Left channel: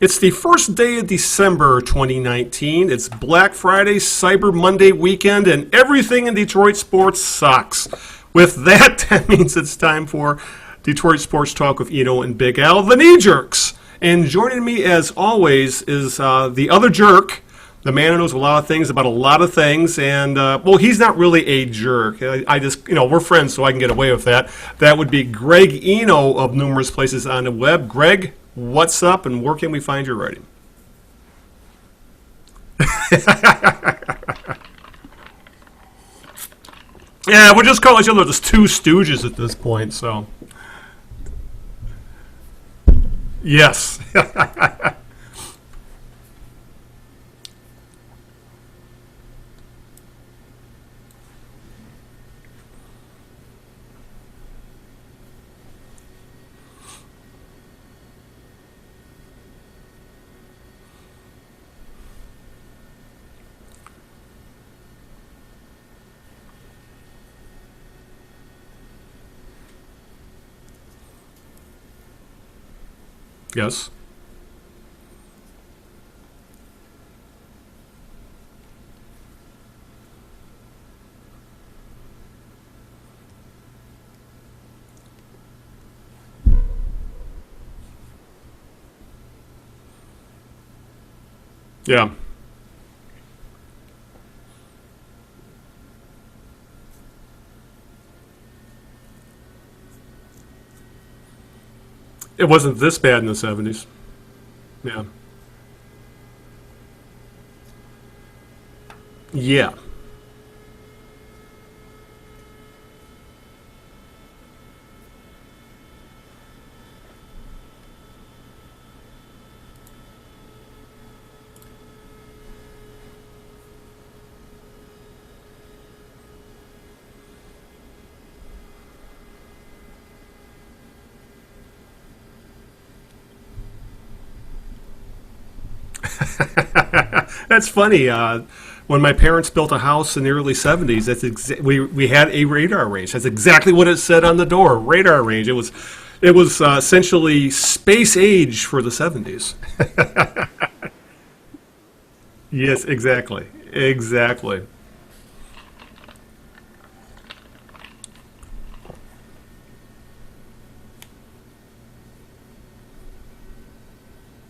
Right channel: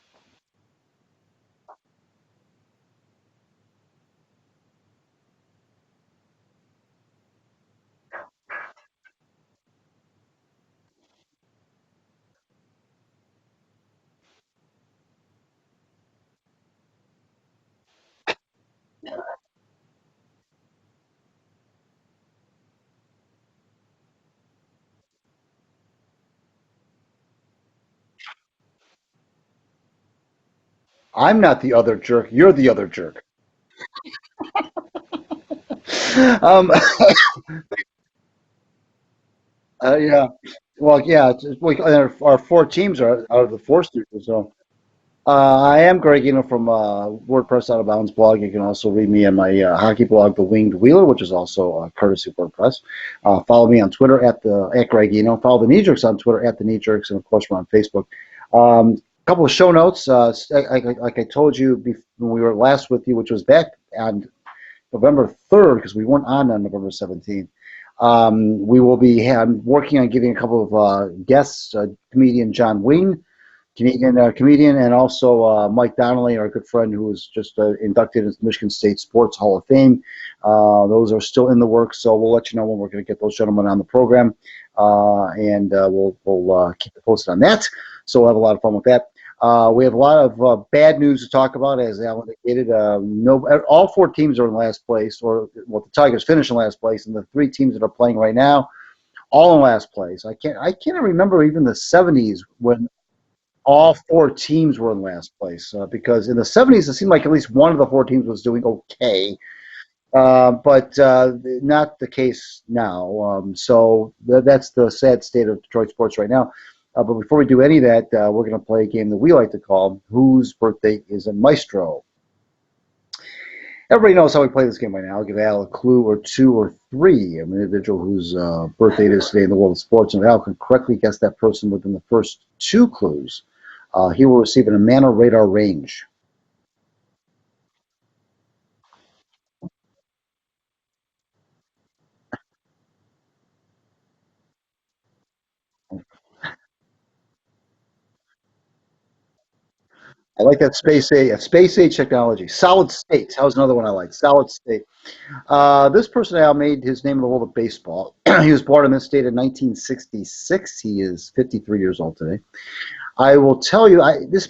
It's the first day of December 2019. It's Black Friday, Cyber Monday weekend, and everything in Detroit sports sucks. With that, that means it's time for Detroit Sports Talk with Eno and Big Al, the knee jerks. And joining me, as always, is the other jerk, the man who knows a lot of things about a lot of things. And, well, he's not really a jerk. I just, we're friends, so I can get away with that. That would be Greg Eno of numerous places on the web. Greg, what's up, and where can we find your writing? I'm not the other jerk. You're the other jerk. Yeah, we'll just call each other just two stooges at this point. So. Yeah. Well, yeah. Our four teams are yes. Four teams, so. I am Greg Eno from WordPress Out of Bounds blog. You can also read me on my hockey blog, The Winged Wheeler, which is also courtesy of WordPress. Follow me on Twitter at Greg Eno. Follow the Knee Jerks on Twitter at the Knee Jerks, and of course we're on Facebook. A couple of show notes. Like I told you when we were last with you, which was back on November 3rd, because we weren't on November 17th. We will be working on getting a couple of guests, comedian John Wing, yes, comedian, and also Mike Donnelly, our good friend who was just inducted into Michigan State Sports Hall of Fame. Those are still in the works, so we'll let you know when we're going to get those gentlemen on the program, and we'll keep you posted on that. So we'll have a lot of fun with that. We have a lot of bad news to talk about. As Alan indicated, all four teams are in last place, the Tigers finished in last place, and the three teams that are playing right now, all in last place. I can't remember even the 70s. It wasn't this bad in the 70s. All four teams were in last place because in the 70s it seemed like at least one of the four teams was doing okay. Yeah. But not the case now. So that's the sad state of Detroit sports right now. But before we do any of that, we're going to play a game that we like to call Whose Birthday is a Maestro. Everybody knows how we play this game by now. I'll give Al a clue or two or three of an individual whose birthday it is today in the world of sports. And if Al can correctly guess that person within the first two clues, he will receive an Amana radar range. That's funny. When my parents built a house in the early 70s, we had a radar range. That's exactly what it said on the door, radar range. It was essentially space age for the 70s. I like that space age technology. Solid yes, exactly. state. That was another one exactly. I like. Solid state. This person now made his name in the world of baseball. He was born in this state in 1966. He is 53 years old today. I will tell you, I'm not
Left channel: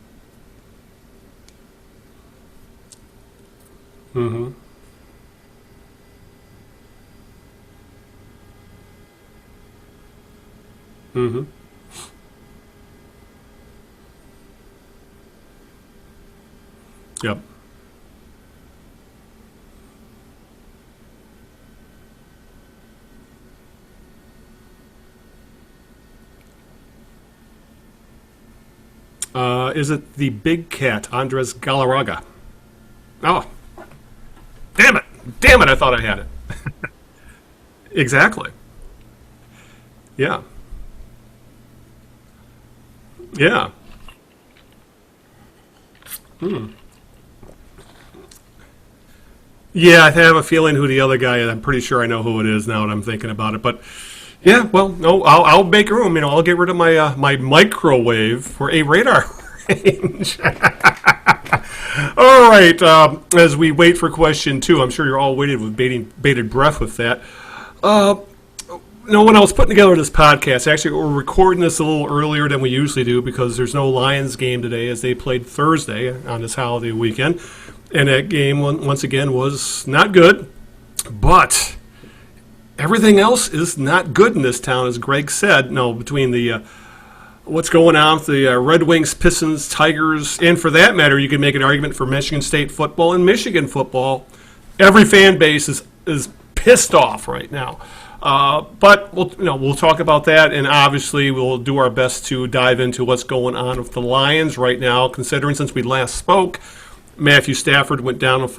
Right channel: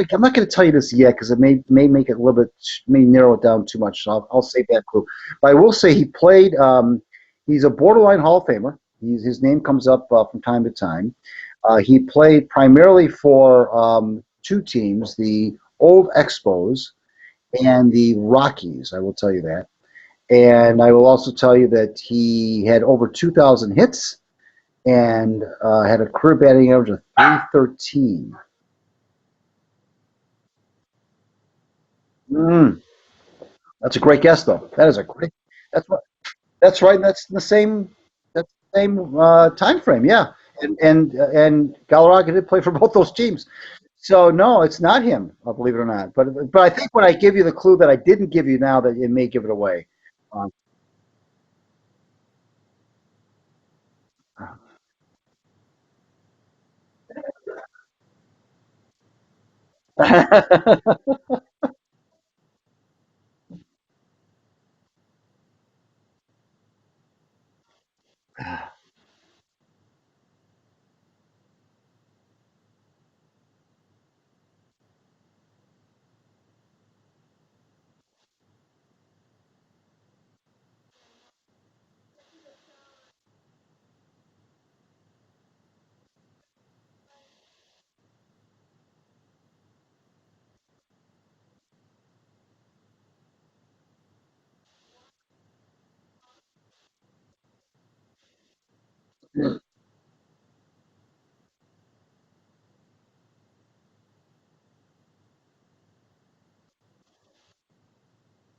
going to tell you this yet because it may make it a little bit, may narrow it down too much. So I'll save that clue. But I will say he played. He's a borderline Hall of Famer. His name comes up from time to time. He played primarily for two teams, the old Expos and the Rockies. I will tell you that. And I will also tell you that he had over 2,000 hits and had a career batting average of .313. Is it the big cat, Andres Galarraga? Oh. That's a great guess, though. Damn it, I thought I had it. That's right, that's the same... Exactly. Same time frame, yeah. And Galarraga did play for both those teams. Yeah. So, no, it's not him, believe it or not. But I think when I give you the clue that I didn't give you now, that it may give it away. Yeah, I have a feeling who the other guy is. I'm pretty sure I know who it is now that I'm thinking about it. But... yeah, well, no, I'll make room. I'll get rid of my my microwave for a radar. All right, as we wait for question two, I'm sure you're all waiting with bated breath with that. When I was putting together this podcast, actually we're recording this a little earlier than we usually do because there's no Lions game today as they played Thursday on this holiday weekend. And that game, once again, was not good, but... everything else is not good in this town, as Greg said. No, between the what's going on with the Red Wings, Pistons, Tigers, and for that matter, you can make an argument for Michigan State football and Michigan football. Every fan base is pissed off right now. But we'll talk about that, and obviously we'll do our best to dive into what's going on with the Lions right now, considering since we last spoke, Matthew Stafford went down with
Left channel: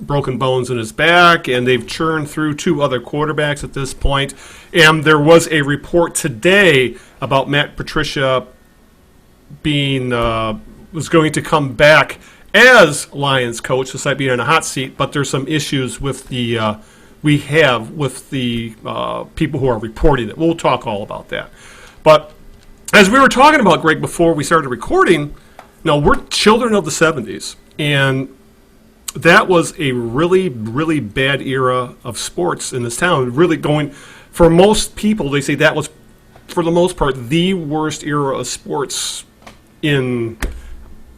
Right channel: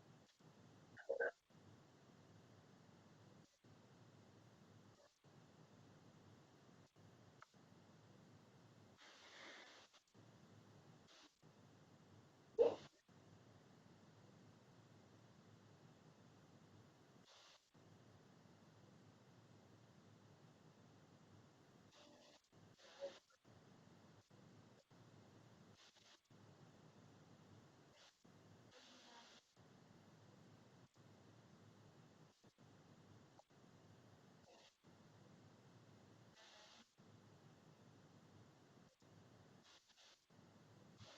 broken bones in his back, and they've churned through two other quarterbacks at this point. And there was a report today about Matt Patricia was going to come back as Lions coach, despite being in a hot seat. But there's some issues with the people who are reporting it. We'll talk all about that. But as we were talking about, Greg, before we started recording, we're children of the 70s. And that was a really, really bad era of sports in this town. Really going, for most people, they say that was, for the most part, the worst era of sports in,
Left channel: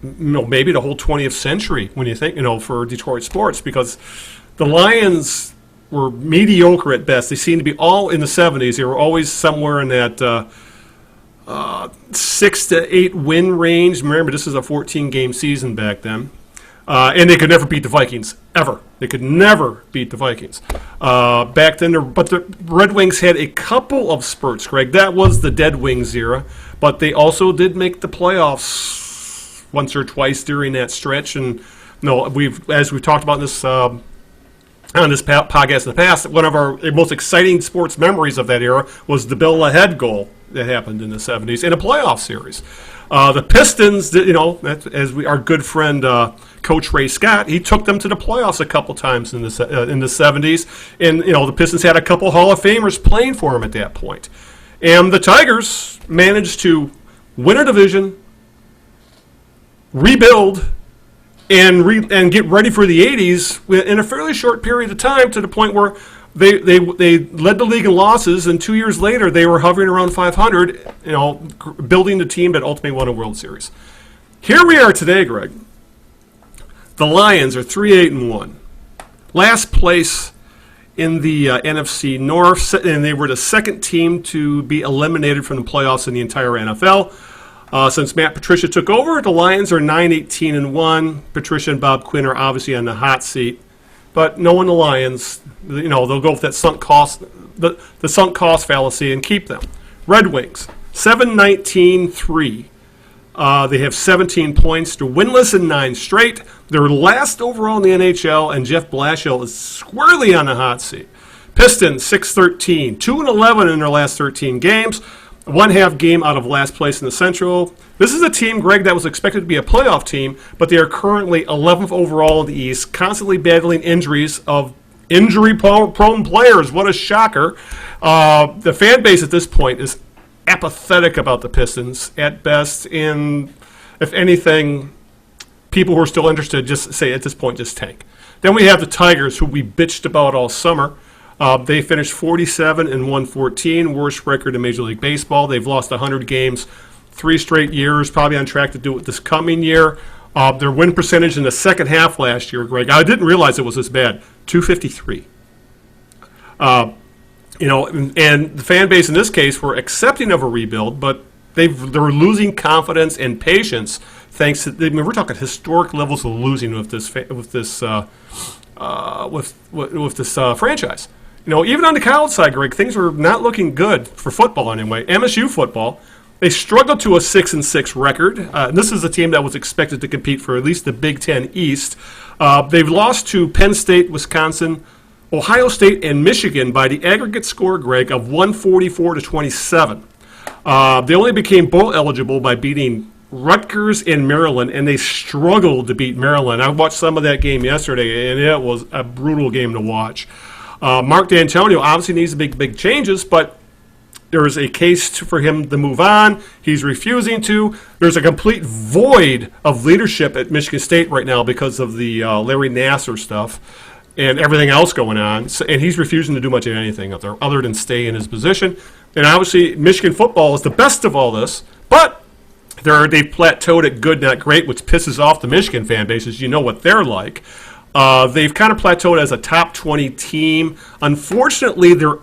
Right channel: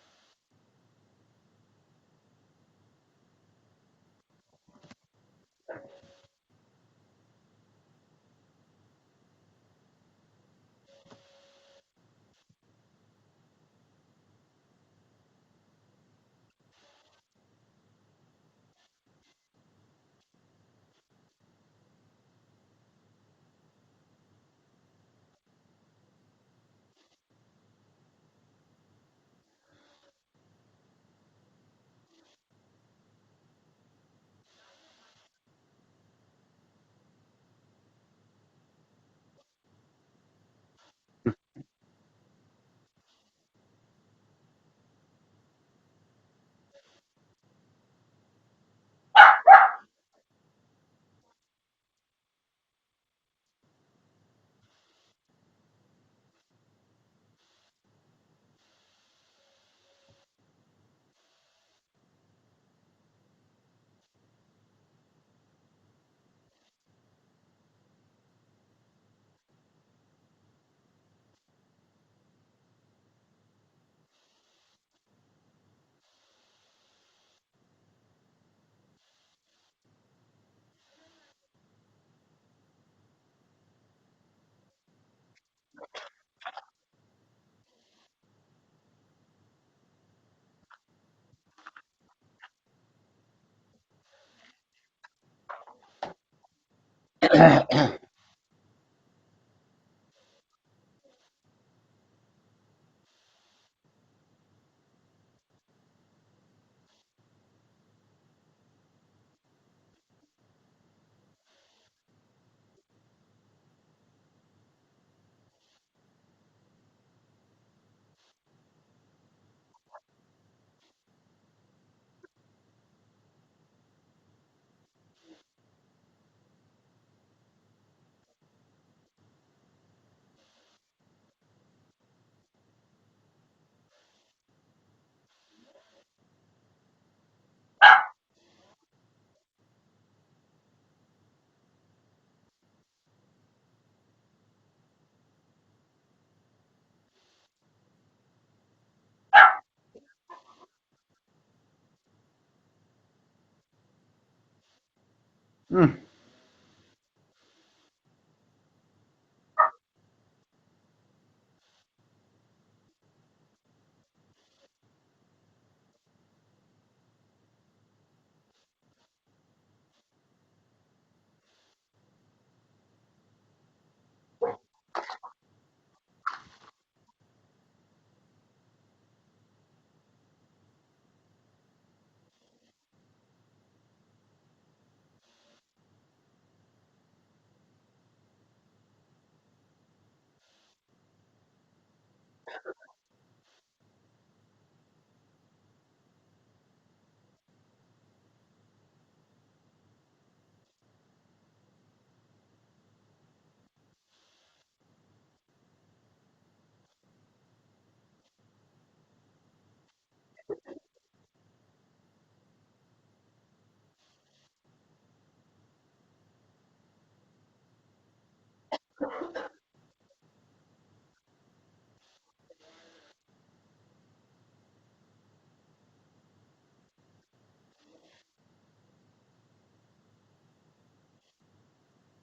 maybe the whole 20th century when you think, for Detroit sports, because the Lions were mediocre at best. They seemed to be all in the 70s. They were always somewhere in that 6 to 8 win range. Remember, this is a 14-game season back then. And they could never beat the Vikings, ever. They could never beat the Vikings. Back then, but the Red Wings had a couple of spurts, Greg. That was the Dead Wings era. But they also did make the playoffs once or twice during that stretch. And as we've talked about in this on this podcast in the past, one of our most exciting sports memories of that era was the Bill Lahead goal that happened in the 70s in a playoff series. The Pistons, our good friend Coach Ray Scott, he took them to the playoffs a couple times in the 70s, and the Pistons had a couple Hall of Famers playing for them at that point. And the Tigers managed to win a division, rebuild, and get ready for the 80s in a fairly short period of time, to the point where they led the league in losses, and 2 years later they were hovering around 500, building the team that ultimately won a World Series. Here we are today, Greg. The Lions are 3-8-1, last place in the NFC North, and they were the second team to be eliminated from the playoffs in the entire NFL. Since Matt Patricia took over, the Lions are 9-18-1. Patricia and Bob Quinn are obviously on the hot seat. But knowing the Lions, they'll go with that sunk cost, the sunk cost fallacy, and keep them. Red Wings, 7-19-3. They have 17 points. They're winless in 9 straight. They're last overall in the NHL, and Jeff Blashill is squarely on the hot seat. Pistons, 6-13, 2-11 in their last 13 games. 1/2 game out of last place in the Central. This is a team, Greg, that was expected to be a playoff team, but they are currently 11th overall in the East, constantly battling injuries of injury-prone players. What a shocker. The fan base at this point is apathetic about the Pistons at best, and if anything, people who are still interested just say at this point, just tank. Then we have the Tigers, who we bitched about all summer. They finished 47-114, worst record in Major League Baseball. They've lost 100 games 3 straight years, probably on track to do it this coming year. Their win percentage in the second half last year, Greg, I didn't realize it was this bad, 253. And the fan base in this case were accepting of a rebuild, but they're losing confidence and patience thanks to, we're talking historic levels of losing with this franchise. Even on the college side, Greg, things were not looking good for football anyway. MSU football, they struggled to a 6-6 record. This is a team that was expected to compete for at least the Big Ten East. They've lost to Penn State, Wisconsin, Ohio State, and Michigan by the aggregate score, Greg, of 144-27. They only became bowl eligible by beating Rutgers and Maryland, and they struggled to beat Maryland. I watched some of that game yesterday, and it was a brutal game to watch. Mark D'Antonio obviously needs to make big changes, but there is a case for him to move on. He's refusing to. There's a complete void of leadership at Michigan State right now because of the Larry Nassar stuff and everything else going on. So, and he's refusing to do much of anything up there other than stay in his position. And obviously, Michigan football is the best of all this, but they've plateaued at good, not great, which pisses off the Michigan fan bases. You know what they're like. They've kind of plateaued as a top 20 team. Unfortunately, their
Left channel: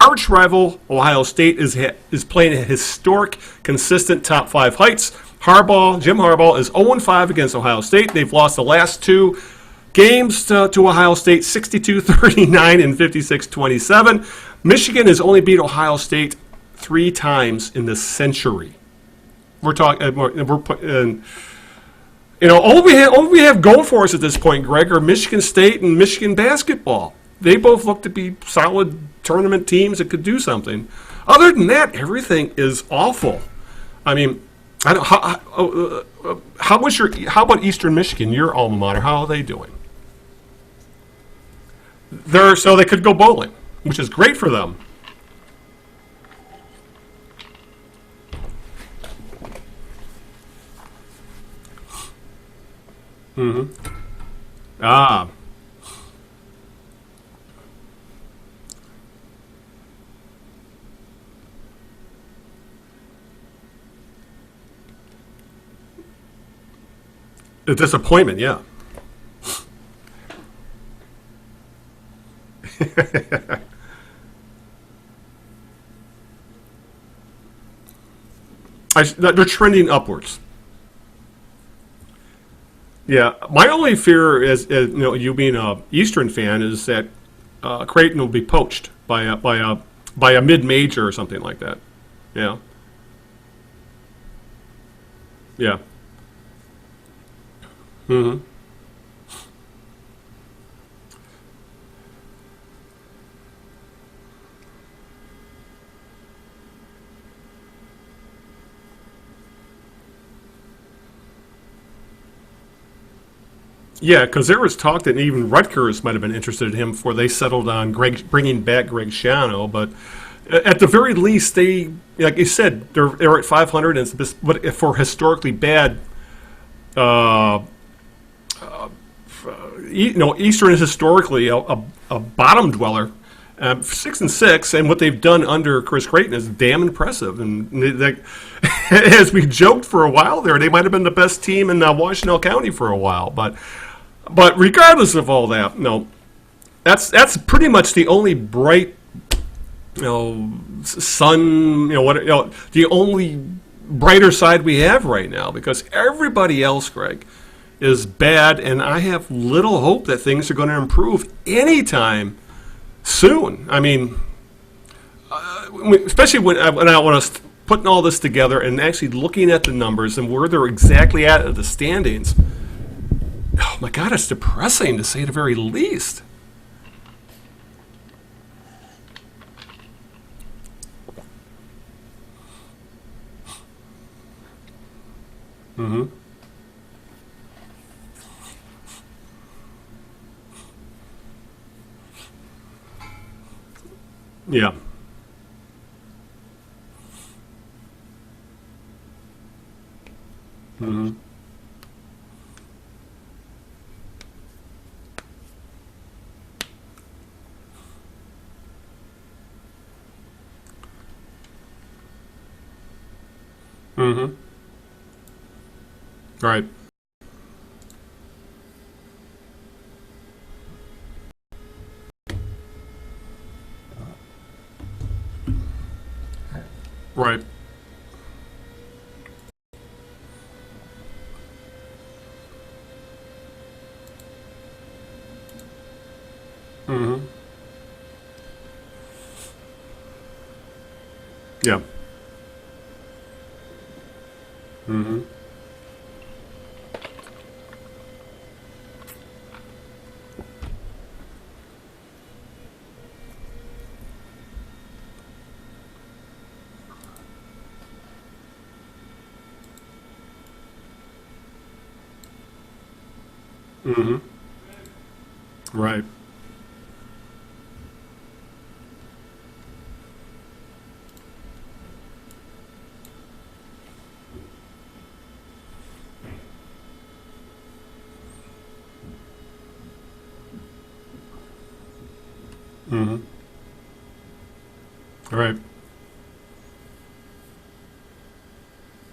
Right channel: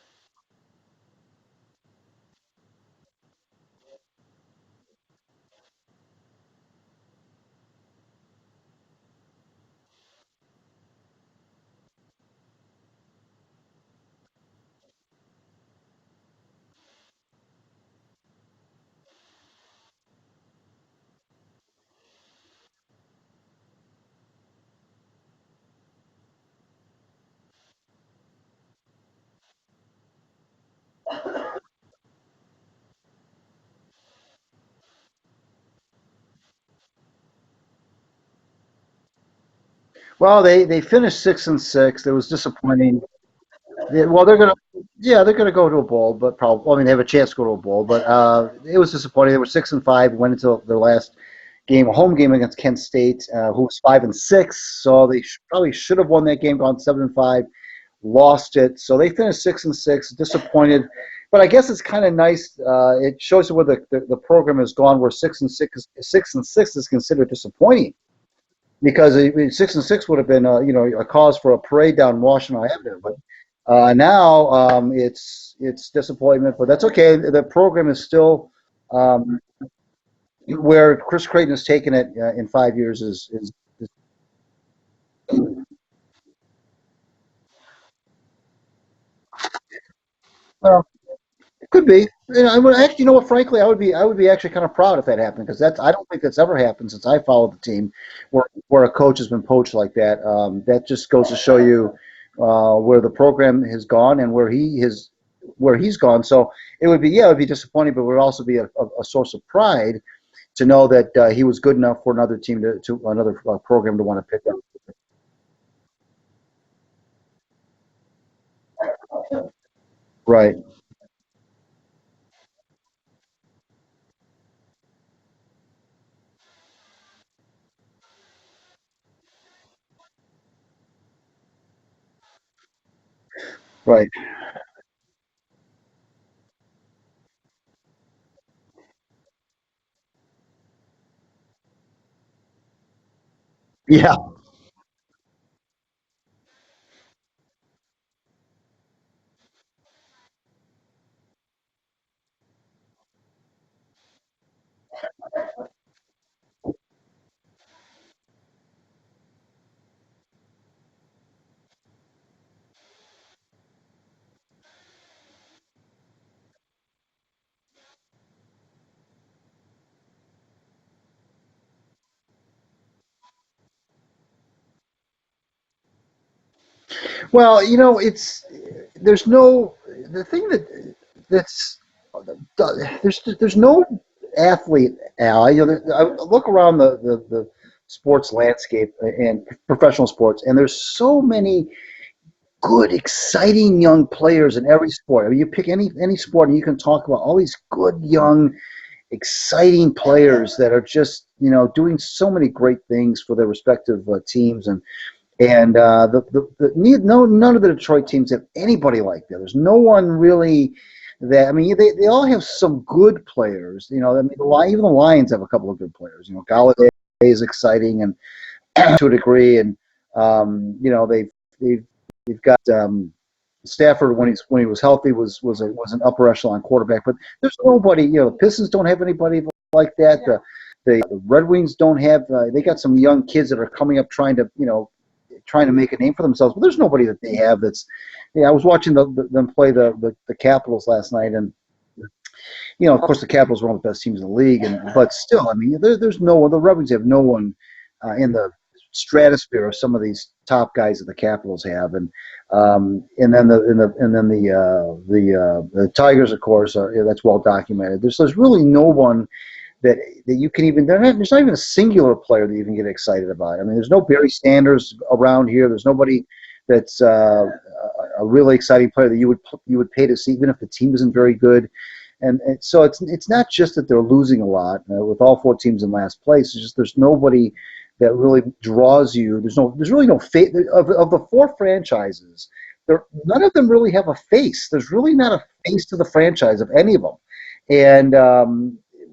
arch rival, Ohio State, is playing a historic, consistent top 5 heights. Jim Harbaugh, is 0-5 against Ohio State. They've lost the last 2 games to Ohio State, 62-39 and 56-27. Michigan has only beat Ohio State 3 times in this century. We're talking. All we have going for us at this point, Greg, are Michigan State and Michigan basketball. They both look to be solid tournament teams that could do something. Other than that, everything is awful. I mean, how about Eastern Michigan, your alma mater? How are they doing? Well, they finished 6-6. So they could go bowling, which is great for them. Yeah, they're going to go to a bowl, but probably. Well, I mean, they have a chance to go to a bowl, but it was disappointing. They were 6-5, went into their last game, a home game against Kent State, who was 5-6. So they probably should have won that game, gone 7-5, lost it. So they finished 6-6, disappointed. But I guess it's kind of nice. It shows you where the program has gone. Where 6-6 is considered disappointing. A disappointment, yeah. Because 6-6 would have been a cause for a parade down in Washington Avenue. Now it's disappointment, but that's okay. The program is still they're trending upwards. Where Chris Creighton has taken it in 5 years. My only fear is you being an Eastern fan is that Creighton will be poached by a mid-major or something like that. Could be. Yeah. I would actually, frankly, I would be actually kind of proud if that happened, because I don't think that's ever happened since I followed the team, where a coach has been poached like that. That just goes to show you where the program has gone and where he's gone. So it would be disappointing, but it would also be a source of pride to know that he was good enough for another team to another program to. Yeah, because there was talk that even Rutgers might have been interested in him before they settled on bringing back Greg Schiano. But at the very least, they, like you said, they're at 500, and but for historically bad, Eastern is historically a bottom dweller. 6-6, and what they've done under Chris Creighton is damn impressive. And as we joked for a while there, they might have been the best team in Washtenaw County for a while. But regardless of all that, that's pretty much the only bright, sun, the only brighter side we have right now, because everybody else, Greg, is bad, and I have little hope that things are going to improve anytime soon. I mean, especially when I want to putting all this together and actually looking at the numbers and where they're exactly at the standings. Oh my God, it's depressing to say the very least. Well, there's no athlete, Al. I look around the sports landscape and professional sports, and there's so many good, exciting young players in every sport. I mean, you pick any sport and you can talk about all these good, young, exciting players that are just, doing so many great things for their respective teams. And none of the Detroit teams have anybody like that. There's no one really that, I mean, they all have some good players. Even the Lions have a couple of good players. Holiday is exciting and to a degree, and We've got Stafford when he was healthy was an upper echelon quarterback, but there's nobody. The Pistons don't have anybody like that. The Red Wings don't have. They got some young kids that are coming up trying to make a name for themselves, but there's nobody that they have that's. I was watching them play the Capitals last night, and of course the Capitals are one of the best teams in the league, but still, I mean, there's no one. The Red Wings have no one in the stratosphere of some of these top guys that the Capitals have, and then the Tigers, of course, that's well documented. There's really no one that you can even. There's not even a singular player that you can get excited about. I mean, there's no Barry Sanders around here. There's nobody that's a really exciting player that you would pay to see, even if the team isn't very good. And so it's not just that they're losing a lot with all four teams in last place. It's just there's nobody that really draws you. There's really no face of the four franchises. None of them really have a face. There's really not a face to the franchise of any of them, and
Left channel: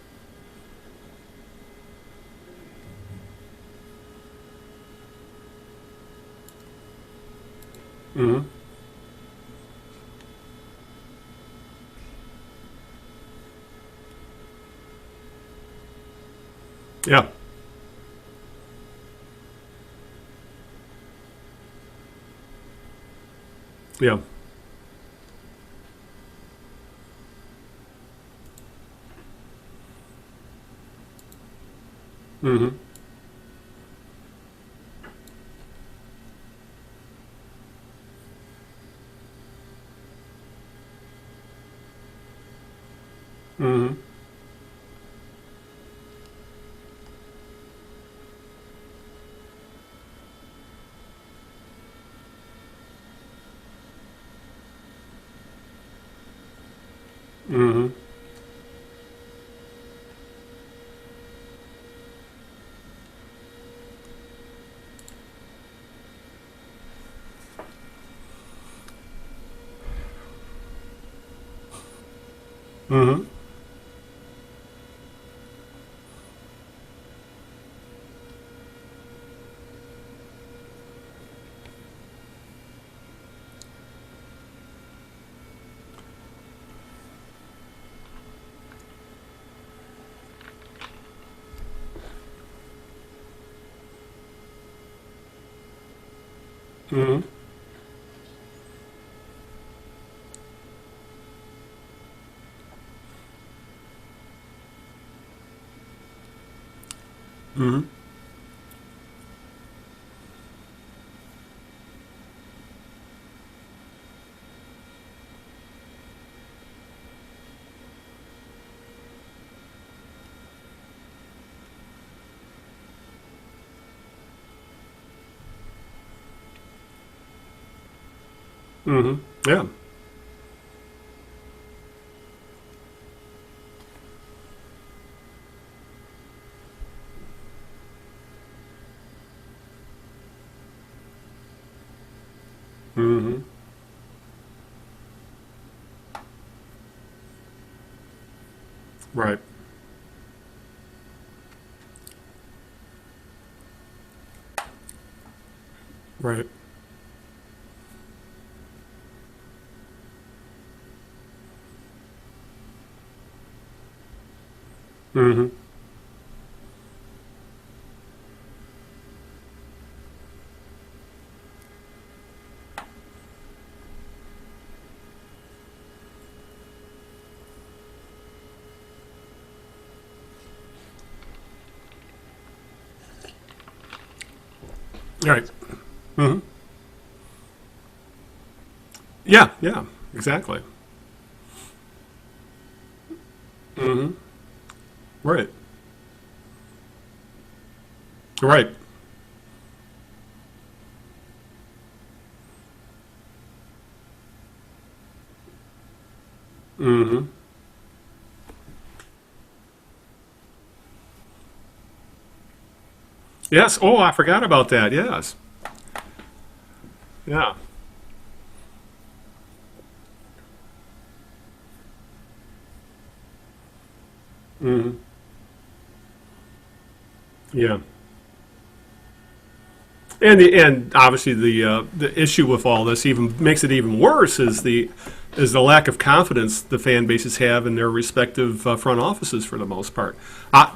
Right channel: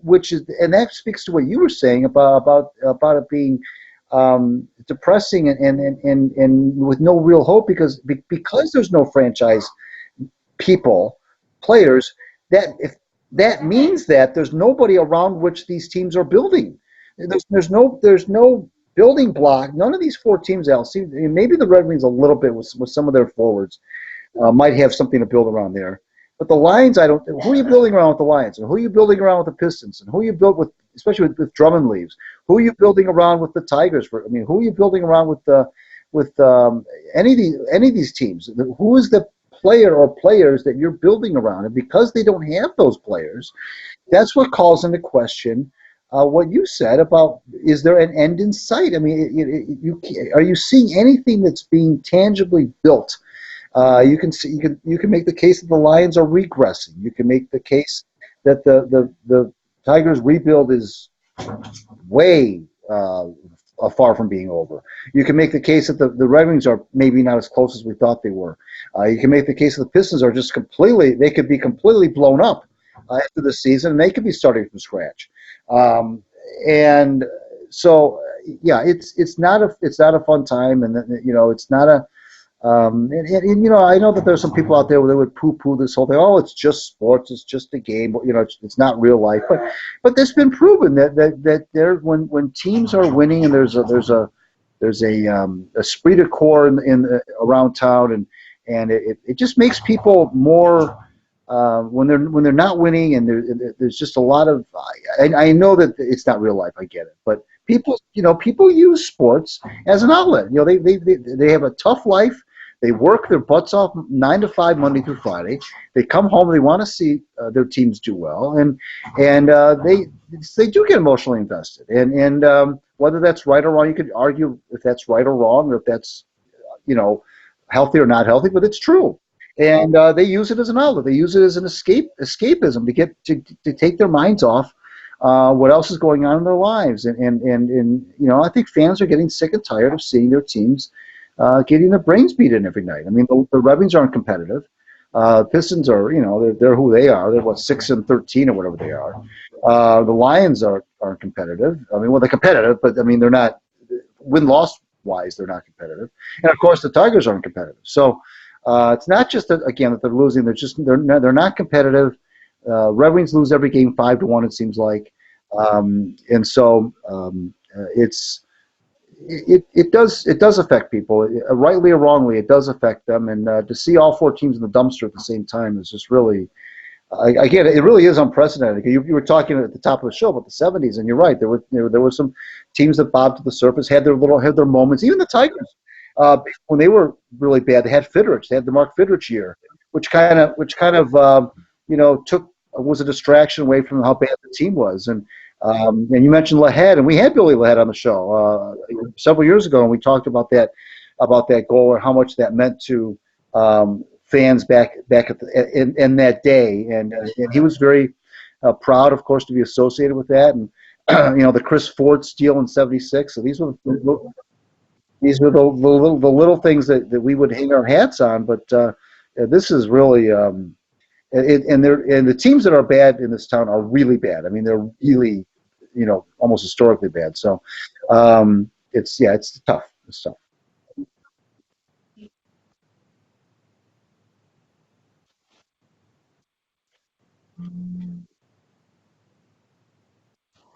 that speaks to what you were saying about it being depressing and with no real hope because there's no franchise players. That means that there's nobody around which these teams are building. Yeah. There's no building block. None of these four teams, maybe the Red Wings a little bit with some of their forwards might have something to build around there. But the Lions, who are you building around with the Lions? And who are you building around with the Pistons? And who are you built with, especially with Drummond leaves? Who are you building around with the Tigers? I mean, who are you building around with any of these teams? Who is the player or players that you're building around? And because they don't have those players, that's what calls into question what you said about, is there an end in sight? I mean, are you seeing anything that's being tangibly built You can make the case that the Lions are regressing. You can make the case that the Tigers rebuild is way far from being over. You can make the case that the Red Wings are maybe not as close as we thought they were. You can make the case that the Pistons are just they could be completely blown up after the season, and they could be starting from scratch. And so, yeah, it's not a fun time, and it's not a. And I know that there's some people out there where they would poo-poo this whole thing. Oh, it's just sports. It's just a game. It's not real life. But it's been proven that there when teams are winning and there's a esprit de corps in around town, and it just makes people more when they're not winning, and there's just a lot of. I know that it's not real life. I get it, but people use sports as an outlet. They have a tough life. They work their butts off 9 to 5 Monday through Friday. They come home. They want to see their teams do well, and they do get emotionally invested. And whether that's right or wrong, you could argue if that's right or wrong, or if that's healthy or not healthy. But it's true, and they use it as an outlet. They use it as an escapism to get to take their minds off what else is going on in their lives. And I think fans are getting sick and tired of seeing their teams. Getting their brains beaten every night. I mean, the Red Wings aren't competitive. Pistons are, they're who they are. They're 6-13 or whatever they are. Right. The Lions aren't competitive. I mean, they're competitive, but I mean, they're not win-loss wise. They're not competitive. Right. And of course, the Tigers aren't competitive. So it's not just that they're losing. They're not competitive. Red Wings lose every game 5-1. It seems like, and so It does affect people, rightly or wrongly. It does affect them, and to see all 4 teams in the dumpster at the same time is just really, again, it really is unprecedented. You were talking at the top of the show about the '70s, and you're right. There were some teams that bobbed to the surface, had their moments. Even the Tigers, when they were really bad, they had Fidrich. They had the Mark Fidrich year, which kind of was a distraction away from how bad the team was. And and you mentioned Lahead, and we had Billy Lahead on the show several years ago, and we talked about that goal and how much that meant to fans back in that day. And he was very proud, of course, to be associated with that. And the Chris Ford steal in '76. So I forgot about that. Yes, these were the little things that we would hang our hats on. But this is really. And the teams that are bad in this town are really bad. I mean, they're really, almost historically bad. So, it's tough. And obviously the issue with all this even makes it even worse is the lack of confidence the fan bases have in their respective front offices for the most part.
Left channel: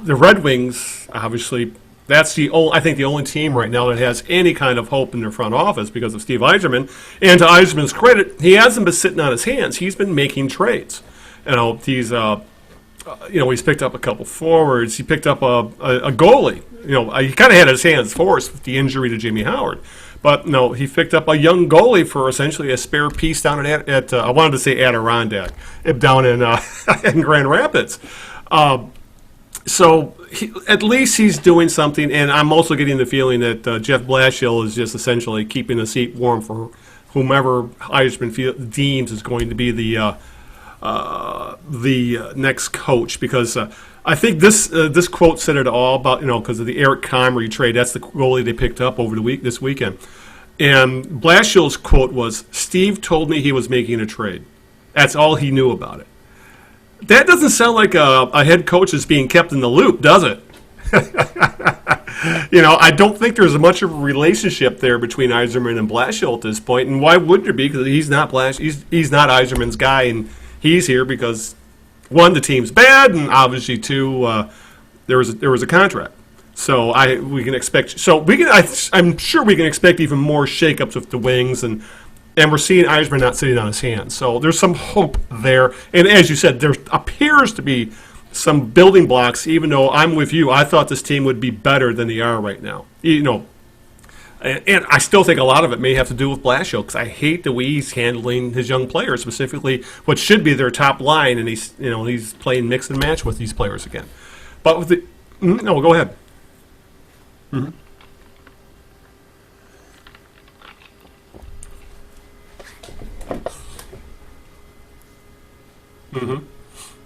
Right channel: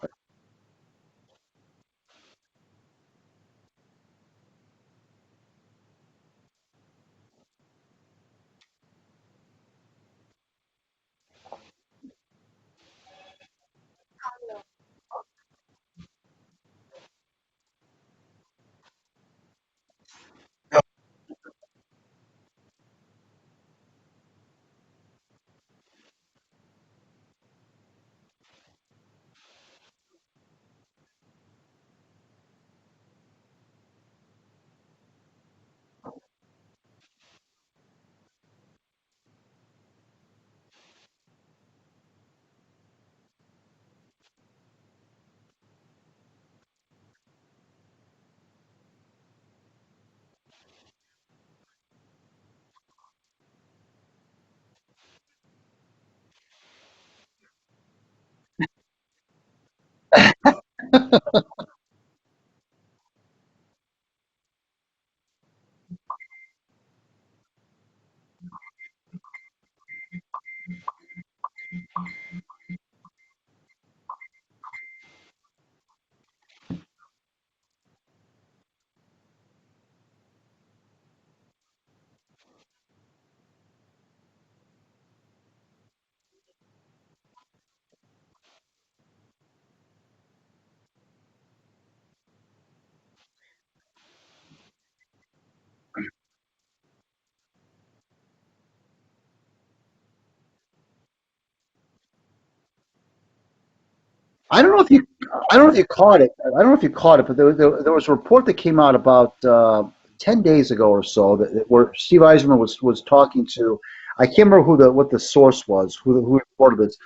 The Red Wings, obviously. That's the only team right now that has any kind of hope in their front office because of Steve Yzerman. And to Yzerman's credit, he hasn't been sitting on his hands. He's been making trades. He's picked up a couple forwards. He picked up a goalie. He kind of had his hands forced with the injury to Jimmy Howard. But no, he picked up a young goalie for essentially a spare piece down at I wanted to say Adirondack, down in Grand Rapids. So at least he's doing something, and I'm also getting the feeling that Jeff Blashill is just essentially keeping the seat warm for whomever Yzerman deems is going to be the next coach. Because I think this quote said it all about because of the Eric Comrie trade. That's the goalie they picked up over this weekend, and Blashill's quote was, "Steve told me he was making a trade. That's all he knew about it." That doesn't sound like a head coach is being kept in the loop, does it? I don't think there's much of a relationship there between Yzerman and Blashill at this point. And why would there be? Because he's not he's not Yzerman's guy, and he's here because one, the team's bad, and obviously two, there was a contract. So we can expect. I'm sure we can expect even more shakeups with the Wings and we're seeing Yzerman not sitting on his hands. So there's some hope there. And as you said, there appears to be some building blocks, even though I'm with you. I thought this team would be better than they are right now. And I still think a lot of it may have to do with Blashill because I hate the way he's handling his young players, specifically what should be their top line, and he's playing mix and match with these players again. I don't know if you caught it. I don't know if you caught it, but there was a report that came out about 10 days ago or so where Steve Yzerman was talking to, I can't remember what the source was, who reported this,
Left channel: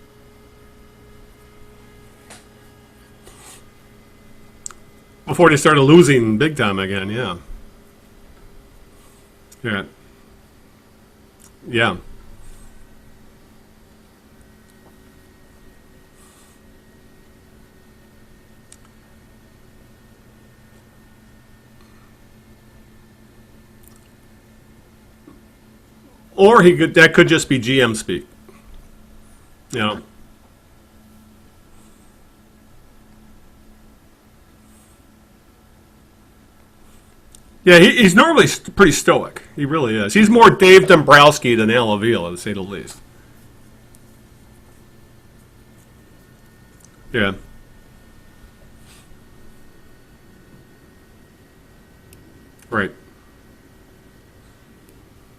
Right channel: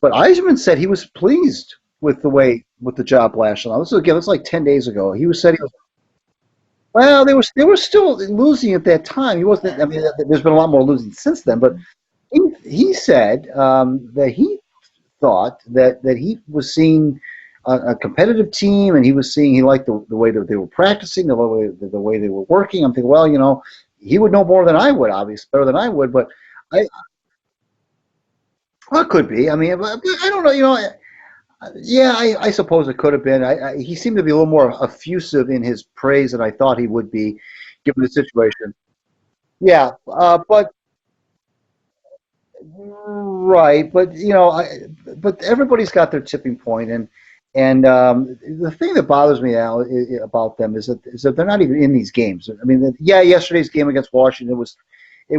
but Yzerman said he was pleased with the job last year. This was like 10 days ago. He was before they started losing big time again. Well, they were still losing at that time. He wasn't. I mean, there's been a lot more losing since then. But he said that he thought that he was seeing a competitive team, and he liked the way that they were practicing, the way they were working. I'm thinking, well, he would know more than I would, obviously, better than I would. But that could just be GM speak. Well, it could be. I mean, I don't know. Yeah, I suppose it could have been. He seemed to be a little more effusive in his praise than I thought he would be. Yeah, he's normally pretty stoic. He really is. He's more Dave Dombrowski than Al Avila, to say the least. Right, but but everybody's got their tipping point, and the thing that bothers me, Al, about them is that they're not even in these games. I mean, yesterday's game against Washington it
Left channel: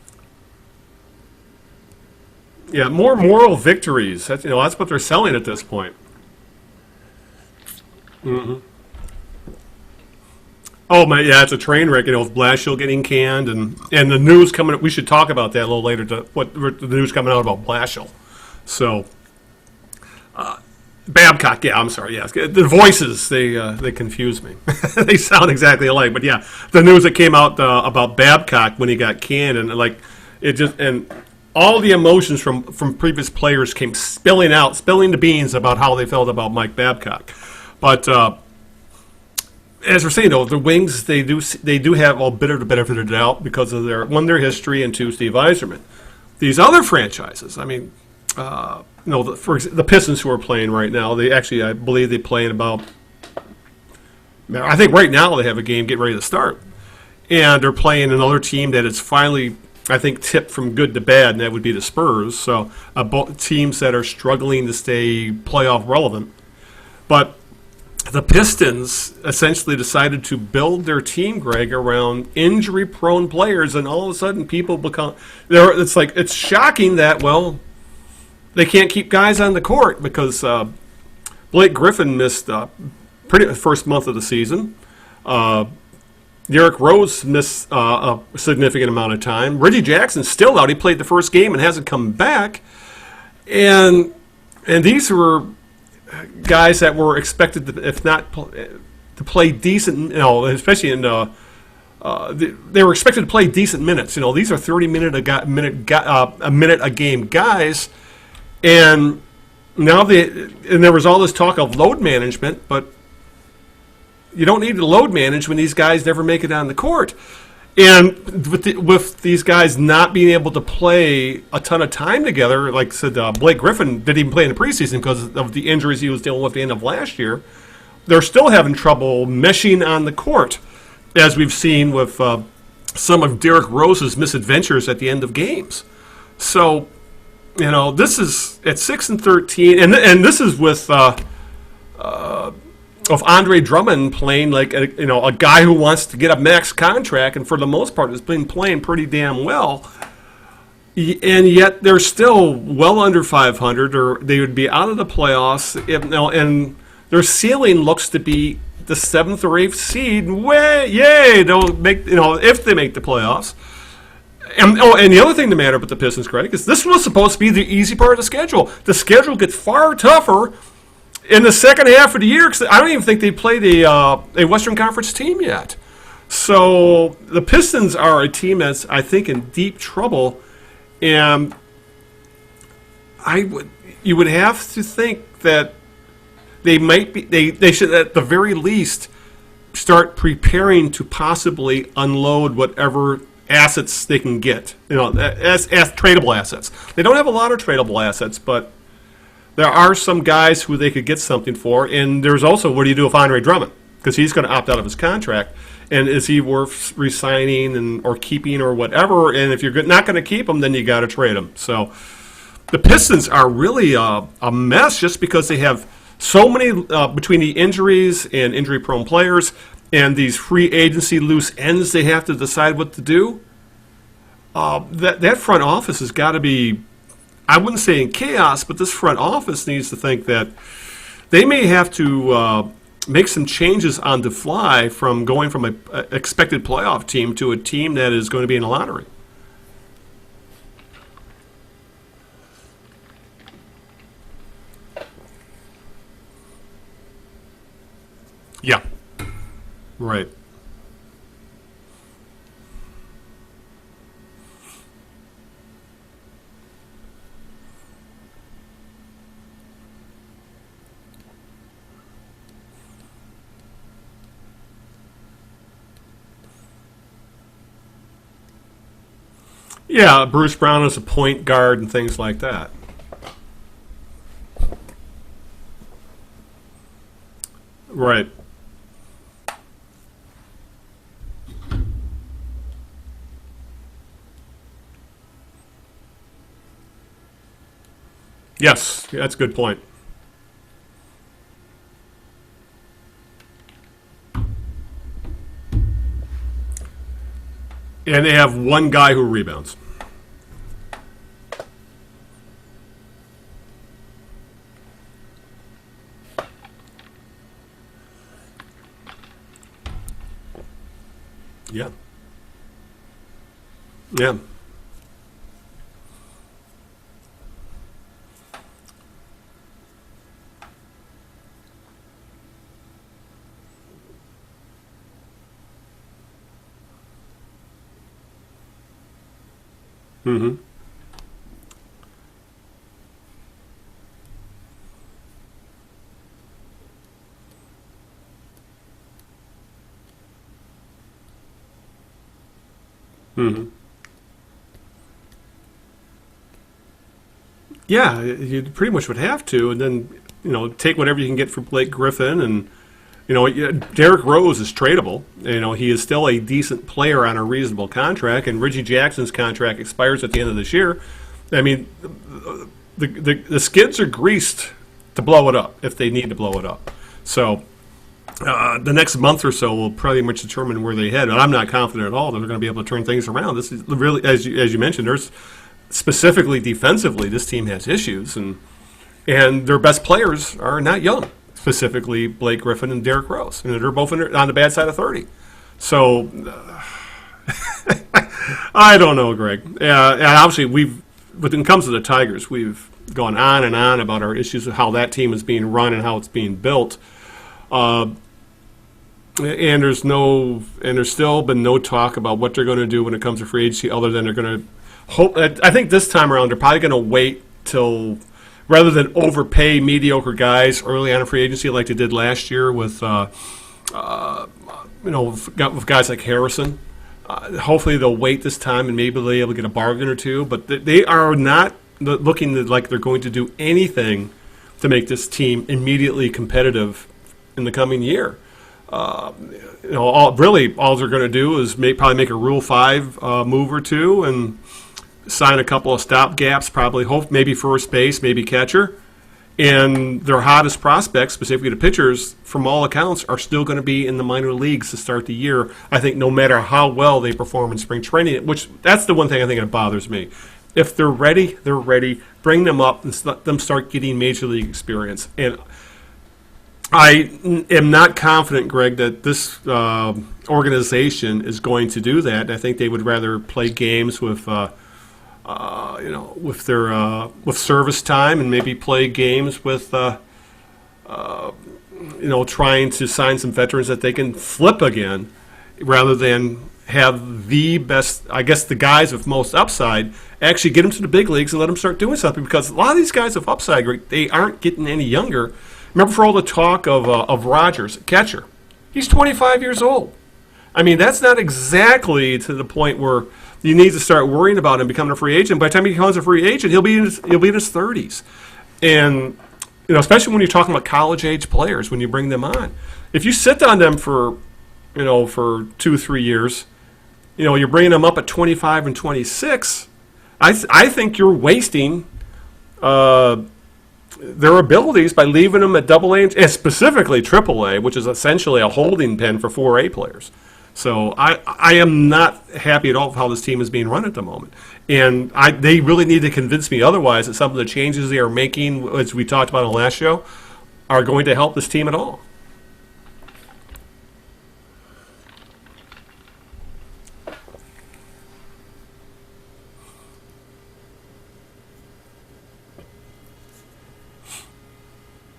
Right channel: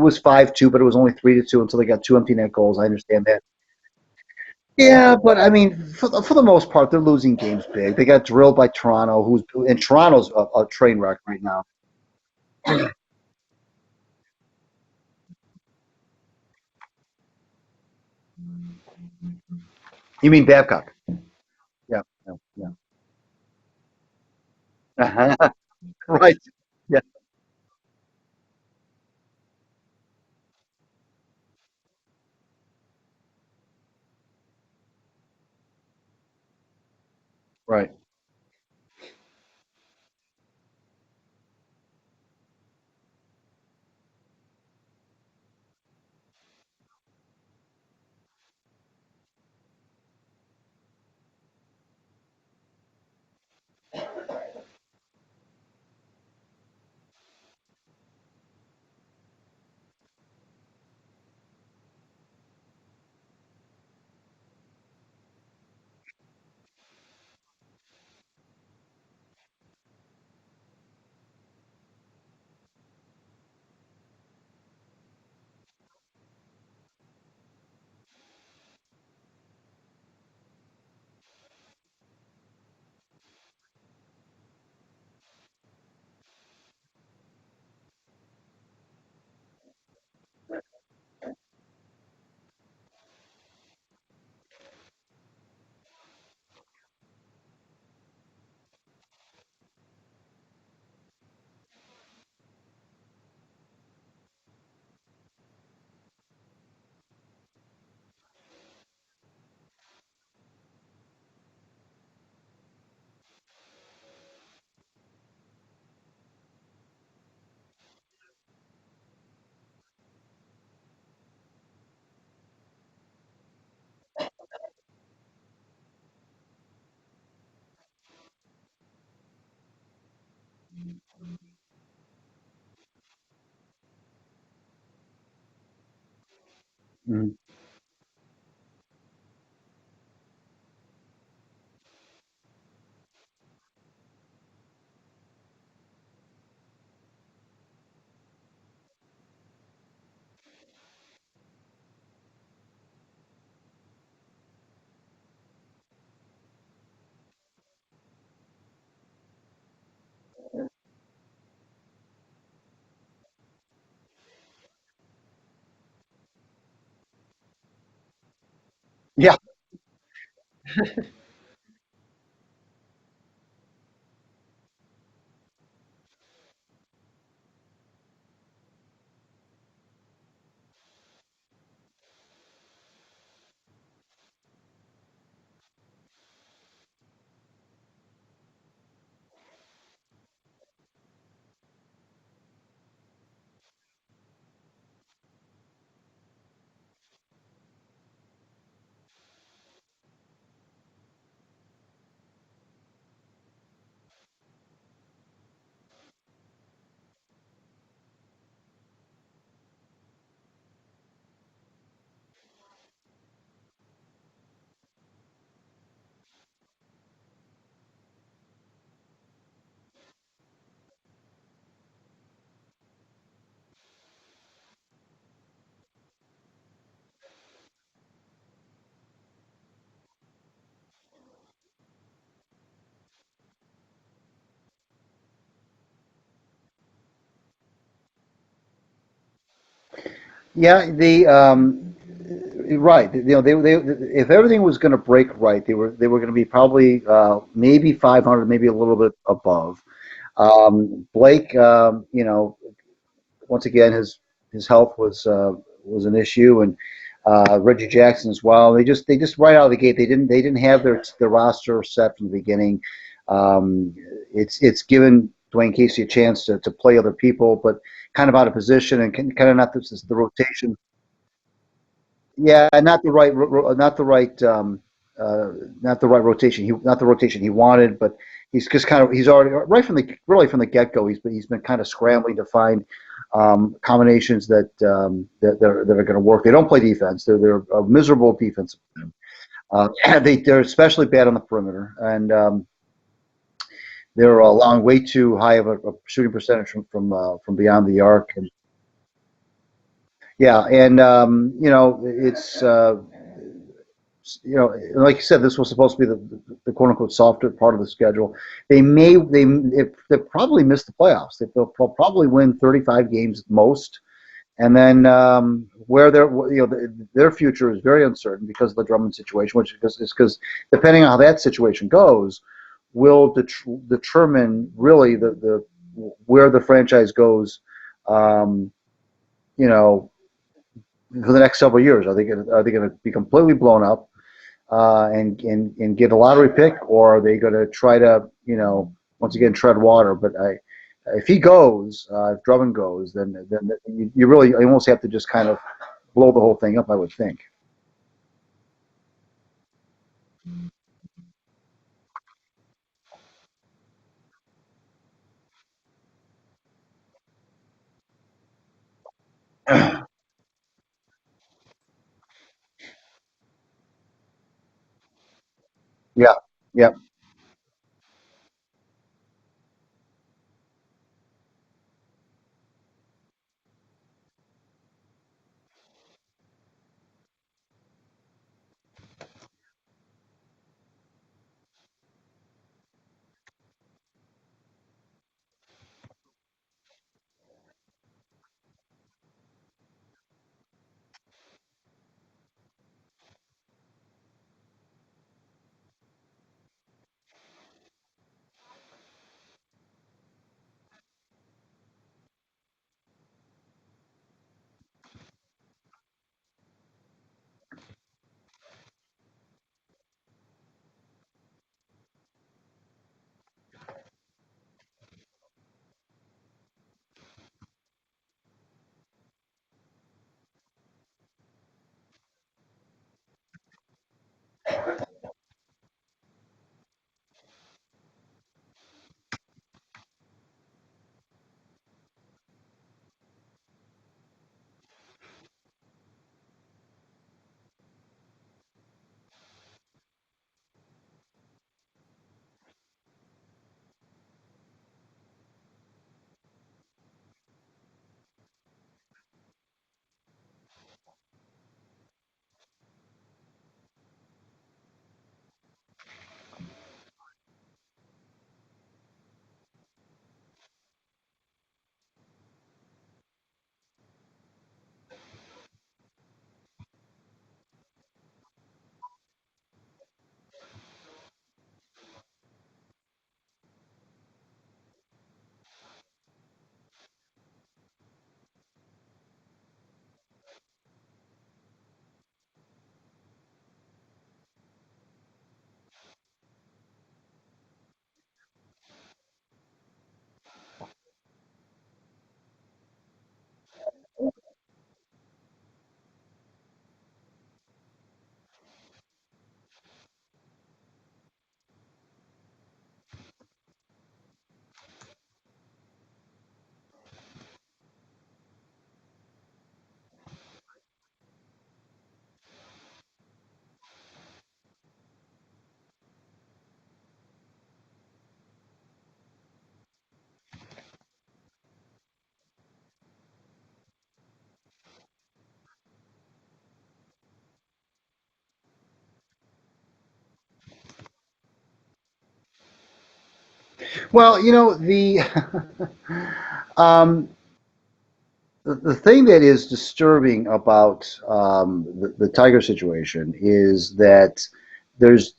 was 5-2, but it was only 3-2 until they got 2 empty net goals. Yeah, more moral victories. That's what they're selling at this point. For the most part, they're losing games big. They got drilled by Toronto, and Toronto's a train wreck. Oh my, it's a train wreck. With Blashill getting canned, and the news coming. We should talk about that a little later. What the news coming out about Blashill. So, you mean Babcock? Babcock, yeah, I'm sorry, yes. The voices, they confuse me. They sound exactly alike. But the news that came out about Babcock when he got canned, and and all the emotions from previous players came spilling the beans about how they felt about Mike Babcock. Right. But as we're saying, though, the Wings, they do have a bit of the benefit of the doubt because of their history, and two, Steve Yzerman. These other franchises, I mean, for the Pistons who are playing right now, I believe they play in about. I think right now they have a game getting ready to start, and they're playing another team that is finally, I think, tipped from good to bad, and that would be the Spurs. So both teams that are struggling to stay playoff relevant, but the Pistons essentially decided to build their team, Greg, around injury-prone players, and all of a sudden people become. It's shocking that they can't keep guys on the court because Blake Griffin missed pretty first month of the season. Derrick Rose missed a significant amount of time. Reggie Jackson's still out. He played the first game and hasn't come back. And these were guys that were expected, to play decent, especially in they were expected to play decent minutes. These are 30 minute a game guys. And now there was all this talk of load management, but you don't need to load manage when these guys never make it on the court. And with these guys not being able to play a ton of time together, like I said, Blake Griffin didn't even play in the preseason because of the injuries he was dealing with at the end of last year. They're still having trouble meshing on the court, as we've seen with some of Derrick Rose's misadventures at the end of games. So, this is at 6-13, and this is with of Andre Drummond playing like a guy who wants to get a max contract, and for the most part has been playing pretty damn well. And yet they're still well under 500, or they would be out of the playoffs. And their ceiling looks to be the 7th or 8th seed. Yay! They'll make if they make the playoffs. And the other thing to matter about the Pistons, Craig, is this was supposed to be the easy part of the schedule. The schedule gets far tougher in the second half of the year because I don't even think they played a Western Conference team yet. So the Pistons are a team that's, I think, in deep trouble, and you would have to think that they might be they should at the very least start preparing to possibly unload whatever assets they can get, as tradable assets. They don't have a lot of tradable assets, but there are some guys who they could get something for. And there's also, what do you do with Andre Drummond? Because he's going to opt out of his contract. And is he worth re-signing or keeping or whatever? And if you're not going to keep him, then you got to trade him. So the Pistons are really a mess just because they have so many, between the injuries and injury-prone players and these free agency loose ends they have to decide what to do. That front office has got to be, I wouldn't say in chaos, but this front office needs to think that they may have to make some changes on the fly from going from a expected playoff team to a team that is going to be in the lottery. Yeah, right. If everything was going to break right, they were going to be probably maybe 500, maybe a little bit above. Right. Blake, once again, his health was an issue, and Reggie Jackson as well. They just right out of the gate, they didn't have their roster set from the beginning. It's given Dwayne Casey a chance to play other people, but kind of out of position and kind of not the Bruce Brown is a point guard and things like that. Yeah, not the right rotation. Not the rotation he wanted. But right. He's already really from the get go. He's been kind of scrambling to find combinations that are going to work. They don't play defense. They're a miserable defense. Yes, that's a good point. They're especially bad on the perimeter, and they're allowing way too high of a shooting percentage from beyond the arc. And they have one guy who rebounds. Yeah, and it's like you said, this was supposed to be the quote unquote softer part of the schedule. They probably miss the playoffs. They'll probably win 35 games at most. Yeah, and then where their future is very uncertain because of the Drummond situation, which is because depending on how that situation goes, will determine really the where the franchise goes. Mm-hmm. For the next several years, are they going to be completely blown up and get a lottery pick, or are they going to try to once again tread water? But if he goes, if Drummond goes, then you really almost have to just kind of blow the whole thing up, I would think. Yeah, you pretty much would have to, and then take whatever you can get for Blake Griffin, and Derrick Rose is tradable. He is still a decent player on a reasonable contract, and Reggie Jackson's contract expires at the end of this year. I mean, the skids are greased to blow it up if they need to blow it up. Yeah. So the next month or so will pretty much determine where they head. And I'm not confident at all that they're going to be able to turn things around. This is really, as you mentioned, there's specifically defensively, this team has issues, and their best players are not young. Specifically, Blake Griffin and Derrick Rose. They're both on the bad side of 30. So, I don't know, Greg. And obviously, when it comes to the Tigers, we've gone on and on about our issues of how that team is being run and how it's being built. And there's still been no talk about what they're going to do when it comes to free agency, other than they're going to hope. I think this time around, they're probably going to wait till, rather than overpay mediocre guys early on in free agency like they did last year with guys like Harrison. Hopefully they'll wait this time and maybe they'll be able to get a bargain or two. But they are not looking like they're going to do anything to make this team immediately competitive in the coming year. All they're going to do is probably make a Rule 5 move or two and sign a couple of stopgaps, probably maybe first base, maybe catcher. And their hottest prospects, specifically the pitchers, from all accounts, are still going to be in the minor leagues to start the year. I think no matter how well they perform in spring training, which that's the one thing I think that bothers me. If they're ready, they're ready. Bring them up and let them start getting major league experience. And I am not confident, Greg, that this organization is going to do that. I think they would rather play games with with service time, and maybe play games with, trying to sign some veterans that they can flip again, rather than have the best, I guess, the guys with most upside actually get them to the big leagues and let them start doing something. Because a lot of these guys with upside, they aren't getting any younger. Remember, for all the talk of Rogers, catcher, he's 25 years old. I mean, that's not exactly to the point where you need to start worrying about him becoming a free agent. By the time he becomes a free agent, he'll be in his 30s, and especially when you're talking about college age players, when you bring them on, if you sit on them for 2-3 years, you're bringing them up at 25 and 26. I think you're wasting their abilities by leaving them at AA and specifically AAA, which is essentially a holding pen for 4A players. So I am not happy at all with how this team is being run at the moment. And they really need to convince me otherwise that some of the changes they are making, as we talked about on the last show, are going to help this team at all. Well, um, the thing that is disturbing about the Tiger situation is that there's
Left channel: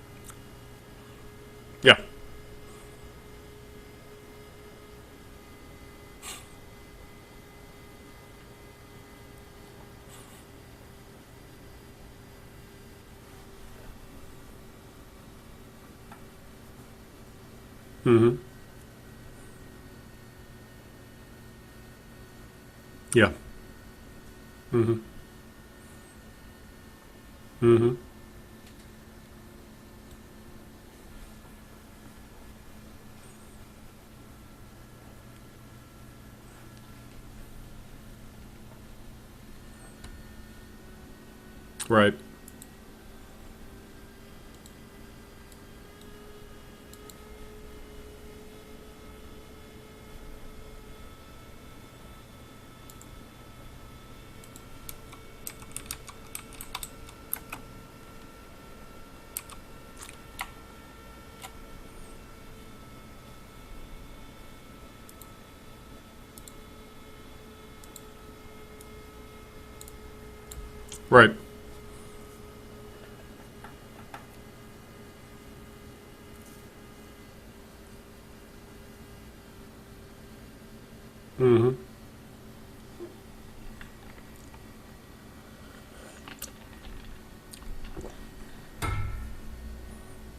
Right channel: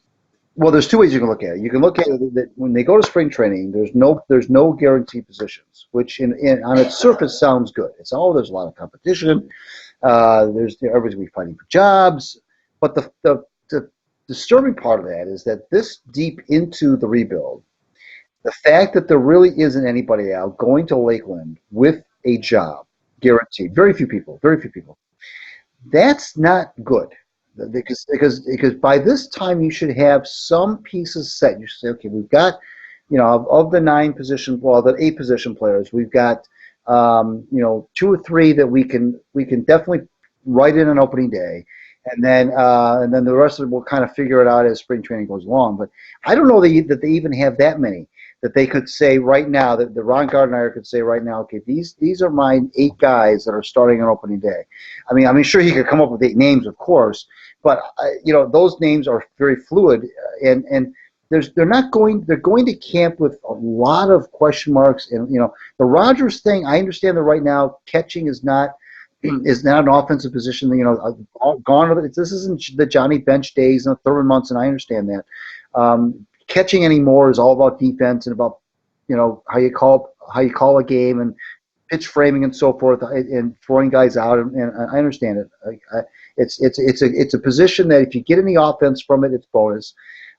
there's two ways you can look at it. You can look Yeah. at it that when they go to spring training, there's no guaranteed positions, which on its surface sounds good. It's there's a lot of competition. Everybody's gonna be fighting for jobs, but the disturbing part of that is that this deep into the rebuild, the fact that there really isn't anybody out going to Lakeland with a job guaranteed. Very few people. That's not good. Because by this time you should have some pieces set. You should say, okay, we've got, of the the 8 position players, we've got, 2 or 3 that we can definitely write in on opening day, Right. and then the rest of it we'll kind of figure it out as spring training goes along. But I don't know that they even have that many that they could say right now, that the Ron Gardner could say right now, okay, these are my 8 guys that are starting on opening day. I mean, sure he could come up with 8 names, of course, but those names are very fluid, and they're going to camp with a lot of question marks. And the Rodgers thing, I understand that right now catching is not an offensive position. Right. Gone. This isn't the Johnny Bench days and Thurman months, and I understand that. Catching anymore is all about defense and about how you call a game and pitch framing and so forth, and throwing guys out, and I understand it. It's a position that if you get any offense from it, it's bonus.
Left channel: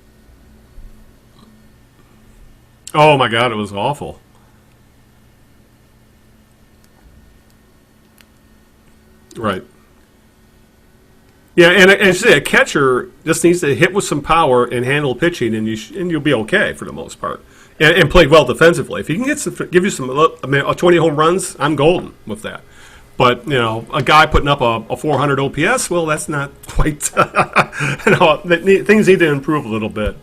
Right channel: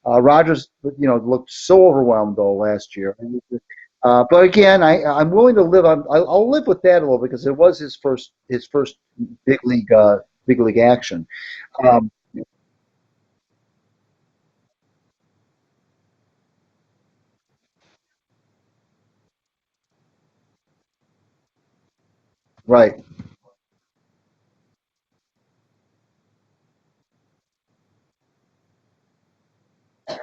Rodgers, looked so overwhelmed though last year. Oh my God, it was awful. But again, I'm willing to live. I'll live with that a little, because it was his first Right. big league action. Yeah, and as you say, a catcher just needs to hit with some power and handle pitching, and you'll be okay for the most part, and play well defensively. If he can give you some, 20 home runs, I'm golden with that. Right. But a guy putting up a 400 OPS, well, that's not quite. Things need to improve a little bit,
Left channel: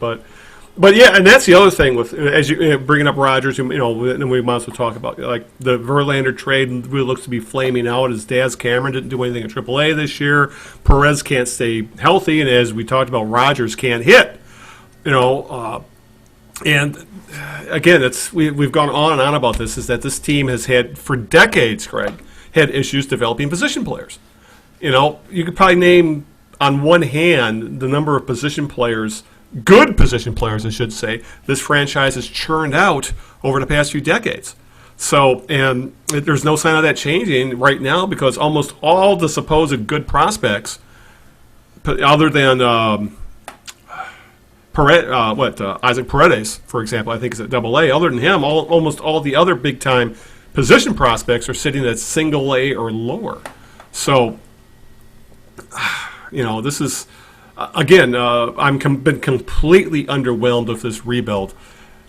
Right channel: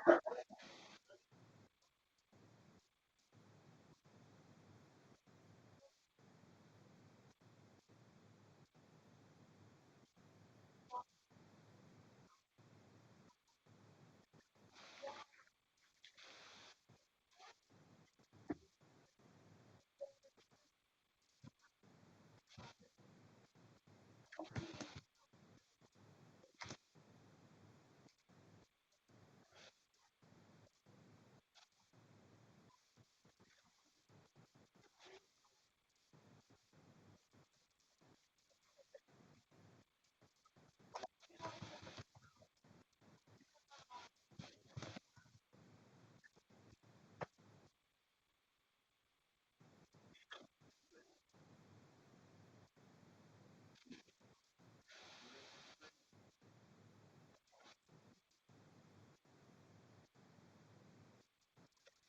but yeah, and that's the other thing with, as you bringing up Rodgers, and we might as well talk about like the Verlander trade really looks to be flaming out. As Daz Cameron didn't do anything in AAA this year. Perez can't stay healthy, and as we talked about, Rodgers can't hit. And again, we've gone on and on about this. Is that this team has had for decades, Craig, had issues developing position players. You could probably name on one hand the number of position players. Good position players, I should say, this franchise has churned out over the past few decades. So, and there's no sign of that changing right now, because almost all the supposed good prospects, other than Isaac Paredes, for example, I think is at AA. Other than him, almost all the other big-time position prospects are sitting at single A or lower. So, this is. Again, been completely underwhelmed with this rebuild,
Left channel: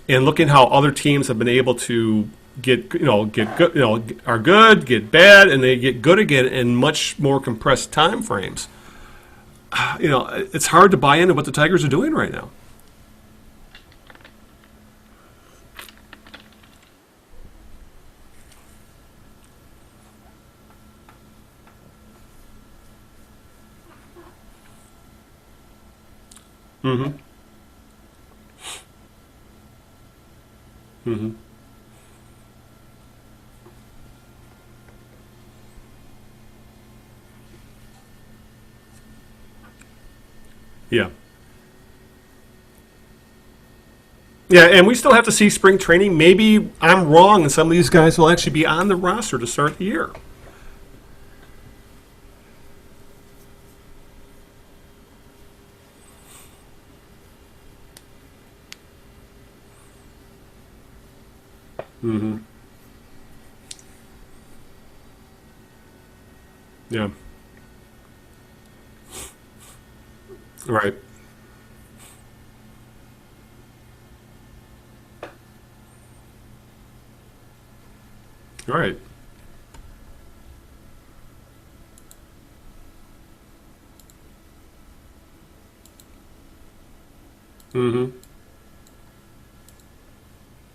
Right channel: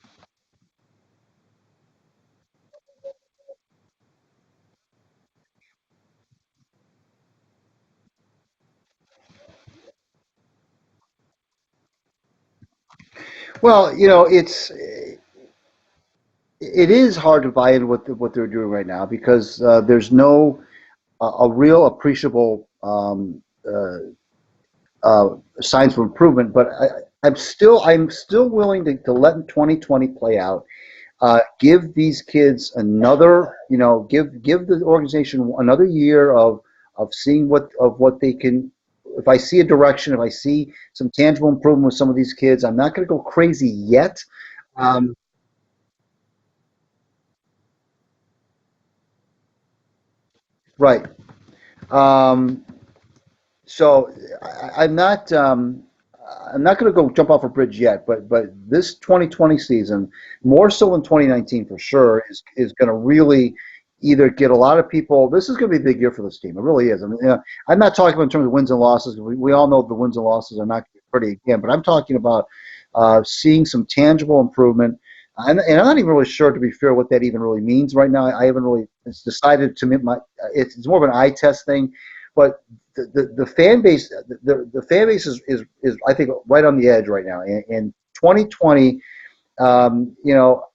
and looking how other teams have been able to get good, are good, get bad, and they get good again in much more compressed time frames. It's hard to buy into what the Tigers are doing right now. Well, it is hard to buy into what they're doing right now, because there's no a real appreciable signs for improvement, but I'm still willing to let 2020 play out. Give these kids another, give the organization another year of seeing what they can. If I see a direction, if I see some tangible improvement with some of these kids, I'm not going to go crazy yet. Yeah, and we still have to see spring training. Maybe I'm wrong, and some of these guys will actually be on the roster to start the year. Right. So I'm not going to go jump off a bridge yet, but this 2020 season, more so than 2019 for sure, is going to really either get a lot of people. This is going to be a big year for this team. It really is. Yeah. I'm not talking about in terms of wins and losses. We all know the wins and losses are not pretty again, but I'm talking about seeing some tangible improvement. And I'm not even really sure, to be fair, what that even really means right now. I haven't really it's decided to me. It's more of an eye test thing, but the fan base the fan base is I think right on the edge right now. And 2020,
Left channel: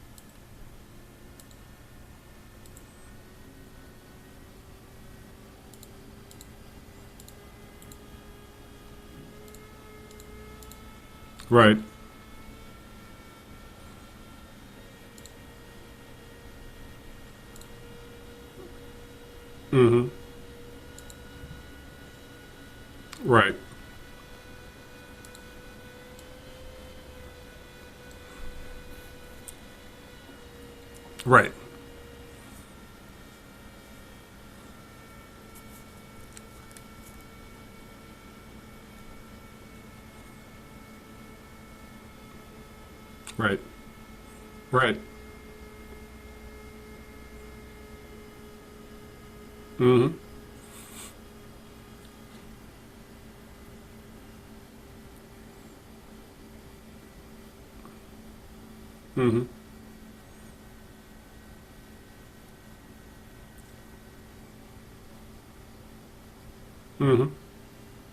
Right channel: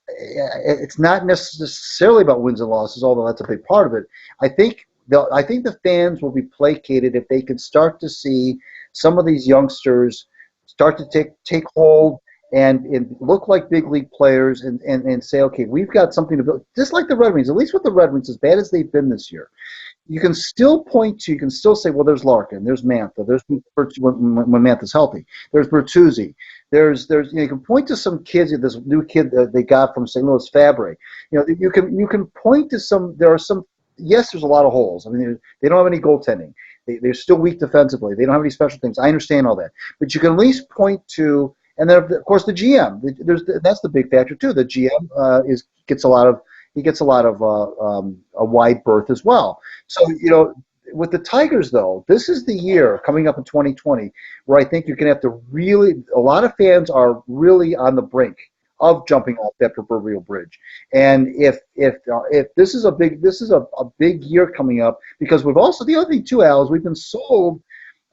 it's not necessarily about wins and losses, although that's a big part of it. I think the fans will be placated if they can start to see some of these youngsters start to take hold and look like big league players and say, okay, we've got something to build. Just like the Red Wings, at least with the Red Wings, as bad as they've been this year, you can still you can still say, well, there's Larkin, there's Mantha, there's when Mantha's healthy, there's Bertuzzi, you can point to some kids, this new kid that they got from St. Louis, Fabre. Right. You can point to some. There are some. Yes, there's a lot of holes. I mean, they don't have any goaltending. They're still weak defensively. They don't have any special things. I understand all that, but you can at least point to. And then, of course, the GM. That's the big factor too. The GM gets a lot of a wide berth as well. So with the Tigers, though, this is the year coming up in 2020 where I think you're going to have to really. A lot of fans are really on the brink of jumping off that proverbial bridge. And if this is a big year coming up, because we've also, the other thing too, Al, is we've been sold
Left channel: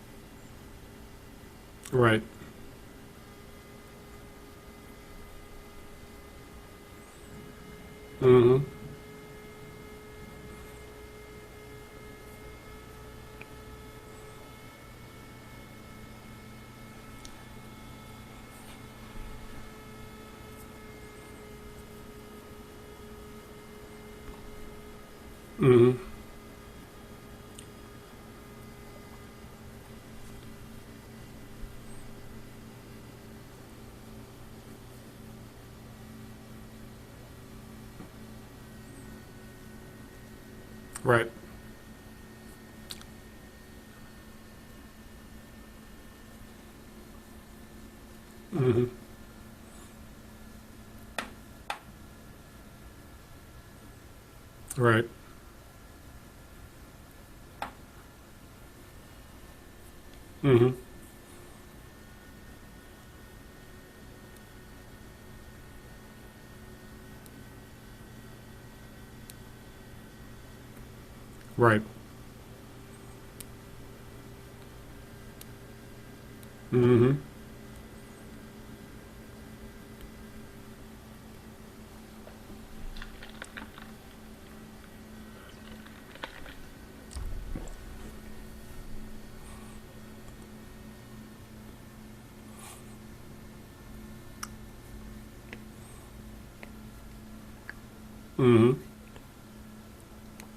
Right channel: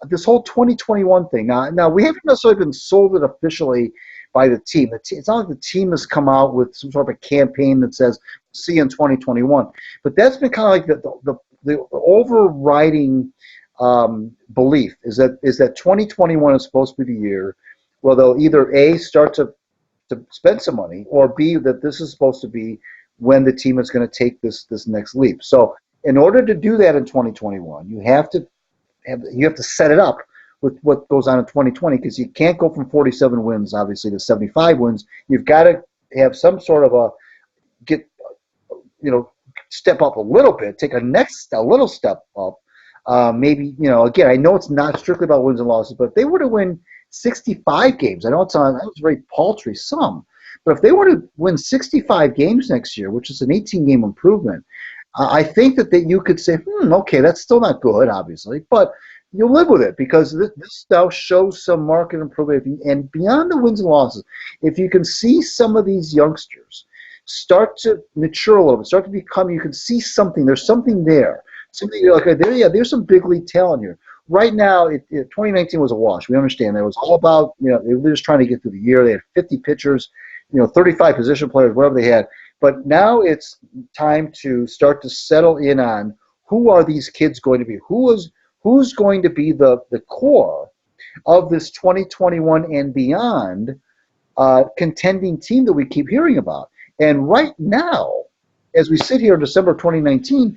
this whole 2021 thing. Now we haven't necessarily been sold it officially by the team. It's not like the team has come out with some sort of a campaign that says see you in 2021. But that's been kind of like the overriding belief is that 2021 is supposed to be the year where they'll either A, start to spend some money, or B, that this is supposed to be when the team is going to take this next leap. So in order to do that in 2021, you have to set it up with what goes on in 2020, because you can't go from 47 wins, obviously, to 75 wins. You've got to have some sort of step up a little bit, take a little step up. Maybe, again, I know it's not strictly about wins and losses, but if they were to win 65 games, I know it's a very paltry sum, but if they were to win 65 games next year, which is an 18-game improvement, I think that you could say, okay, that's still not good, obviously, but you'll live with it, because this now shows some market improvement. And beyond the wins and losses, if you can see some of these youngsters start to mature a little bit, start to become, you can see something, there's something there. Something you're like, there's some big league talent here. Right now, 2019 was a wash. We understand that. It was all about, they were just trying to get through the year. They had 50 pitchers, 35 position players, whatever they had. But now it's time to start to settle in on who are these kids going to be? Who's going to be the core of this 2021 and beyond contending team that we keep hearing about? And right now, as we sit here in December 2019,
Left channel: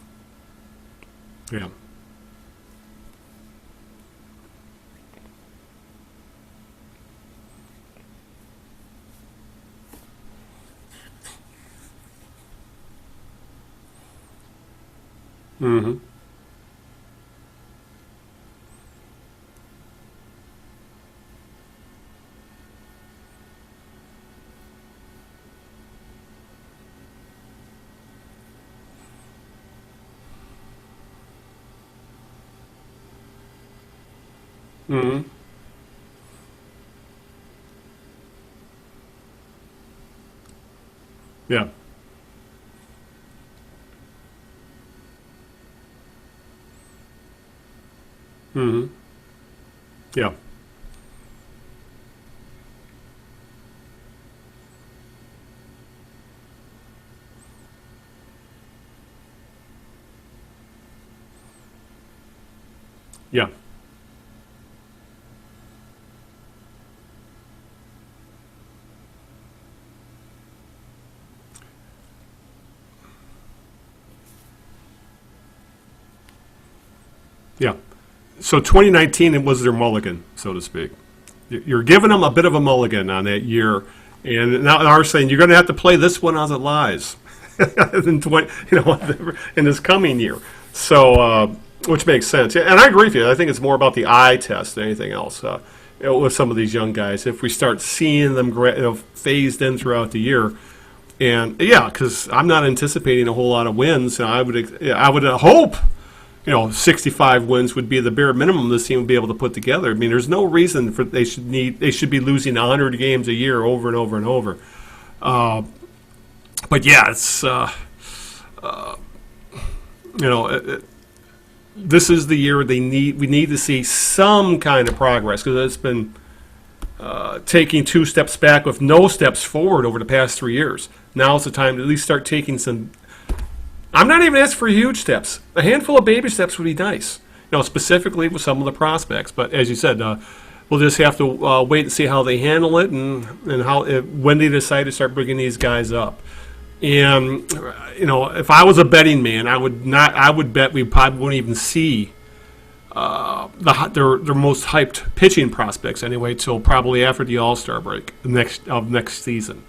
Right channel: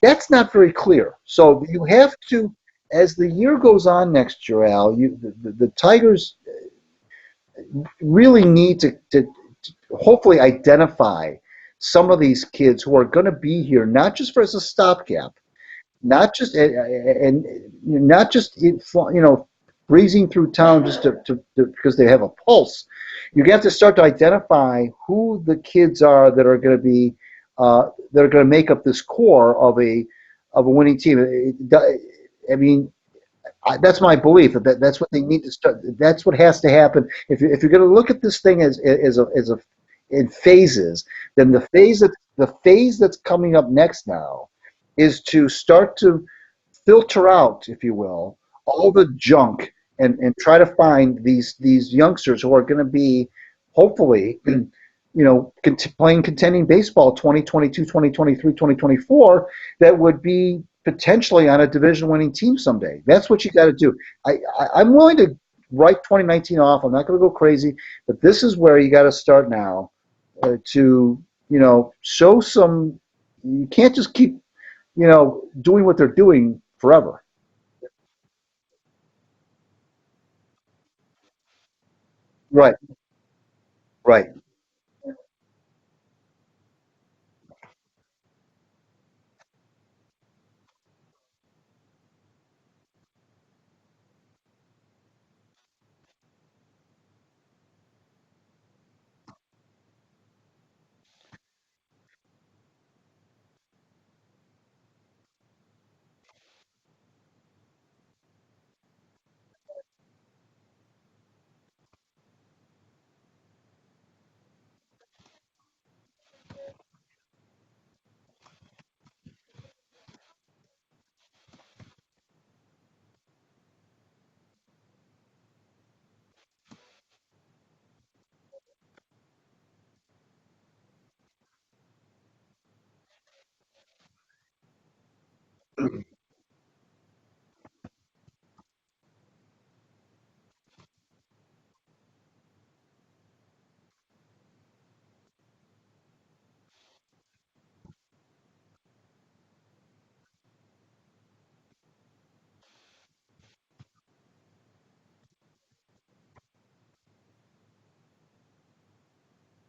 that's not very clear. So you have to, as the year goes on next year, Al, the Tigers really need to hopefully identify some of these kids who are going to be here, not just as a stopgap, not just breezing through town just to because they have a pulse. You have to start to identify who the kids are that are going to be that are going to make up this core of a winning team. I mean, that's my belief. That's what they need to start. That's what has to happen. If you're going to look at this thing as in phases, then the phase that's coming up next now is to start to filter out, if you will, all the junk and try to find these youngsters who are going to be hopefully playing contending baseball 2022, 2023, 2024 that would be potentially on a division-winning team someday. That's what you got to do. I'm willing to write 2019 off. I'm not going to go crazy, but this is where you got to start now to show some. You can't just keep doing what they're doing forever. Yeah. So 2019 was their mulligan, so to speak. You're giving them a bit of a mulligan on that year, right? And now they're saying you're going to have to play this one as it lies in this coming year. So, which makes sense. And I agree with you. I think it's more about the eye test than anything else with some of these young guys. If we start seeing them phased in throughout the year, and because I'm not anticipating a whole lot of wins. I would hope 65 wins would be the bare minimum this team would be able to put together. I mean, there's no reason for they should be losing 100 games a year over and over and over. But it's this is the year we need to see some kind of progress, because it's been taking 2 steps back with no steps forward over the past 3 years. Now is the time to at least start taking some. I'm not even asking for huge steps. A handful of baby steps would be nice, specifically with some of the prospects. But as you said, we'll just have to wait and see how they handle it and how when they decide to start bringing these guys up. And if I was a betting man, I would bet we probably wouldn't even see their most hyped pitching prospects anyway till probably after the All-Star break next season.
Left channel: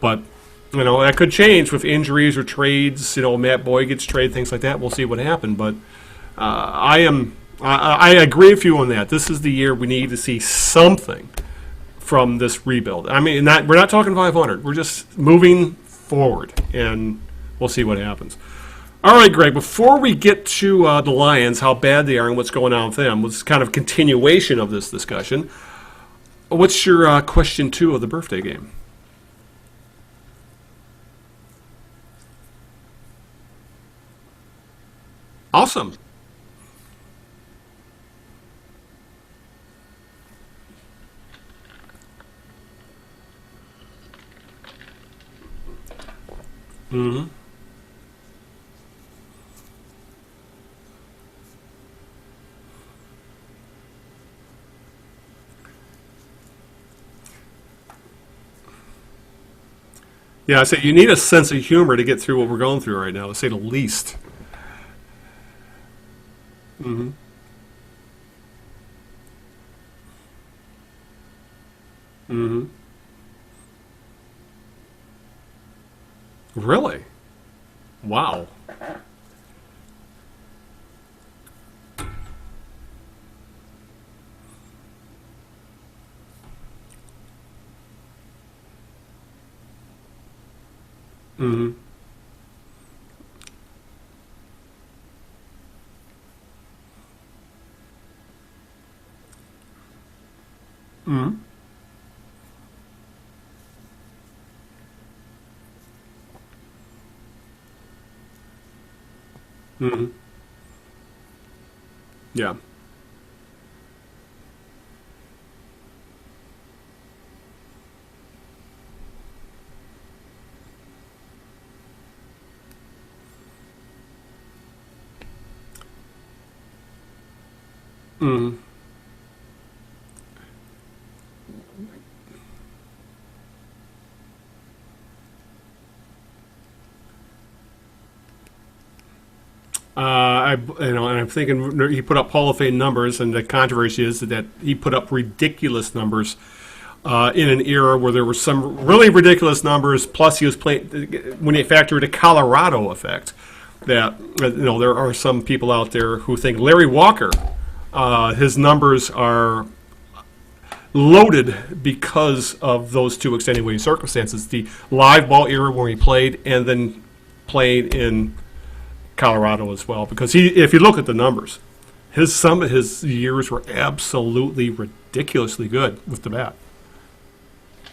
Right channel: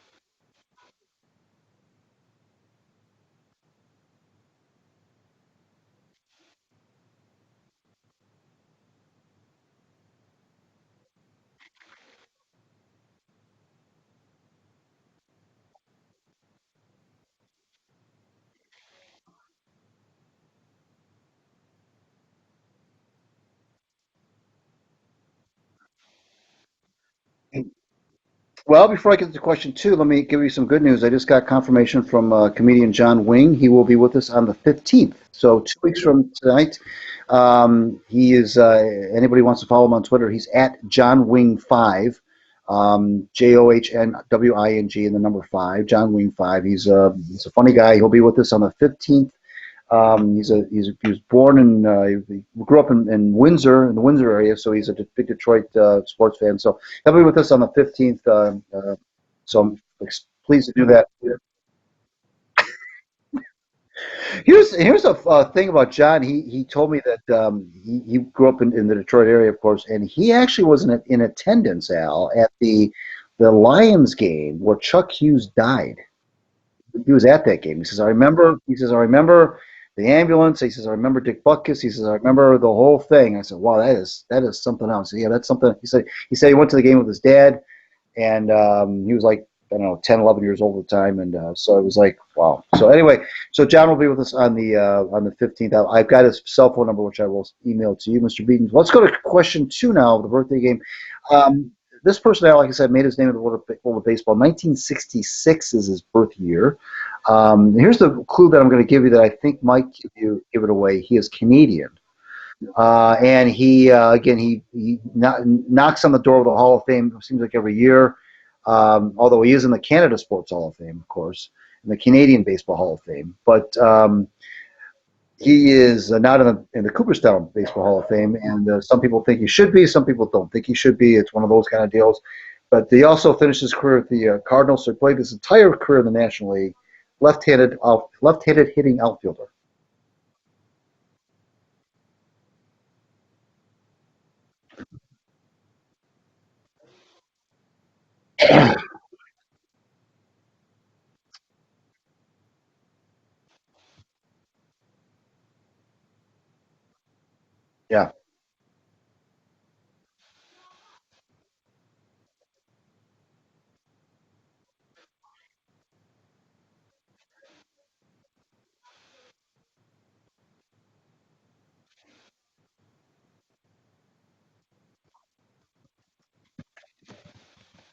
But that could change with injuries or trades. Matt Boyd gets traded, things like that. We'll see what happens. But I agree with you on that. This is the year we need to see something from this rebuild. I mean, we're not talking 500. We're just moving forward, and we'll see what happens. All right, Greg, before we get to the Lions, how bad they are and what's going on with them, was kind of continuation of this discussion. What's your question 2 of the birthday game? Well, before I get to question 2, let me give you some good news. I just got confirmation from comedian John Wing. He will be with us on the 15th. So awesome. 2 weeks from tonight. He is, anybody wants to follow him on Twitter, he's at John Wing 5. JOHNWING and the number 5, John Wing 5. He's a funny guy. He'll be with us on the 15th. He was born he grew up in Windsor, in the Windsor area, so he's a big Detroit sports fan. So he'll be with us on the 15th. You need a sense of humor to get through what we're going through right now, to say the least. Here's a thing about John. He told me that he grew up in the Detroit area, of course, and he actually was in attendance, Al, at the Lions game where Chuck Hughes died. Really? He was at that game. He says, I remember the ambulance. He says, I remember Dick Butkus. He says, I remember the whole thing. I said, wow, that is something else. Yeah, that's something. He said he went to the game with his dad, and he was like, I don't know, 10, 11 years old at the time, and so it was like, wow. So anyway, John will be with us on the 15th. I've got his cell phone number, which I will email to you, Mr. Beaton. Let's go to question 2 now of the birthday game. This person, like I said, made his name in the world of baseball. 1966 is his birth year. Here's the clue that I'm going to give you that I think might give it away. He is Canadian. Yeah. And he knocks on the door of the Hall of Fame, it seems like every year. Although he is in the Canada Sports Hall of Fame, of course, in the Canadian Baseball Hall of Fame. But he is not in the Cooperstown Baseball Hall of Fame, and some people think he should be, some people don't think he should be. It's one of those kind of deals. But he also finished his career at the Cardinals, so he played his entire career in the National League, left-handed hitting outfielder. And I'm thinking he put up Hall of Fame numbers, and the controversy is that he put up ridiculous numbers in an era where there were some really ridiculous numbers. Plus, he was playing when you factor the Colorado effect. That there are some people out there who think Larry Walker, his numbers are loaded because of those two extenuating circumstances: the live ball era where he played, and then played in Colorado as well. Because if you look at the numbers, some of his years were absolutely ridiculously good with the bat.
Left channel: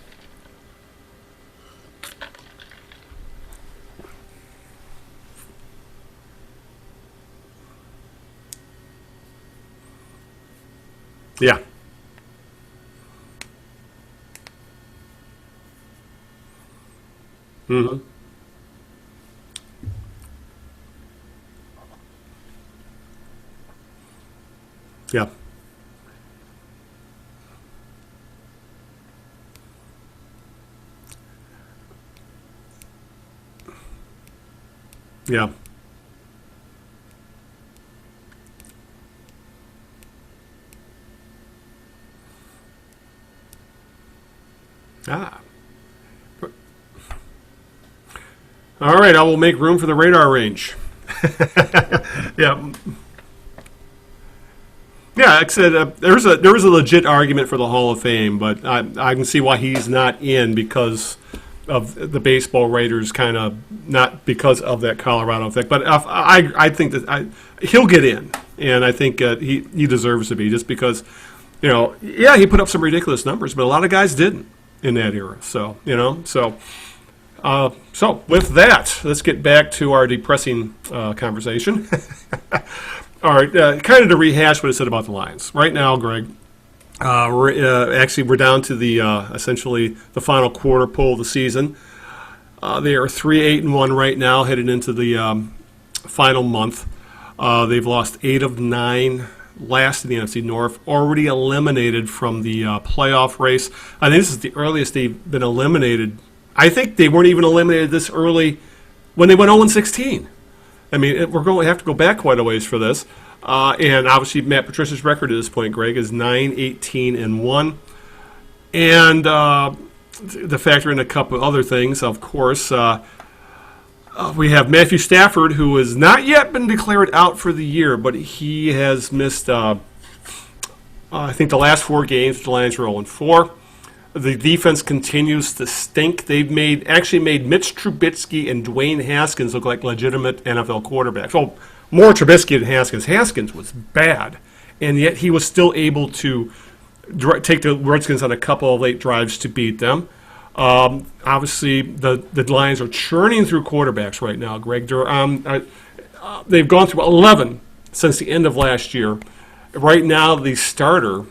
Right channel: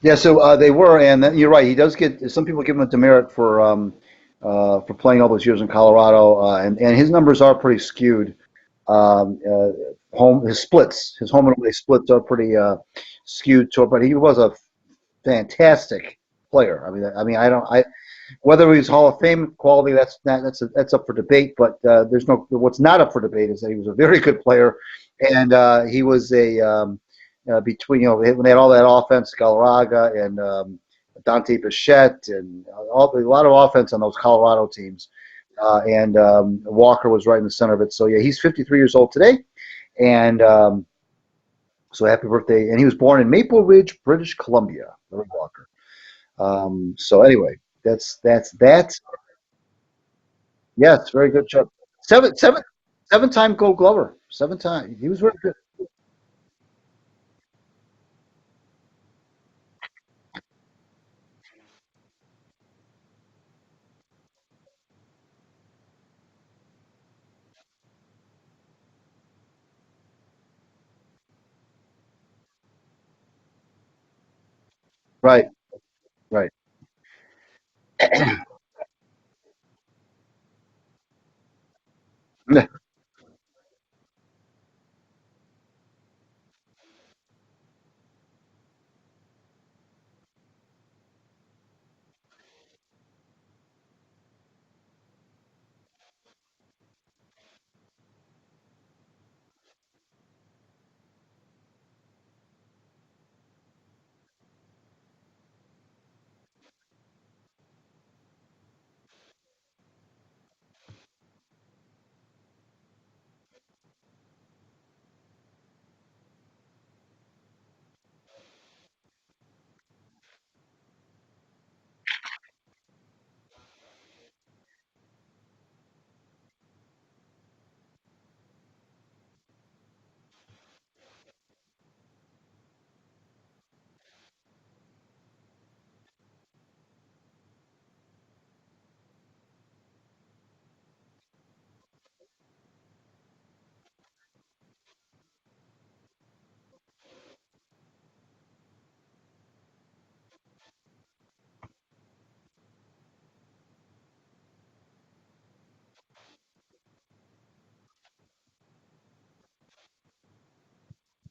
Yeah, so they were, and you're right. He does get some people give him a demerit for playing all those years in Colorado, and his numbers are pretty skewed. His splits, his home run splits are pretty skewed to it. But he was a fantastic player. I mean, whether he's Hall of Fame quality, that's up for debate. But what's not up for debate is that he was a very good player, and he was between when they had all that offense, Galarraga and Dante Bichette, and a lot of offense on those Colorado teams. Yeah. And Walker was right in the center of it. So he's 53 years old today, and so happy birthday! And he was born in Maple Ridge, British Columbia. Walker. So anyway, that's that. All right, I will make room for the radar range. Yeah, it's very good. Seven-time Gold Glover. 7 times. Like I said, there was a legit argument for the Hall of Fame, but I can see why he's not in because of the baseball writers, kind of not because of that Colorado effect. But I think that he'll get in, and I think he deserves to be just because, he put up some ridiculous numbers, but a lot of guys didn't in that era. Right. So So with that, let's get back to our depressing conversation. All right, kind of to rehash what I said about the Lions. Right now, Greg, we're down to the essentially the final quarter pull of the season. They are 3-8-1 right now, headed into the final month. They've lost 8 of 9 last in the NFC North, already eliminated from the playoff race. I think this is the earliest they've been eliminated. I think they weren't even eliminated this early when they went 0-16. I mean, we're going to have to go back quite a ways for this. And obviously, Matt Patricia's record at this point, Greg, is 9-18-1. And to factor in a couple other things, of course, we have Matthew Stafford, who has not yet been declared out for the year, but he has missed, I think, the last 4 games. The Lions are 0-4. The defense continues to stink. They've actually made Mitch Trubisky and Dwayne Haskins look like legitimate NFL quarterbacks. Well, more Trubisky than Haskins. Haskins was bad, and yet he was still able to take the Redskins on a couple of late drives to beat them. Obviously, the Lions are churning through quarterbacks right now, Greg. They've gone through 11 since the end of last year. Right now, the starter,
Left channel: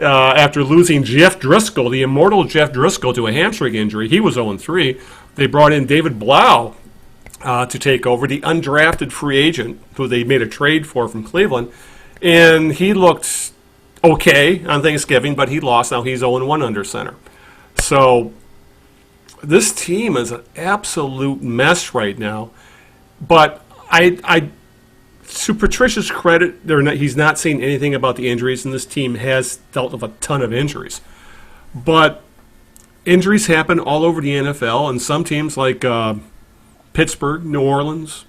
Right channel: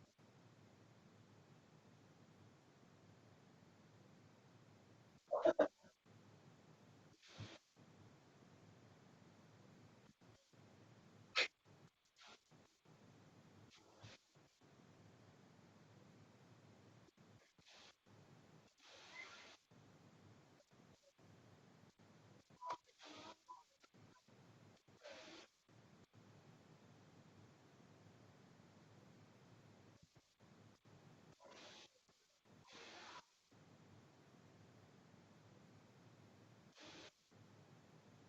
after losing Jeff Driscoll, the immortal Jeff Driscoll, to a hamstring injury, he was 0-3. They brought in David Blau to take over, the undrafted free agent who they made a trade for from Cleveland. And he looked okay on Thanksgiving, but he lost. Now he's 0-1 under center. So this team is an absolute mess right now. But to Patricia's credit, he's not saying anything about the injuries, and this team has dealt with a ton of injuries. But injuries happen all over the NFL, and some teams like Pittsburgh, New Orleans,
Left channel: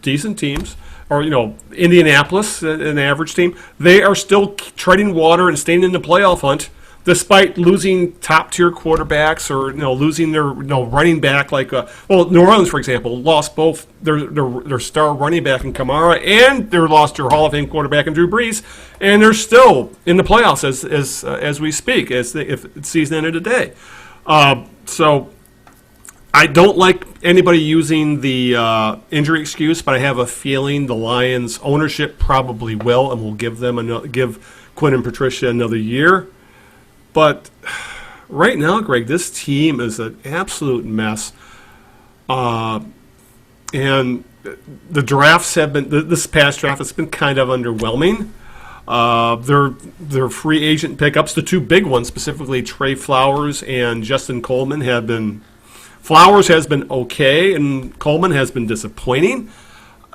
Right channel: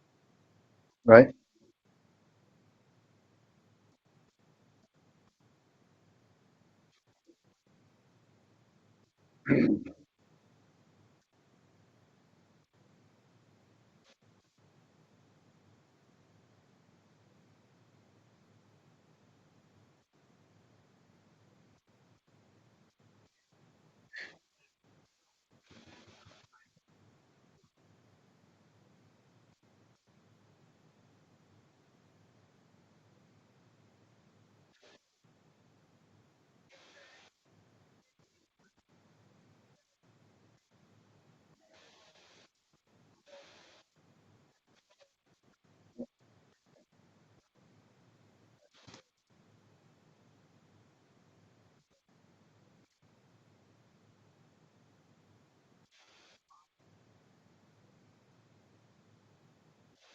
decent teams, right. Or Indianapolis, an average team, they are still treading water and staying in the playoff hunt, despite losing top-tier quarterbacks or losing their running back. Like New Orleans, for example, lost both their star running back in Kamara and they lost their Hall of Fame quarterback in Drew Brees, and they're still in the playoffs as we speak, if the season ended today. So I don't like anybody using the injury excuse, but I have a feeling the Lions ownership probably will, and will give Quinn and Patricia another year. But right now, Greg, this team is an absolute mess. And the drafts have been, this past draft has been kind of underwhelming. Their free agent pickups, the 2 big ones, specifically Trey Flowers and Justin Coleman, have been, Flowers has been okay, and Coleman has been disappointing.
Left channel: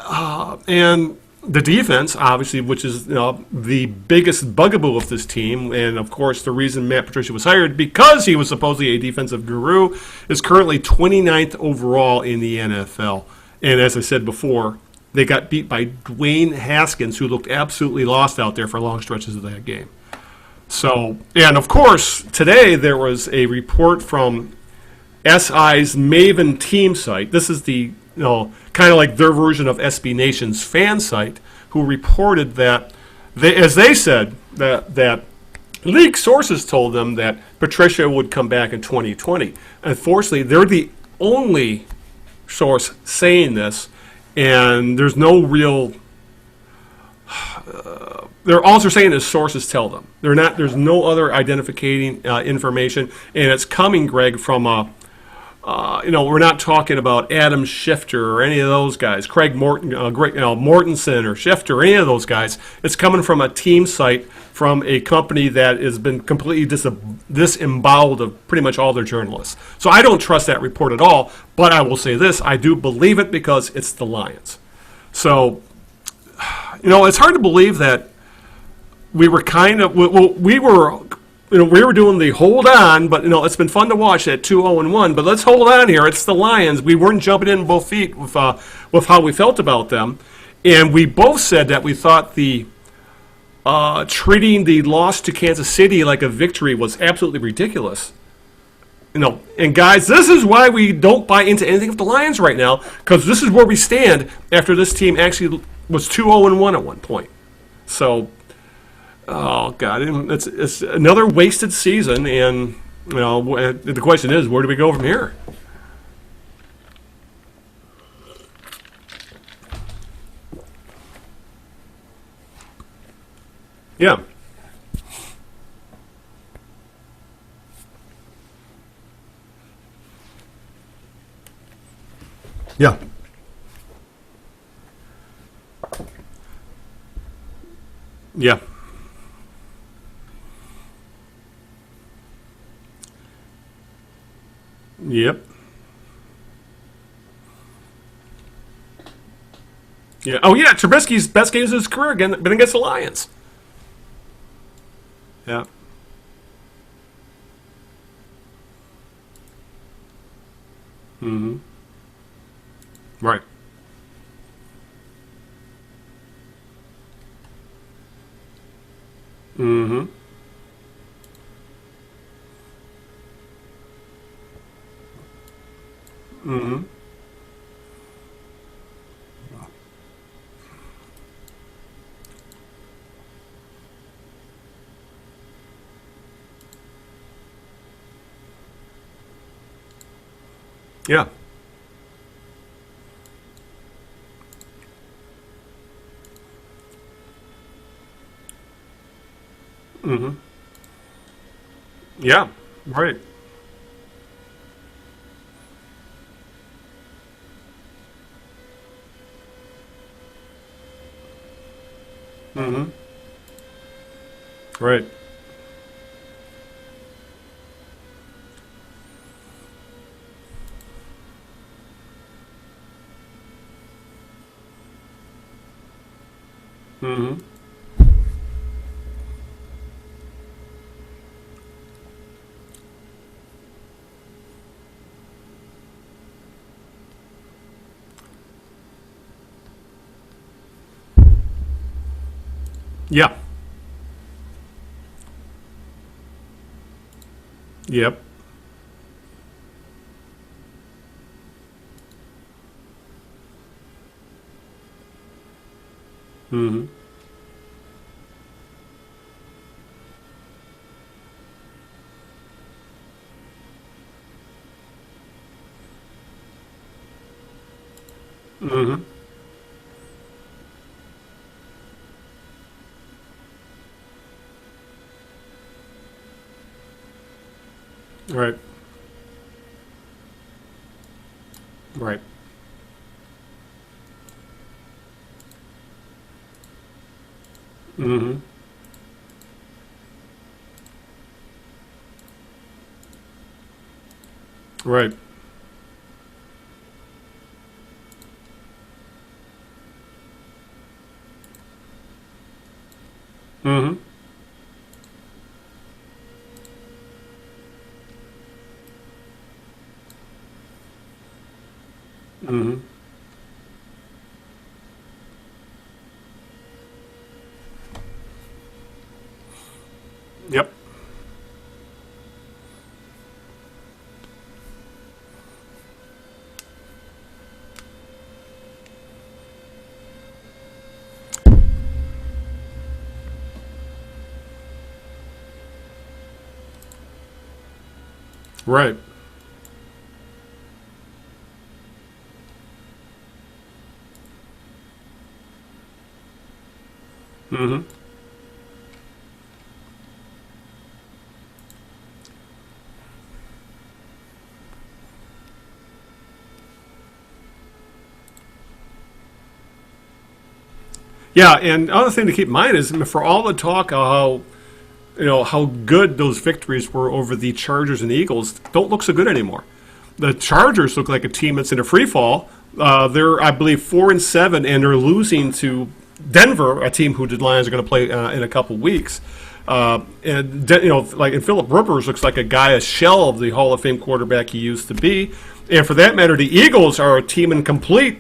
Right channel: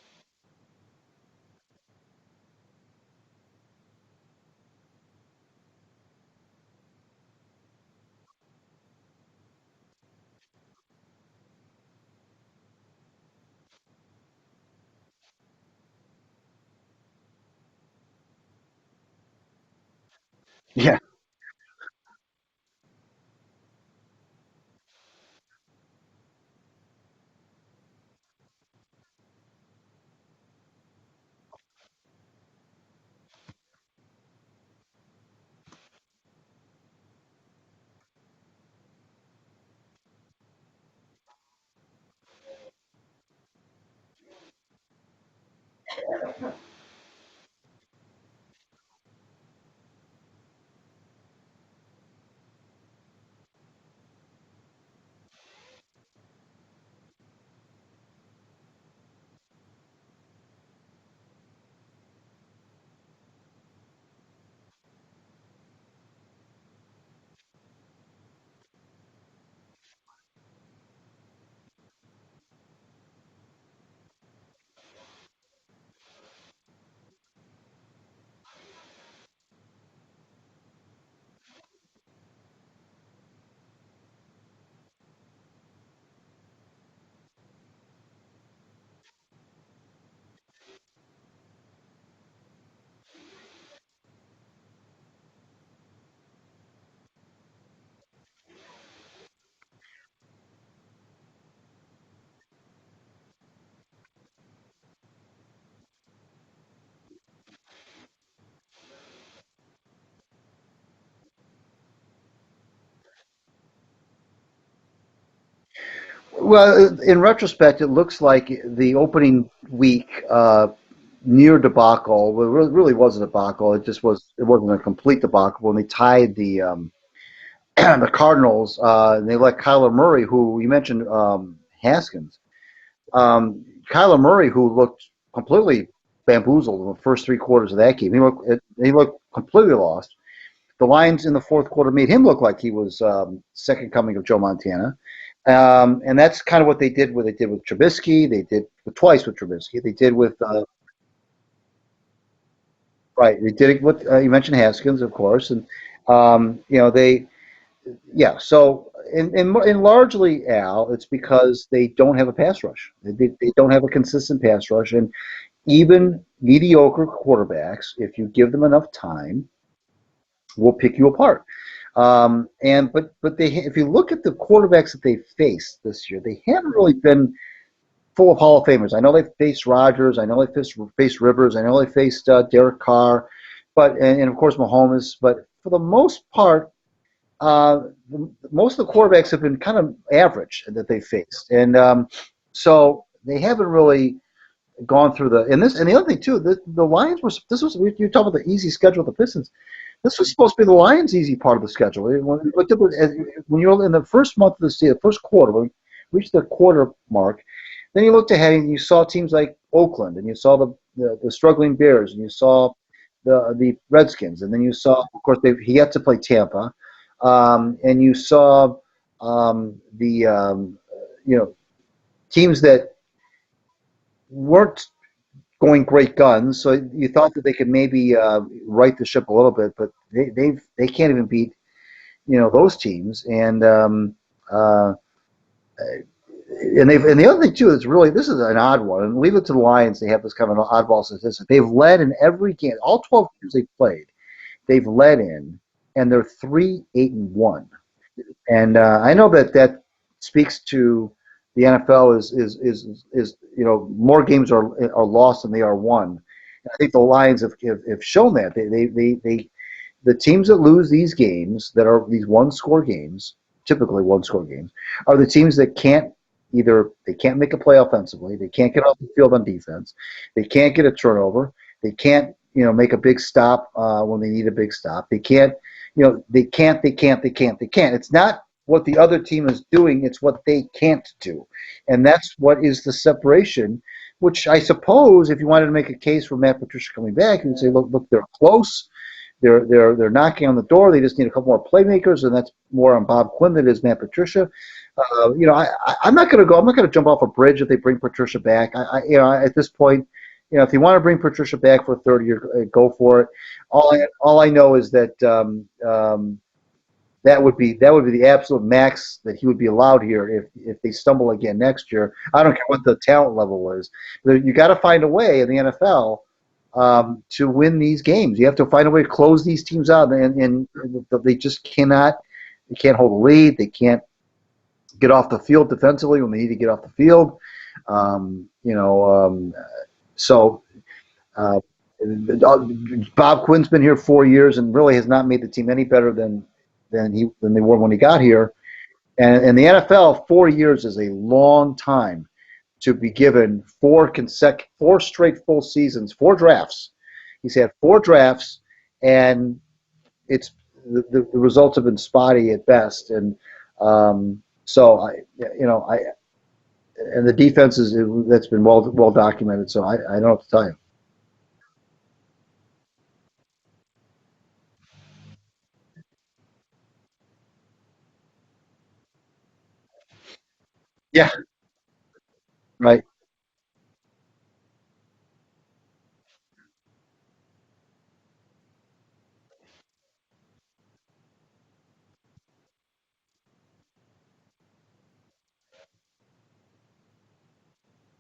And the defense, obviously, which is the biggest bugaboo of this team, and of course the reason Matt Patricia was hired, because he was supposedly a defensive guru, is currently 29th overall in the NFL. And as I said before, they got beat by Dwayne Haskins, who looked absolutely lost out there for long stretches of that game. So, and of course, today there was a report from SI's Maven team site. This is the kind of like their version of SB Nation's fan site, who reported that, as they said, that league sources told them that Patricia would come back in 2020. Unfortunately, they're the only source saying this, and there's no real. They're also saying is sources tell them. They're not. There's no other identifying information, and it's coming, Greg, from we're not talking about Adam Schefter or any of those guys, Craig Morton, Mortensen or Schefter, or any of those guys. It's coming from a team site from a company that has been completely disemboweled of pretty much all their journalists. So I don't trust that report at all, but I will say this, I do believe it because it's the Lions. So, it's hard to believe that we were we were doing the hold on, but it's been fun to watch at 2-0-1. But let's hold on here. It's the Lions. We weren't jumping in both feet with how we felt about them, and we both said that we thought the treating the loss to Kansas City like a victory was absolutely ridiculous. And guys, this is why we don't buy into anything of the Lions right now, because this is where we stand after this team actually was 2-0-1 at one point. So. Oh God! It's another wasted season, and the question is, where do we go from here? Well, in retrospect, it looks like the opening week near debacle. Well, it really wasn't a debacle. It just wasn't a complete debacle. When they tied the the Cardinals, and they let Kyler Murray, who you mentioned, Haskins. Yeah. Kyler Murray, who looked completely bamboozled in the first 3 quarters of that game. Yeah. He looked completely lost. The Lions in the fourth quarter made him look like he was second coming of Joe Montana. Yep. And that's kind of what they did. What they did with Trubisky, they did twice with Trubisky. They did with Trubisky's best games of his career been against the Lions. Right. They did it with you mentioned Haskins, of course. Yeah. And, So and largely, Al, it's because they don't have a pass rush. They don't have a consistent pass rush, and even mediocre quarterbacks, if you give them enough time, will pick you apart. But if you look at the quarterbacks that they faced this year, they haven't really been full of Hall of Famers. I know they faced Rodgers. I know they faced Rivers. I know they faced Derek Carr, and of course Mahomes. But for the most part, most of the quarterbacks have been kind of average that they faced, and so they haven't really gone through the. And the other thing too, the Lions were. You're talking about the easy schedule of the Pistons. This was supposed to be the Lions' easy part of the schedule. Yeah. When you're in the first month of the season, the first quarter, when you reach the quarter mark, then you looked ahead and you saw teams like Oakland, and you saw the struggling Bears, and you saw the Redskins, and then you saw, of course, he had to play Tampa, and you saw teams that weren't going great guns, so you thought that they could maybe right the ship a little bit, but they can't even beat those teams, and the other thing too is really, this is an odd one, and leave it to the Lions. They have this kind of an oddball statistic. They've led in every game, all 12 games they've played. They've led in, and they're 3-8-1. Yep. And I know that speaks to the NFL is more games are lost than they are won. I think the Lions have shown that the teams that lose these games, that are these one-score games, typically one-score games, are the teams that can't make a play offensively, they can't get off the field on defense, they can't get a turnover, they can't make a big stop when they need a big stop, they can't. They can't. It's not what the other team is doing, it's what they can't do. And that's what is the separation, which I suppose if you wanted to make a case for Matt Patricia coming back, you would say, look, they're close. They're knocking on the door. They just need a couple more playmakers, and that's more on Bob Quinn than it is Matt Patricia. Right. I'm not going to jump off a bridge if they bring Patricia back. At this point, if you want to bring Patricia back for a third year, go for it. All I know is that that would be the absolute max that he would be allowed here if they stumble again next year. I don't care what the talent level is. You got to find a way in the NFL to win these games. You have to find a way to close these teams out, and they just cannot. They can't hold a lead. They can't get off the field defensively when they need to get off the field. So Bob Quinn's been here 4 years and really has not made the team any better than they were when he got here. Right. And the NFL, 4 years is a long time to be given four straight full seasons, 4 drafts. He's had 4 drafts, and it's the results have been spotty at best. And so and the defense that's been well documented. So I don't know what to tell you. Yeah, and other thing to keep in mind is, for all the talk of how good those victories were over the Chargers and Eagles, don't look so good anymore. The Chargers look like a team that's in a free fall. They're, I believe, 4-7, and they're losing to Denver, a team who the Lions are going to play in a couple weeks. And Phillip Rivers looks like a shell of the Hall of Fame quarterback he used to be. And for that matter, the Eagles are a team in complete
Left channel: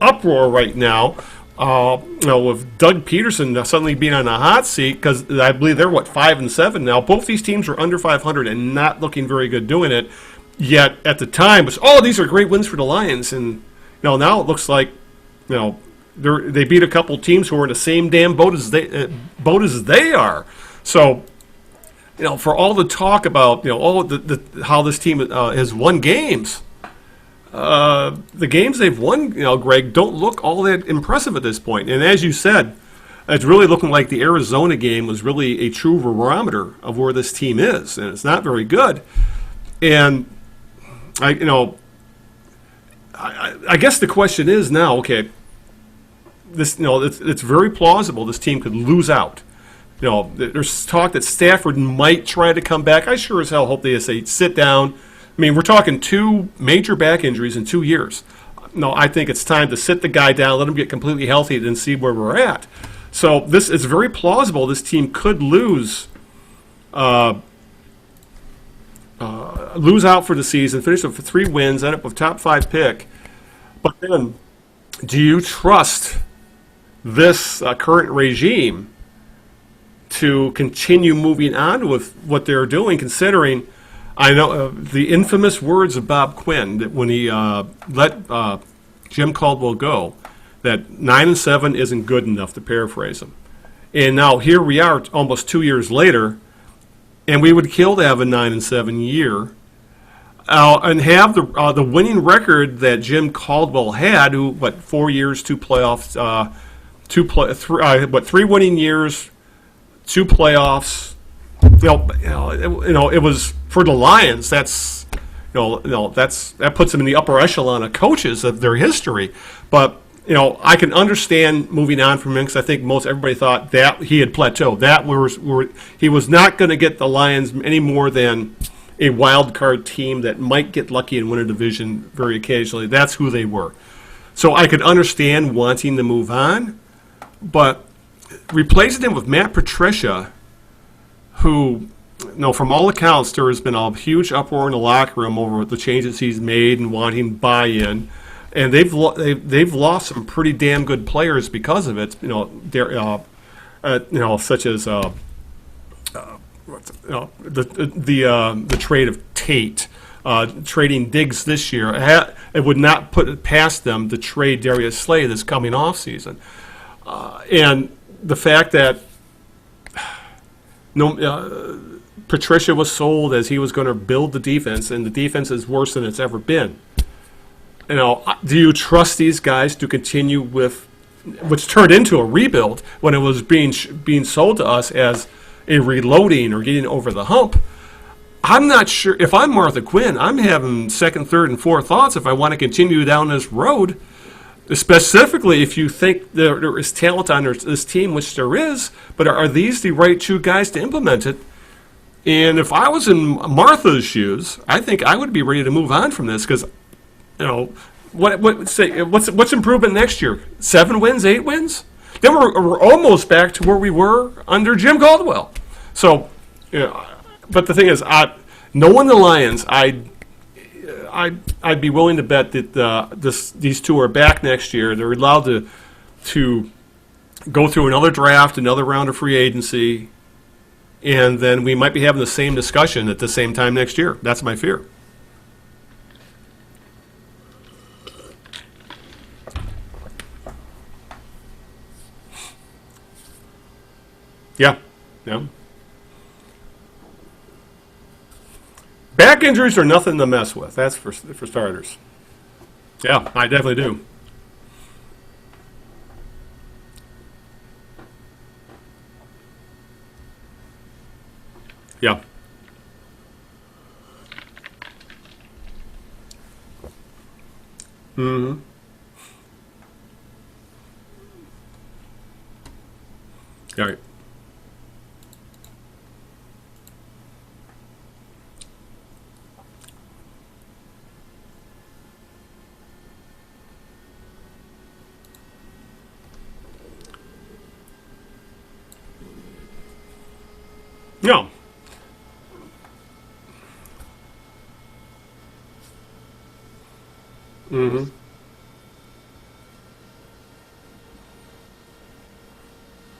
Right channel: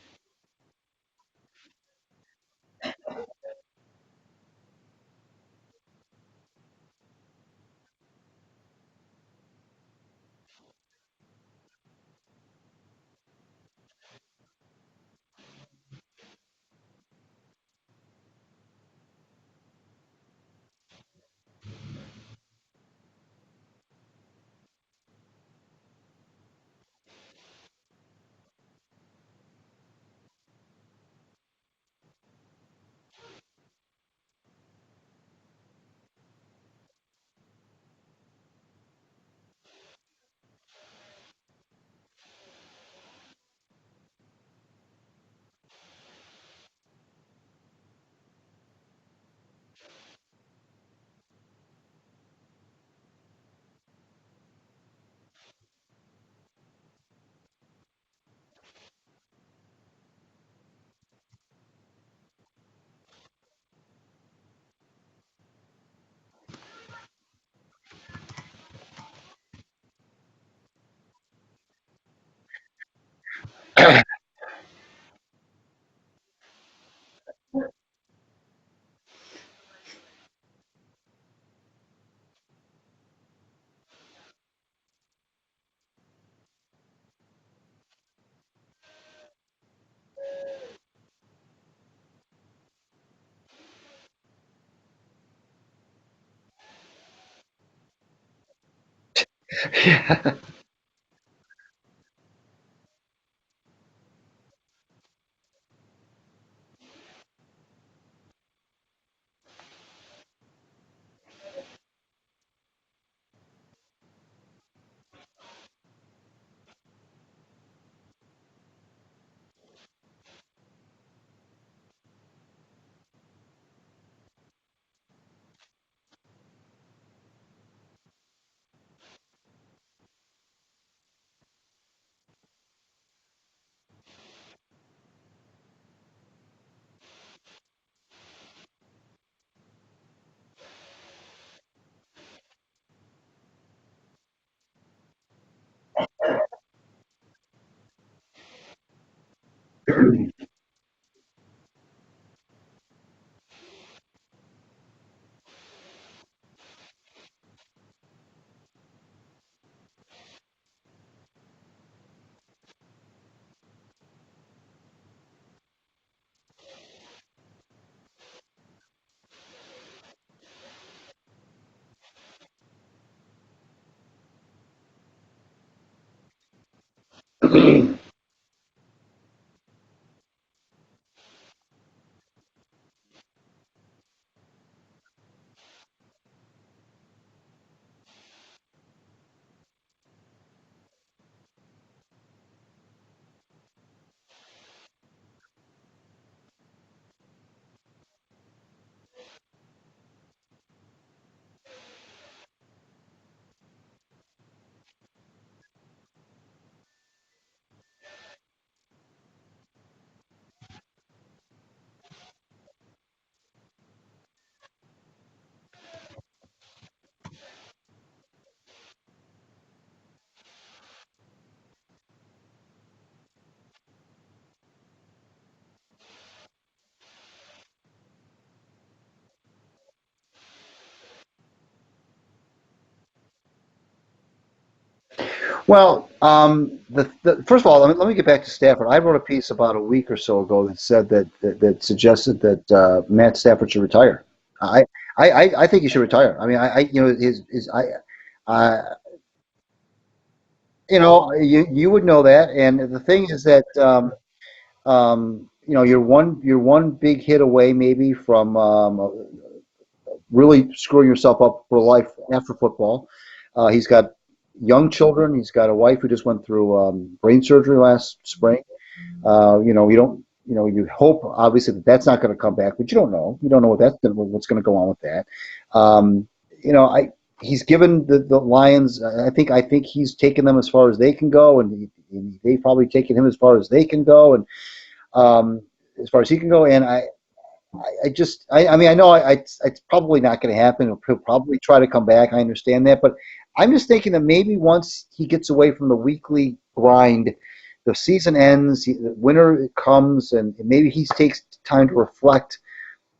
uproar right now. With Doug Peterson suddenly being on the hot seat, because I believe they're 5-7 now. Both these teams are under 500 and not looking very good doing it. Yet at the time, it was, these are great wins for the Lions, and now it looks like they beat a couple teams who are in the same damn boat as they are. So for all the talk about how this team has won games. The games they've won, Greg, don't look all that impressive at this point. And as you said, it's really looking like the Arizona game was really a true barometer of where this team is, and it's not very good. And I guess the question is now, okay, this, it's very plausible this team could lose out. There's talk that Stafford might try to come back. I sure as hell hope they say sit down. I mean, we're talking 2 major back injuries in 2 years. No, I think it's time to sit the guy down, let him get completely healthy, and see where we're at. So this is very plausible. This team could lose out for the season, finish with 3 wins, end up with top 5 pick. Again, do you trust this current regime to continue moving on with what they're doing, considering, I know the infamous words of Bob Quinn that when he let Jim Caldwell go, that 9-7 isn't good enough, to paraphrase him. And now here we are, almost 2 years later, and we would kill to have a 9-7 year, and have the winning record that Jim Caldwell had, who 4 years, 2 playoffs, 3 winning years, 2 playoffs. It was for the Lions. That puts them in the upper echelon of coaches of their history. But I can understand moving on from him because I think most everybody thought that he had plateaued. He was not going to get the Lions any more than a wild card team that might get lucky and win a division very occasionally. That's who they were. So I could understand wanting to move on, but replacing him with Matt Patricia, who, from all accounts, there has been a huge uproar in the locker room over the changes he's made and wanting buy-in, and they've lost some pretty damn good players because of it. Such as the trade of Tate, trading Diggs this year. It would not put it past them to trade Darius Slay this coming off season, and the fact that Patricia was sold as he was going to build the defense, and the defense is worse than it's ever been. Do you trust these guys to continue with which turned into a rebuild when it was being sold to us as a reloading or getting over the hump? I'm not sure. If I'm Martha Quinn, I'm having second, third, and fourth thoughts if I want to continue down this road. Specifically, if you think there is talent on this team, which there is, but are these the right 2 guys to implement it? And if I was in Martha's shoes, I think I would be ready to move on from this because, what's improvement next year? 7 wins, 8 wins? Then we're almost back to where we were under Jim Caldwell. So, but the thing is, knowing the Lions, I'd be willing to bet that these 2 are back next year. They're allowed to go through another draft, another round of free agency, and then we might be having the same discussion at the same time next year. That's my fear. Well, first of all, let me get back to Stafford. I wrote a piece about a week or so ago that said that suggested that Matt Stafford should retire. Yeah, I think he should retire. I mean, back injuries are nothing to mess with. That's you would know that, and the thing is I that definitely do. you're one big hit away maybe from really screwing yourself up for life after football. He's got young children. He's got a wife who just went through brain surgery last spring. You hope obviously that's not going to come back, but you don't know. You don't know what's going to go on with that. He's given the Lions. I think he's taken them as far as they can go, and they've probably taken him as far as they can go, and as far as he can go. And I know it's probably not going to happen. He'll probably try to come back. I understand that, but I'm just thinking that maybe once he gets away from the weekly grind, the season ends, winter comes, and maybe he takes time to reflect.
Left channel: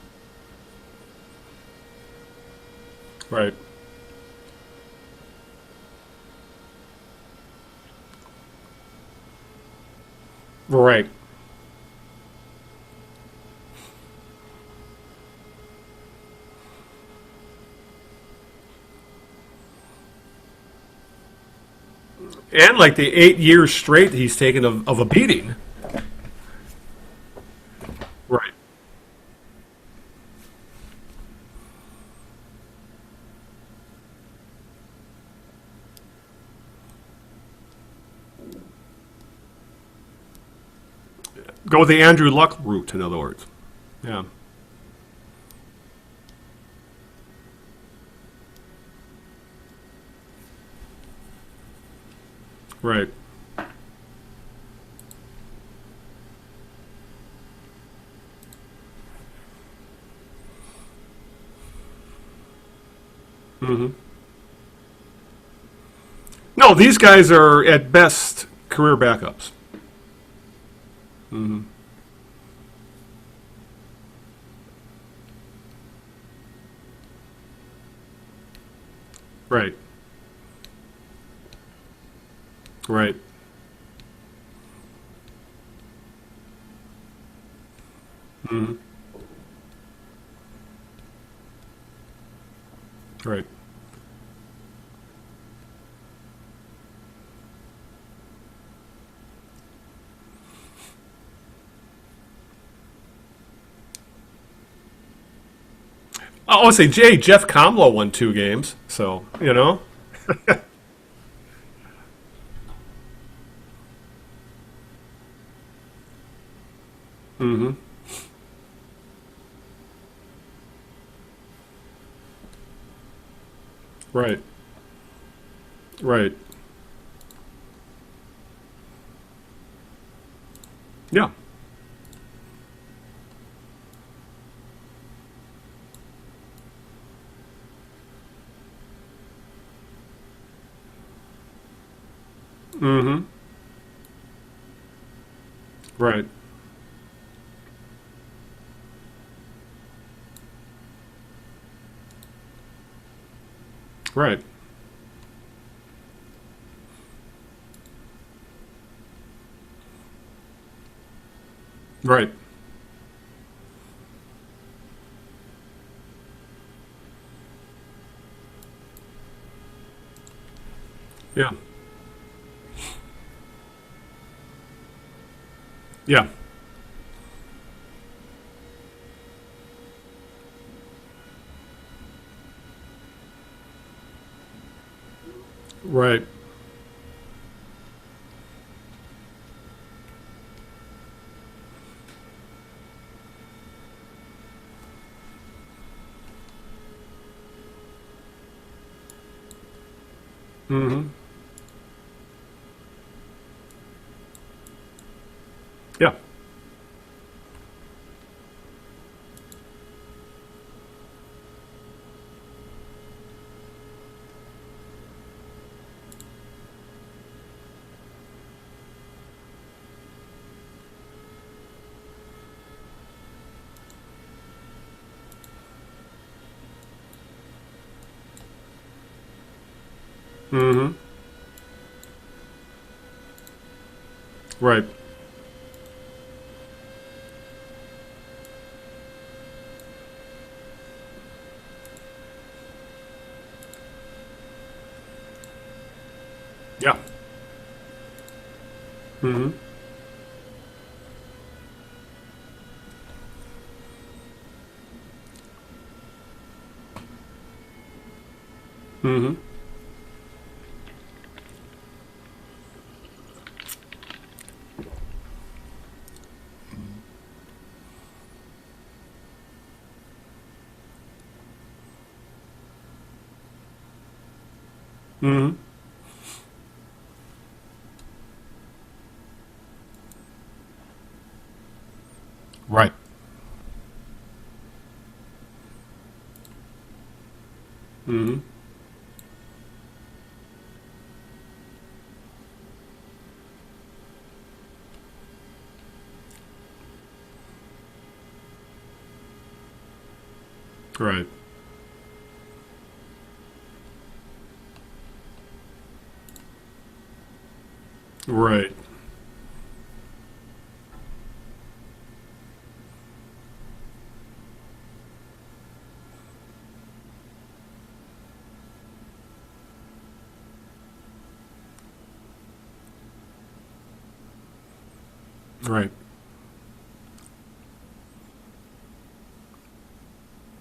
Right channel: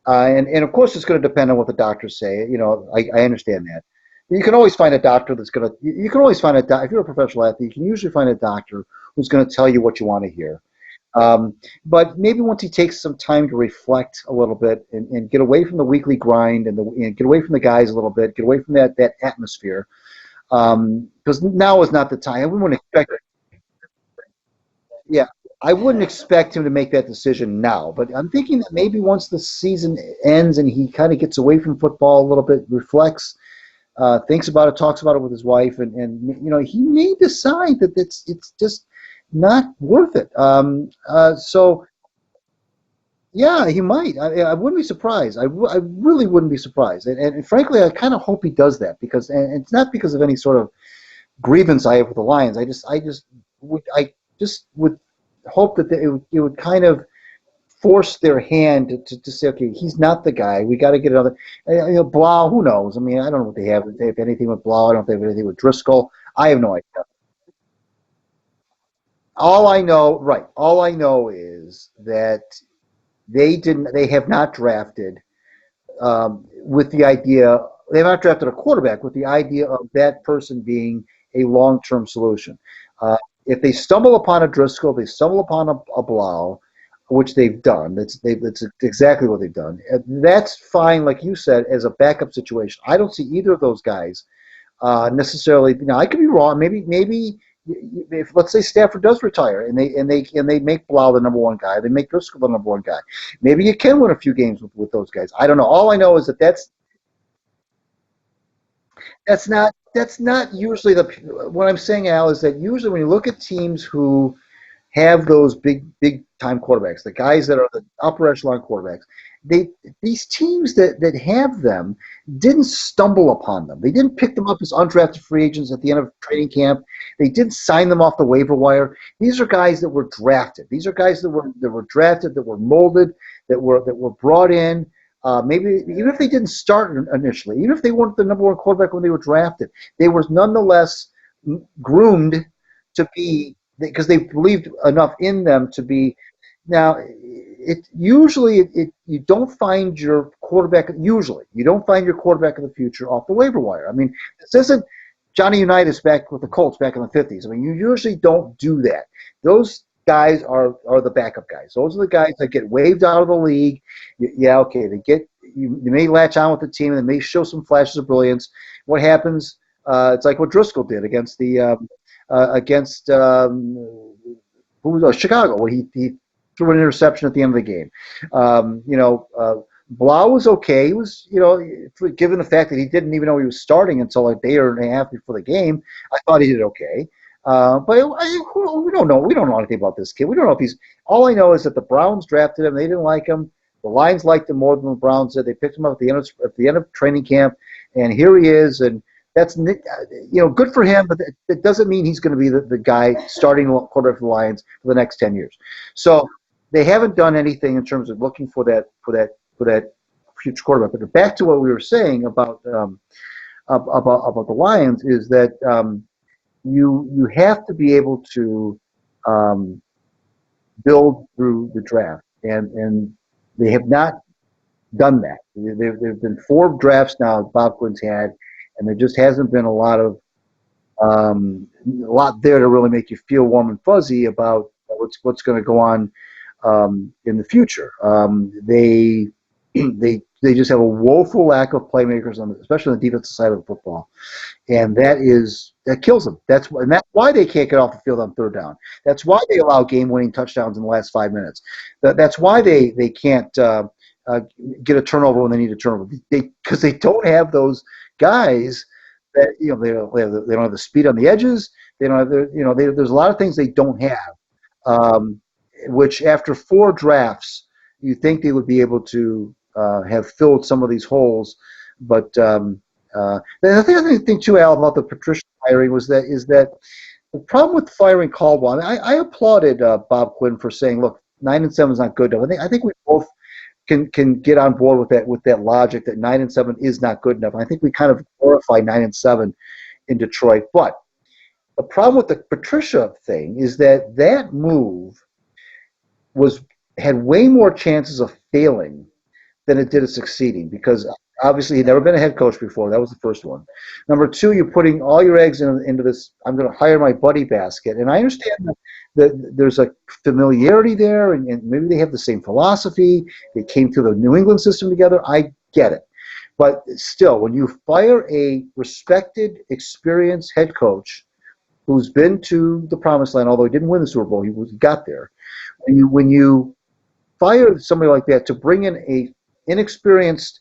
And of course, it's going to depend on what the doctors say. I understand that. You can always find a doctor that's going to. You can always find if you're a professional athlete, you can usually find a doctor who's going to tell you what you want to hear. Right. But maybe once he takes some time to reflect a little bit and get away from the weekly grind and get away from the guys a little bit, get away from that atmosphere. Because now is not the time. And like the 8 years straight he's taken of a beating. Yeah, I wouldn't expect him to make that decision now, but I'm thinking that maybe once the season ends and he kind of gets away from football a little bit, reflects, thinks about it, talks about it with his wife, and he may decide that it's just not worth it. Go with the Andrew Luck route, in other words. Yeah, he might. Yeah. I wouldn't be surprised. I really wouldn't be surprised. And frankly, I kind of hope he does that because, and it's not because of any sort of grievance I have with the Lions. Right. I just would hope that it would kind of force their hand to say, okay, he's not the guy. We got to get another. Blau, who knows? I mean, I don't know what they have. If they have anything with Blau, I don't know if they have anything with Driscoll. I have No, these guys are at best career backups. All I know is that they have not drafted with the idea. They have not drafted a quarterback with the idea of that person being a long-term solution. Right. If they stumble upon a Driscoll, they stumble upon a Blau, which they've done. It's exactly what they've done. That's fine, like you said, as a backup situation. I don't see either of those guys necessarily. Now, I could be wrong. Maybe if, let's say, Stafford does retire and they make Blau the number one guy, they make Driscoll the number one guy. Maybe you can win a few games with those guys. I don't know. All I know is that that's. I would say, Jeff Comlow won 2 games, so that's not usually the. What I'm saying, Al, is that usually when you look at teams who have those big time quarterbacks, the guys that are the upper echelon quarterbacks, these teams that have them didn't stumble upon them. They didn't pick them up as undrafted free agents at the end of training camp. They didn't sign them off the waiver wire. These are guys that were drafted. These are guys that were drafted, that were molded, that were brought in. Maybe even if they didn't start initially, even if they weren't the number one quarterback when they were drafted, they were nonetheless groomed to be, because they believed enough in them to be. Now, you don't find your quarterback. Usually, you don't find your quarterback of the future off the waiver wire. I mean, this isn't Johnny Unitas back with the Colts back in the 50s. I mean, you usually don't do that. Those guys are the backup guys. Those are the guys that get waived out of the league. Yeah, okay, you may latch on with the team and they may show some flashes of brilliance. What happens? It's like what Driscoll did against Chicago, where he threw an interception at the end of the game. Blau was okay. He was, given the fact that he didn't even know he was starting until a day and a half before the game, I thought he did okay. But we don't know. We don't know anything about this kid. We don't know if he's. All I know is that the Browns drafted him. They didn't like him. The Lions liked him more than the Browns did. They picked him up at the end of training camp, and here he is. And that's good for him. But that doesn't mean he's going to be the guy starting quarterback for the Lions for the next 10 years. So they haven't done anything in terms of looking for that future quarterback. But back to what we were saying about the Lions is that you have to be able to build through the draft, and they have not done that. There have been 4 drafts now Bob Quinn's had, and there just hasn't been a lot of a lot there to really make you feel warm and fuzzy about what's going to go on in the future. They just have a woeful lack of playmakers, especially on the defensive side of the football, and that kills them. That's why they can't get off the field on third down. That's why they allow game-winning touchdowns in the last 5 minutes. That's why they can't get a turnover when they need a turnover, because they don't have those guys that they don't have the speed on the edges. They don't have there's a lot of things they don't have, which after 4 drafts you think they would be able to have filled some of these holes, but the other thing too, Al, about the Patricia hiring is that the problem with firing Caldwell. I applauded Bob Quinn for saying, "Look, 9-7 is not good enough." I think we both can get on board with that logic that 9-7 is not good enough. I think we kind of glorify 9-7 in Detroit. But the problem with the Patricia thing is that move had way more chances of failing than it did of succeeding, because obviously he'd never been a head coach before. That was the first one. Number 2, you're putting all your eggs into this, I'm going to hire my buddy basket. And I understand that there's a familiarity there, and maybe they have the same philosophy. They came through the New England system together. I get it. But still, when you fire a respected, experienced head coach who's been to the promised land, although he didn't win the Super Bowl, he got there. When you fire somebody like that to bring in a inexperienced,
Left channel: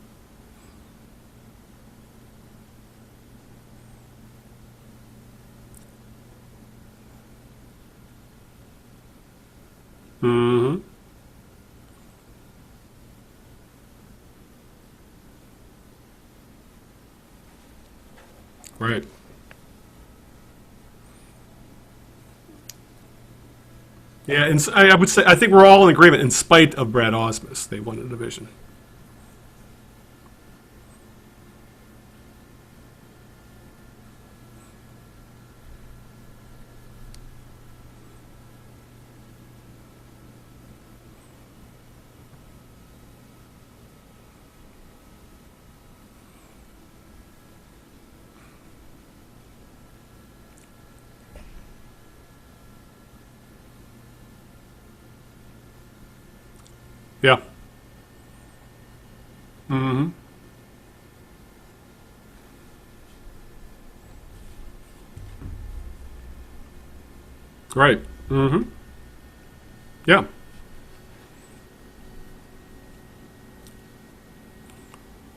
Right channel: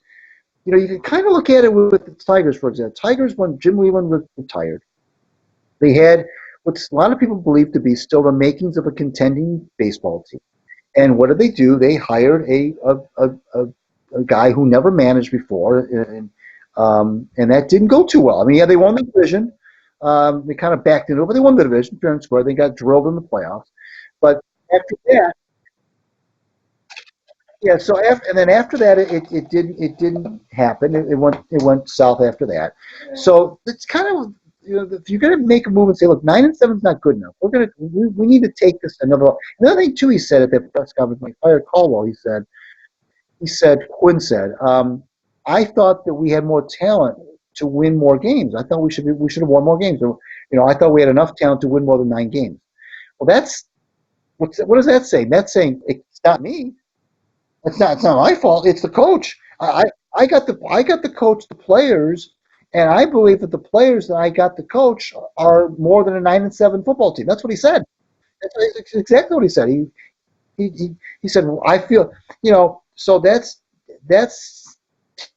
you can kind of look at it with the Tigers, for example. Tigers, when Jim Whelan retired, they had what a lot of people believe to be still the makings of a contending baseball team. Mm-hmm. And what did they do? They hired a guy who never managed before, and that didn't go too well. I mean, yeah, they won the division. They kind of backed into it, but they won the division fair and square. They got drilled in the playoffs. But yeah, and I would say I think we're all in agreement in spite of Brad Osmus. Yeah. So after that, it didn't happen. It went south after that. So it's kind of, if you're going to make a move and say, look, 9-7 is not good enough. We need to take this another. Another thing too, he said at that press conference when he fired Caldwell, Quinn said, I thought that we had more talent to win more games. I thought we should have won more games. I thought we had enough talent to win more than 9 games. Well, what does that say? That's saying it's not me. Yeah. It's not my fault. It's the coach. I got the coach, the players, and I believe that the players that I got the coach are more than a 9-7 football team. That's what he said. Right. Mm-hmm. That's exactly what he said. He said, well, I feel, so that's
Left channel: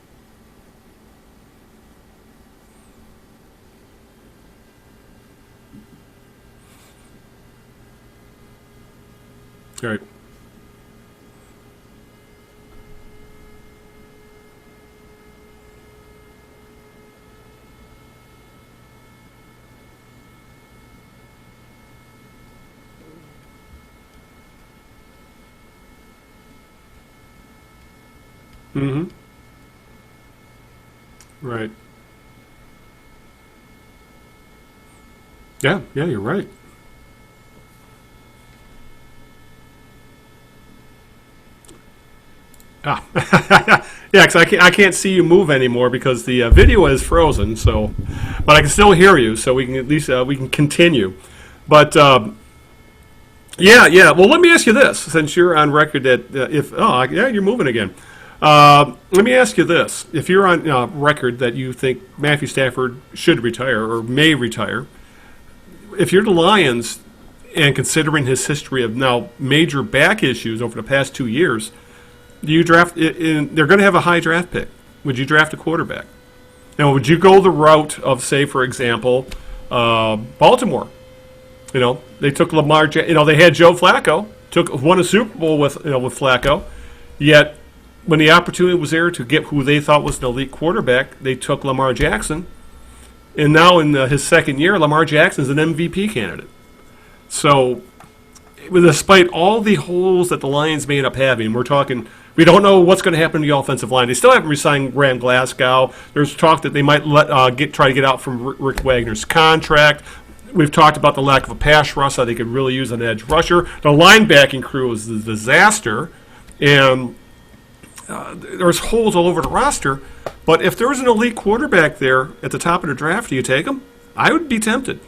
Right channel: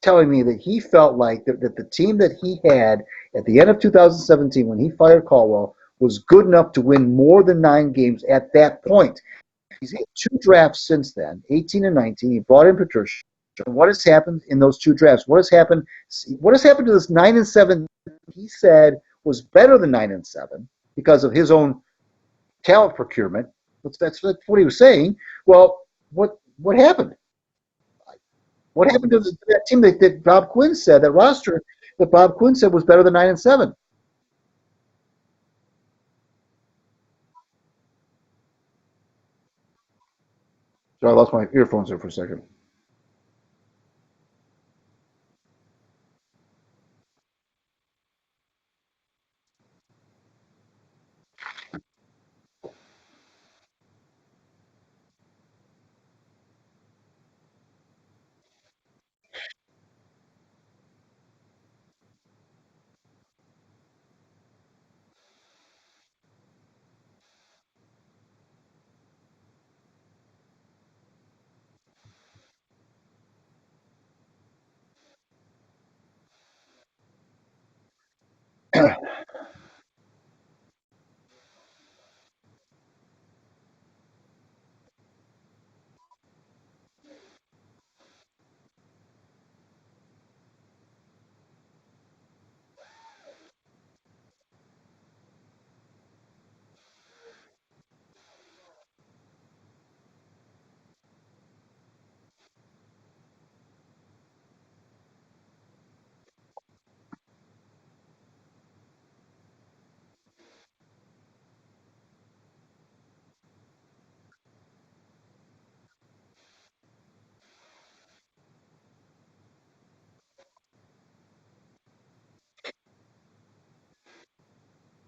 telling me that he felt like that the team that he had at the end of 2017 when he fired Caldwell was good enough to win more than 9 games at that point. Right. He had 2 drafts since then, 18 and 19. He brought in Patricia. What has happened in those 2 drafts? What has happened to this 9-7? He said was better than 9-7 because of his own talent procurement. That's what he was saying. Well, what happened? What happened to that team that Bob Quinn said, that roster that Bob Quinn said was better than 9-7? Yeah, you're right. I lost my earphones there for a second. Yeah, because I can't see you move anymore because the video is frozen. So, but I can still hear you. So we can at least we can continue. But yeah. Well, let me ask you this: since you're on record that you're moving again. Let me ask you this: if you're on record that you think Matthew Stafford should retire or may retire, if you're the Lions, and considering his history of now major back issues over the past 2 years, do you draft? They're going to have a high draft pick. Would you draft a quarterback? Now, would you go the route of, say, for example, Baltimore? They took Lamar. They had Joe Flacco. Won a Super Bowl with Flacco. Yet, when the opportunity was there to get who they thought was an elite quarterback, they took Lamar Jackson. And now in his second year, Lamar Jackson is an MVP candidate. So, despite all the holes that the Lions may end up having, we don't know what's going to happen to the offensive line. They still haven't re-signed Graham Glasgow. There's talk that they might try to get out from Rick Wagner's contract. We've talked about the lack of a pass rush. They could really use an edge rusher. The linebacking crew is a disaster, and there's holes all over the roster. But if there was an elite quarterback there at the top of the draft, do you take him? I would be tempted.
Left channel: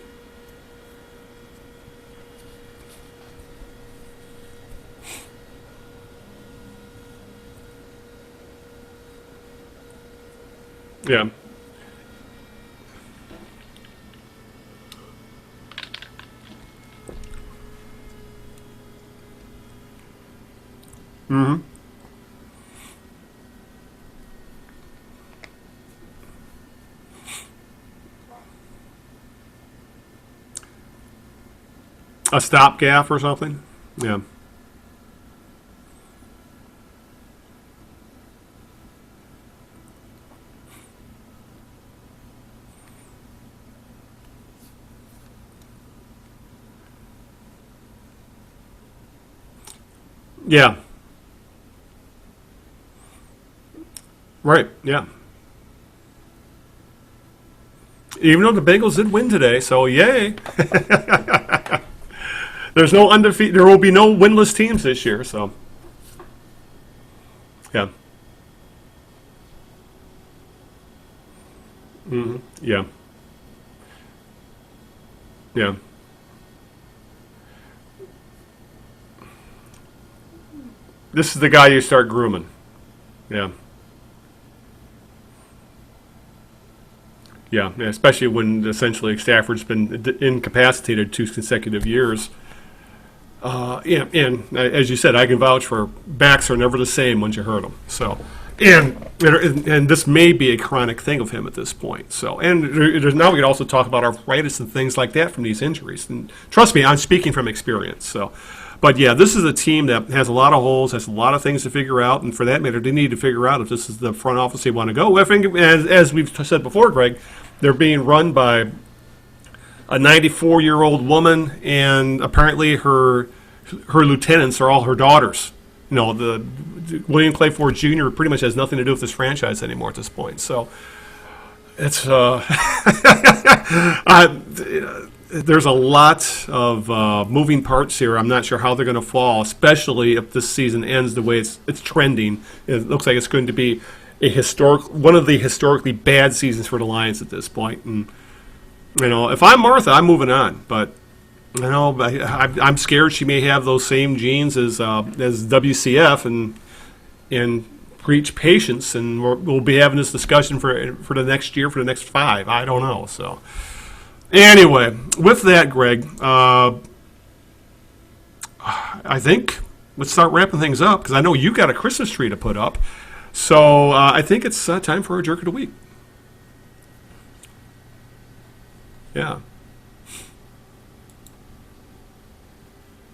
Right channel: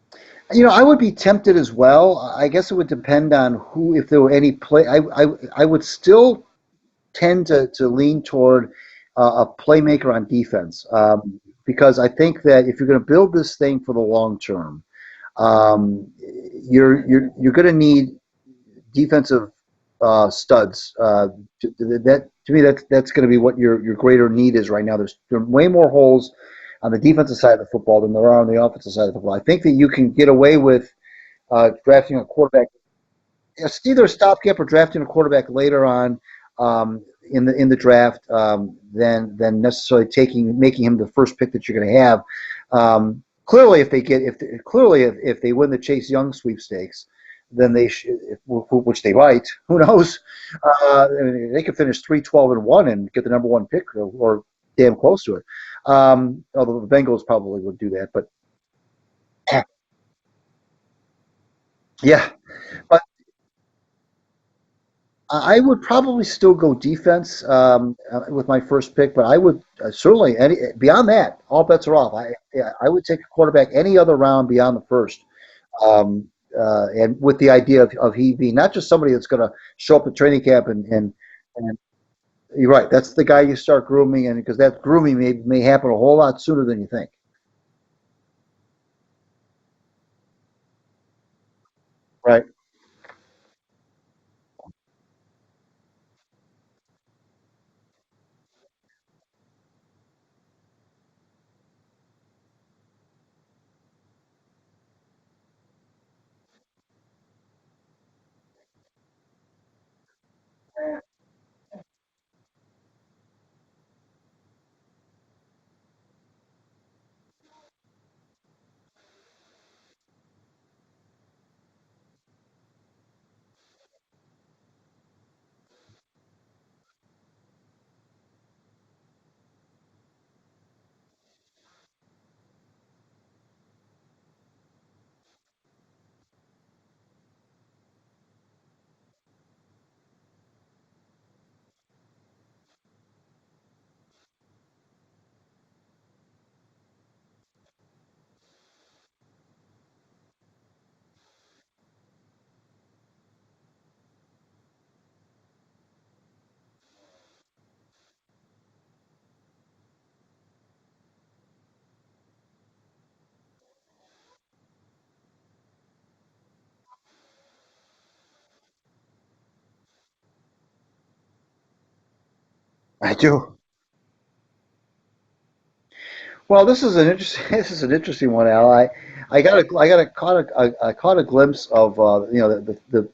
I would be tempted as well. I guess it would depend on if there were any play. I would still tend to lean toward a playmaker on defense because I think that if you're going to build this thing for the long term, you're going to need defensive studs. To me, that's going to be what your greater need is right now. There are way more holes on the defensive side of the football than there are on the offensive side of the football. I think that you can get away with drafting a stopgap or something. It's either a stopgap or drafting a quarterback later on in the draft than necessarily making him the first pick that you're going to have. Clearly, if they win the Chase Young sweepstakes, then they which they might. Who knows? Yeah, they could finish 3-12-1 and get the number 1 pick, or damn close to it. Although the Bengals probably would do that, but even though the Bengals did win today, so yay! Yeah, there's no undefeated. There will be no winless teams this year. So I would probably still go defense with my first pick, but I would certainly beyond that, all bets are off. I would take a quarterback any other round beyond the first. Yeah. And with the idea of he being not just somebody that's going to show up at training camp and this is the guy you start grooming. You're right. That's the guy you start grooming, and because that grooming may happen a whole lot sooner than you think. Yeah, especially when essentially Stafford's been incapacitated 2 consecutive years. Right. And as you said, I can vouch for backs are never the same once you hurt them. So, And this may be a chronic thing of him at this point. So, and now we could also talk about arthritis and things like that from these injuries. And trust me, I'm speaking from experience. So, but yeah, this is a team that has a lot of holes, has a lot of things to figure out, and for that matter, they need to figure out if this is the front office they want to go. I think, as we've said before, Greg, they're being run by a 94-year-old woman, and apparently her lieutenants are all her daughters. You know, the William Clay Ford Jr. pretty much has nothing to do with this franchise anymore at this point. So it's there's a lot of moving parts here. I'm not sure how they're going to fall, especially if this season ends the way it's trending. It looks like it's going to be one of the historically bad seasons for the Lions at this point. And you know, if I'm Martha, I'm moving on. But you know, I'm scared she may have those same genes as WCF and preach patience, and we'll be having this discussion for the next year, for the next 5. I don't know. So anyway, with that, Greg, I think let's start wrapping things up because I know you got a Christmas tree to put up. I do. So I think it's time for our Jerk of the Week. Well, this is an interesting one, Al. I caught a glimpse of the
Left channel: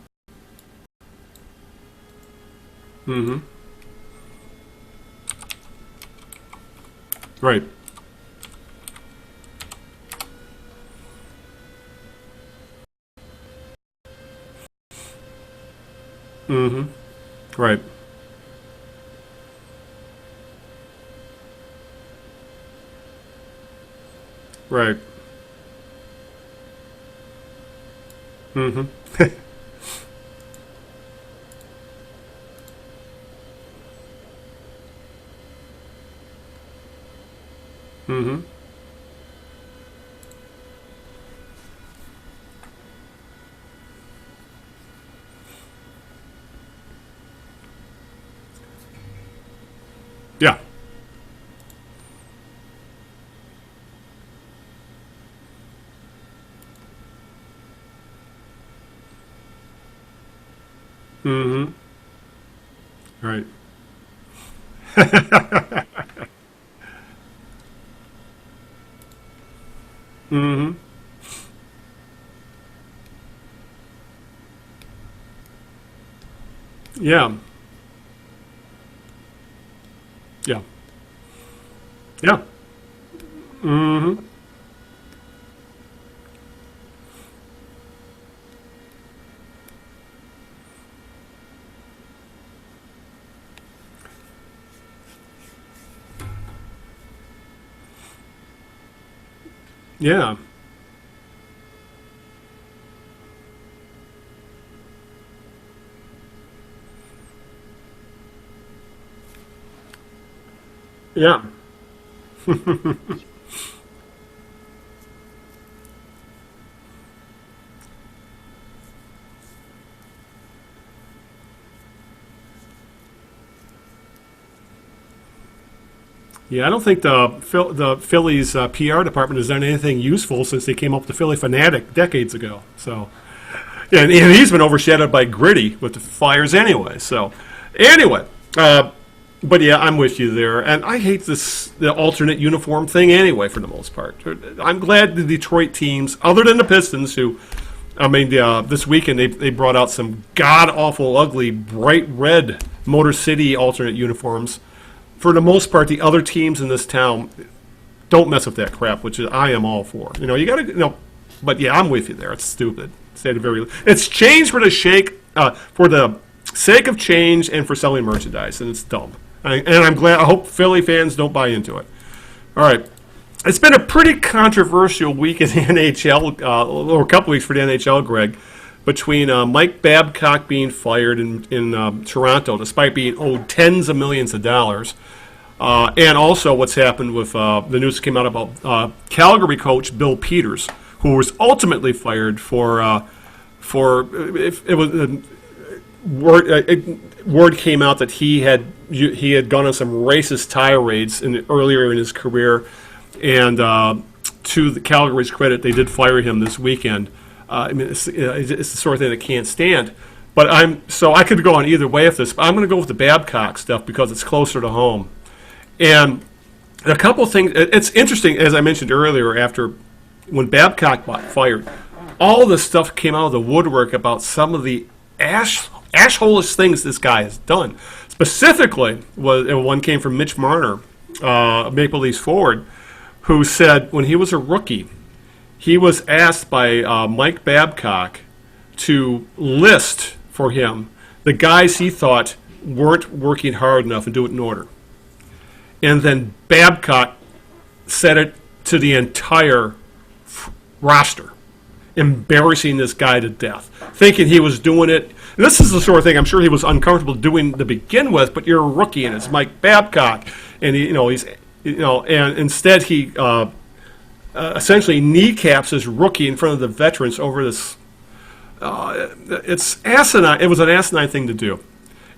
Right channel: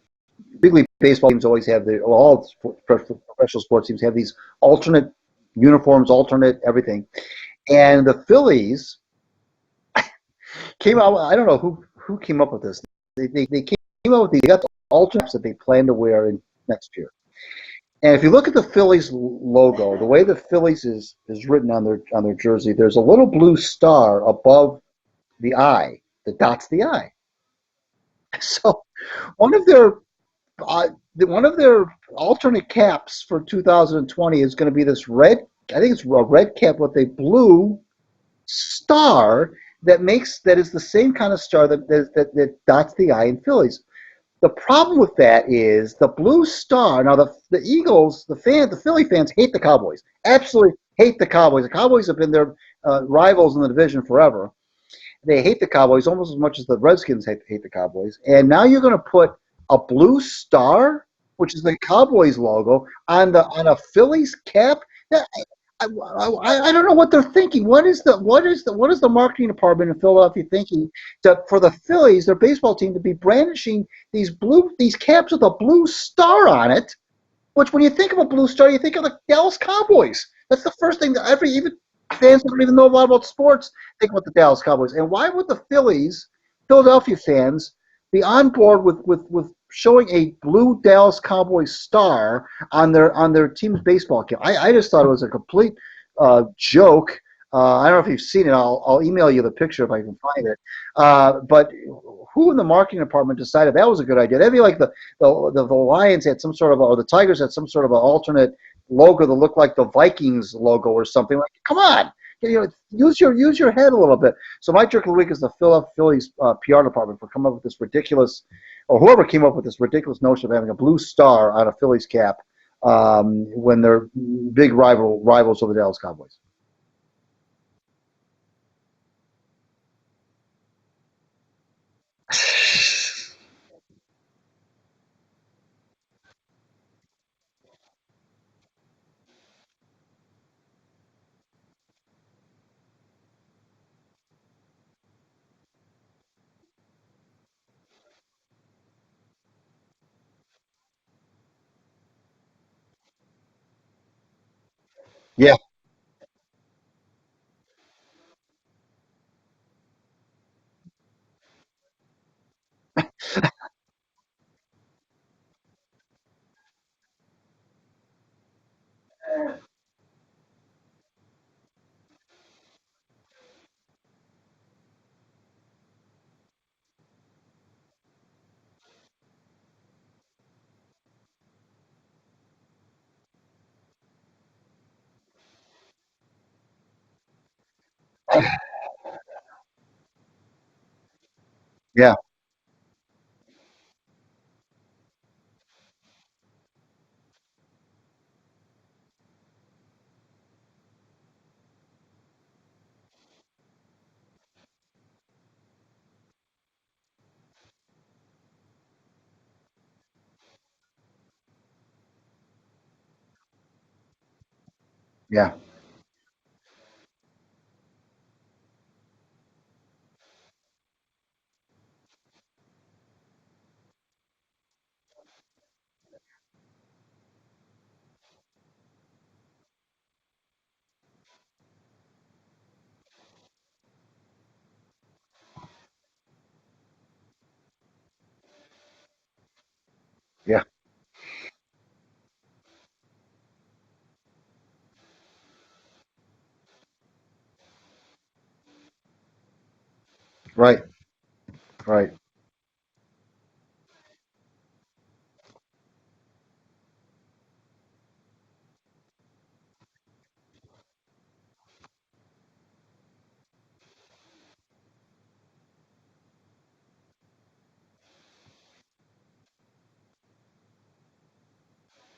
big league baseball teams always have all professional sports teams have these alternate uniforms, alternate everything. Right. And the Phillies came out. I don't know who came up with this. They came out with these. They got the alternates that they plan to wear in next year. Right. And if you look at the Phillies logo, the way the Phillies is written on their jersey, there's a little blue star above the eye that dots the eye. So one of their alternate caps for 2020 is going to be this red. I think it's a red cap with a blue star that is the same kind of star that dots the eye in Phillies. The problem with that is the blue star. Now the Eagles, the Philly fans hate the Cowboys. Absolutely hate the Cowboys. The Cowboys have been their rivals in the division forever. They hate the Cowboys almost as much as the Redskins hate the Cowboys. And now you're going to put a blue star, which is the Cowboys logo, on a Phillies cap. I don't know what they're thinking. What is the marketing department in Philadelphia thinking for the Phillies, their baseball team, to be brandishing these caps with a blue star on it? Yeah. Which, when you think of a blue star, you think of the Dallas Cowboys. That's the first thing that even fans that don't even know a lot about sports think about the Dallas Cowboys. And why would the Philadelphia fans, be on board with showing a blue Dallas Cowboys star on their team's baseball cap? I just thought it was a complete joke. I don't know if you've seen it. I'll email you the picture if I can find it. But who in the marketing department decided that was a good idea? That'd be like the Lions had some sort of, or the Tigers had some sort of an alternate logo that looked like the Vikings logo or something. Yeah. Like, come on, use your head a little bit. So my jerk of the week is the Philadelphia Phillies PR department for coming up with this ridiculous, or whoever came up with this ridiculous notion of having a blue star on a Phillies cap when they're big rivals of the Dallas Cowboys. Yeah, I don't think the Phillies PR department has done anything useful since they came up with the Philly Fanatic decades ago. So, and he's been overshadowed by Gritty with the Flyers anyway. So, anyway, but yeah, I'm with you there, and I hate the alternate uniform thing anyway for the most part. I'm glad the Detroit teams, other than the Pistons, who, I mean, this weekend they brought out some god-awful, ugly, bright red Motor City alternate uniforms. For the most part, the other teams in this town don't mess with that crap, which I am all for. You know, you got to, but yeah, I'm with you there. It's stupid. It's change for the sake of change and for selling merchandise, and it's dumb. And I'm glad. I hope Philly fans don't buy into it. All right. It's been a pretty controversial week in the NHL, or a couple weeks for the NHL, Greg, between Mike Babcock being fired in Toronto, despite being owed tens of millions of dollars, and also what's happened with the news that came out about Calgary coach Bill Peters, who was ultimately fired for if it was word came out that he had gone on some racist tirades earlier in his career. And to the Calgary's credit, they did fire him this weekend. I mean, it's the sort of thing that can't stand. But I could go on either way with this. But I'm going to go with the Babcock stuff because it's closer to home. Yeah. And a couple things. It's interesting, as I mentioned earlier, when Babcock got fired, all this stuff came out of the woodwork about some of the ashholish things this guy has done. Specifically, one came from Mitch Marner, Maple Leafs forward, who said when he was a rookie, he was asked by Mike Babcock to list for him the guys he thought weren't working hard enough and do it in order. And then Babcock said it to the entire roster, embarrassing this guy to death, thinking he was doing it. And this is the sort of thing I'm sure he was uncomfortable doing to begin with, but you're a rookie and it's Mike Babcock, and and instead he essentially kneecaps his rookie in front of the veterans over this. It's asinine. It was an asinine thing to do.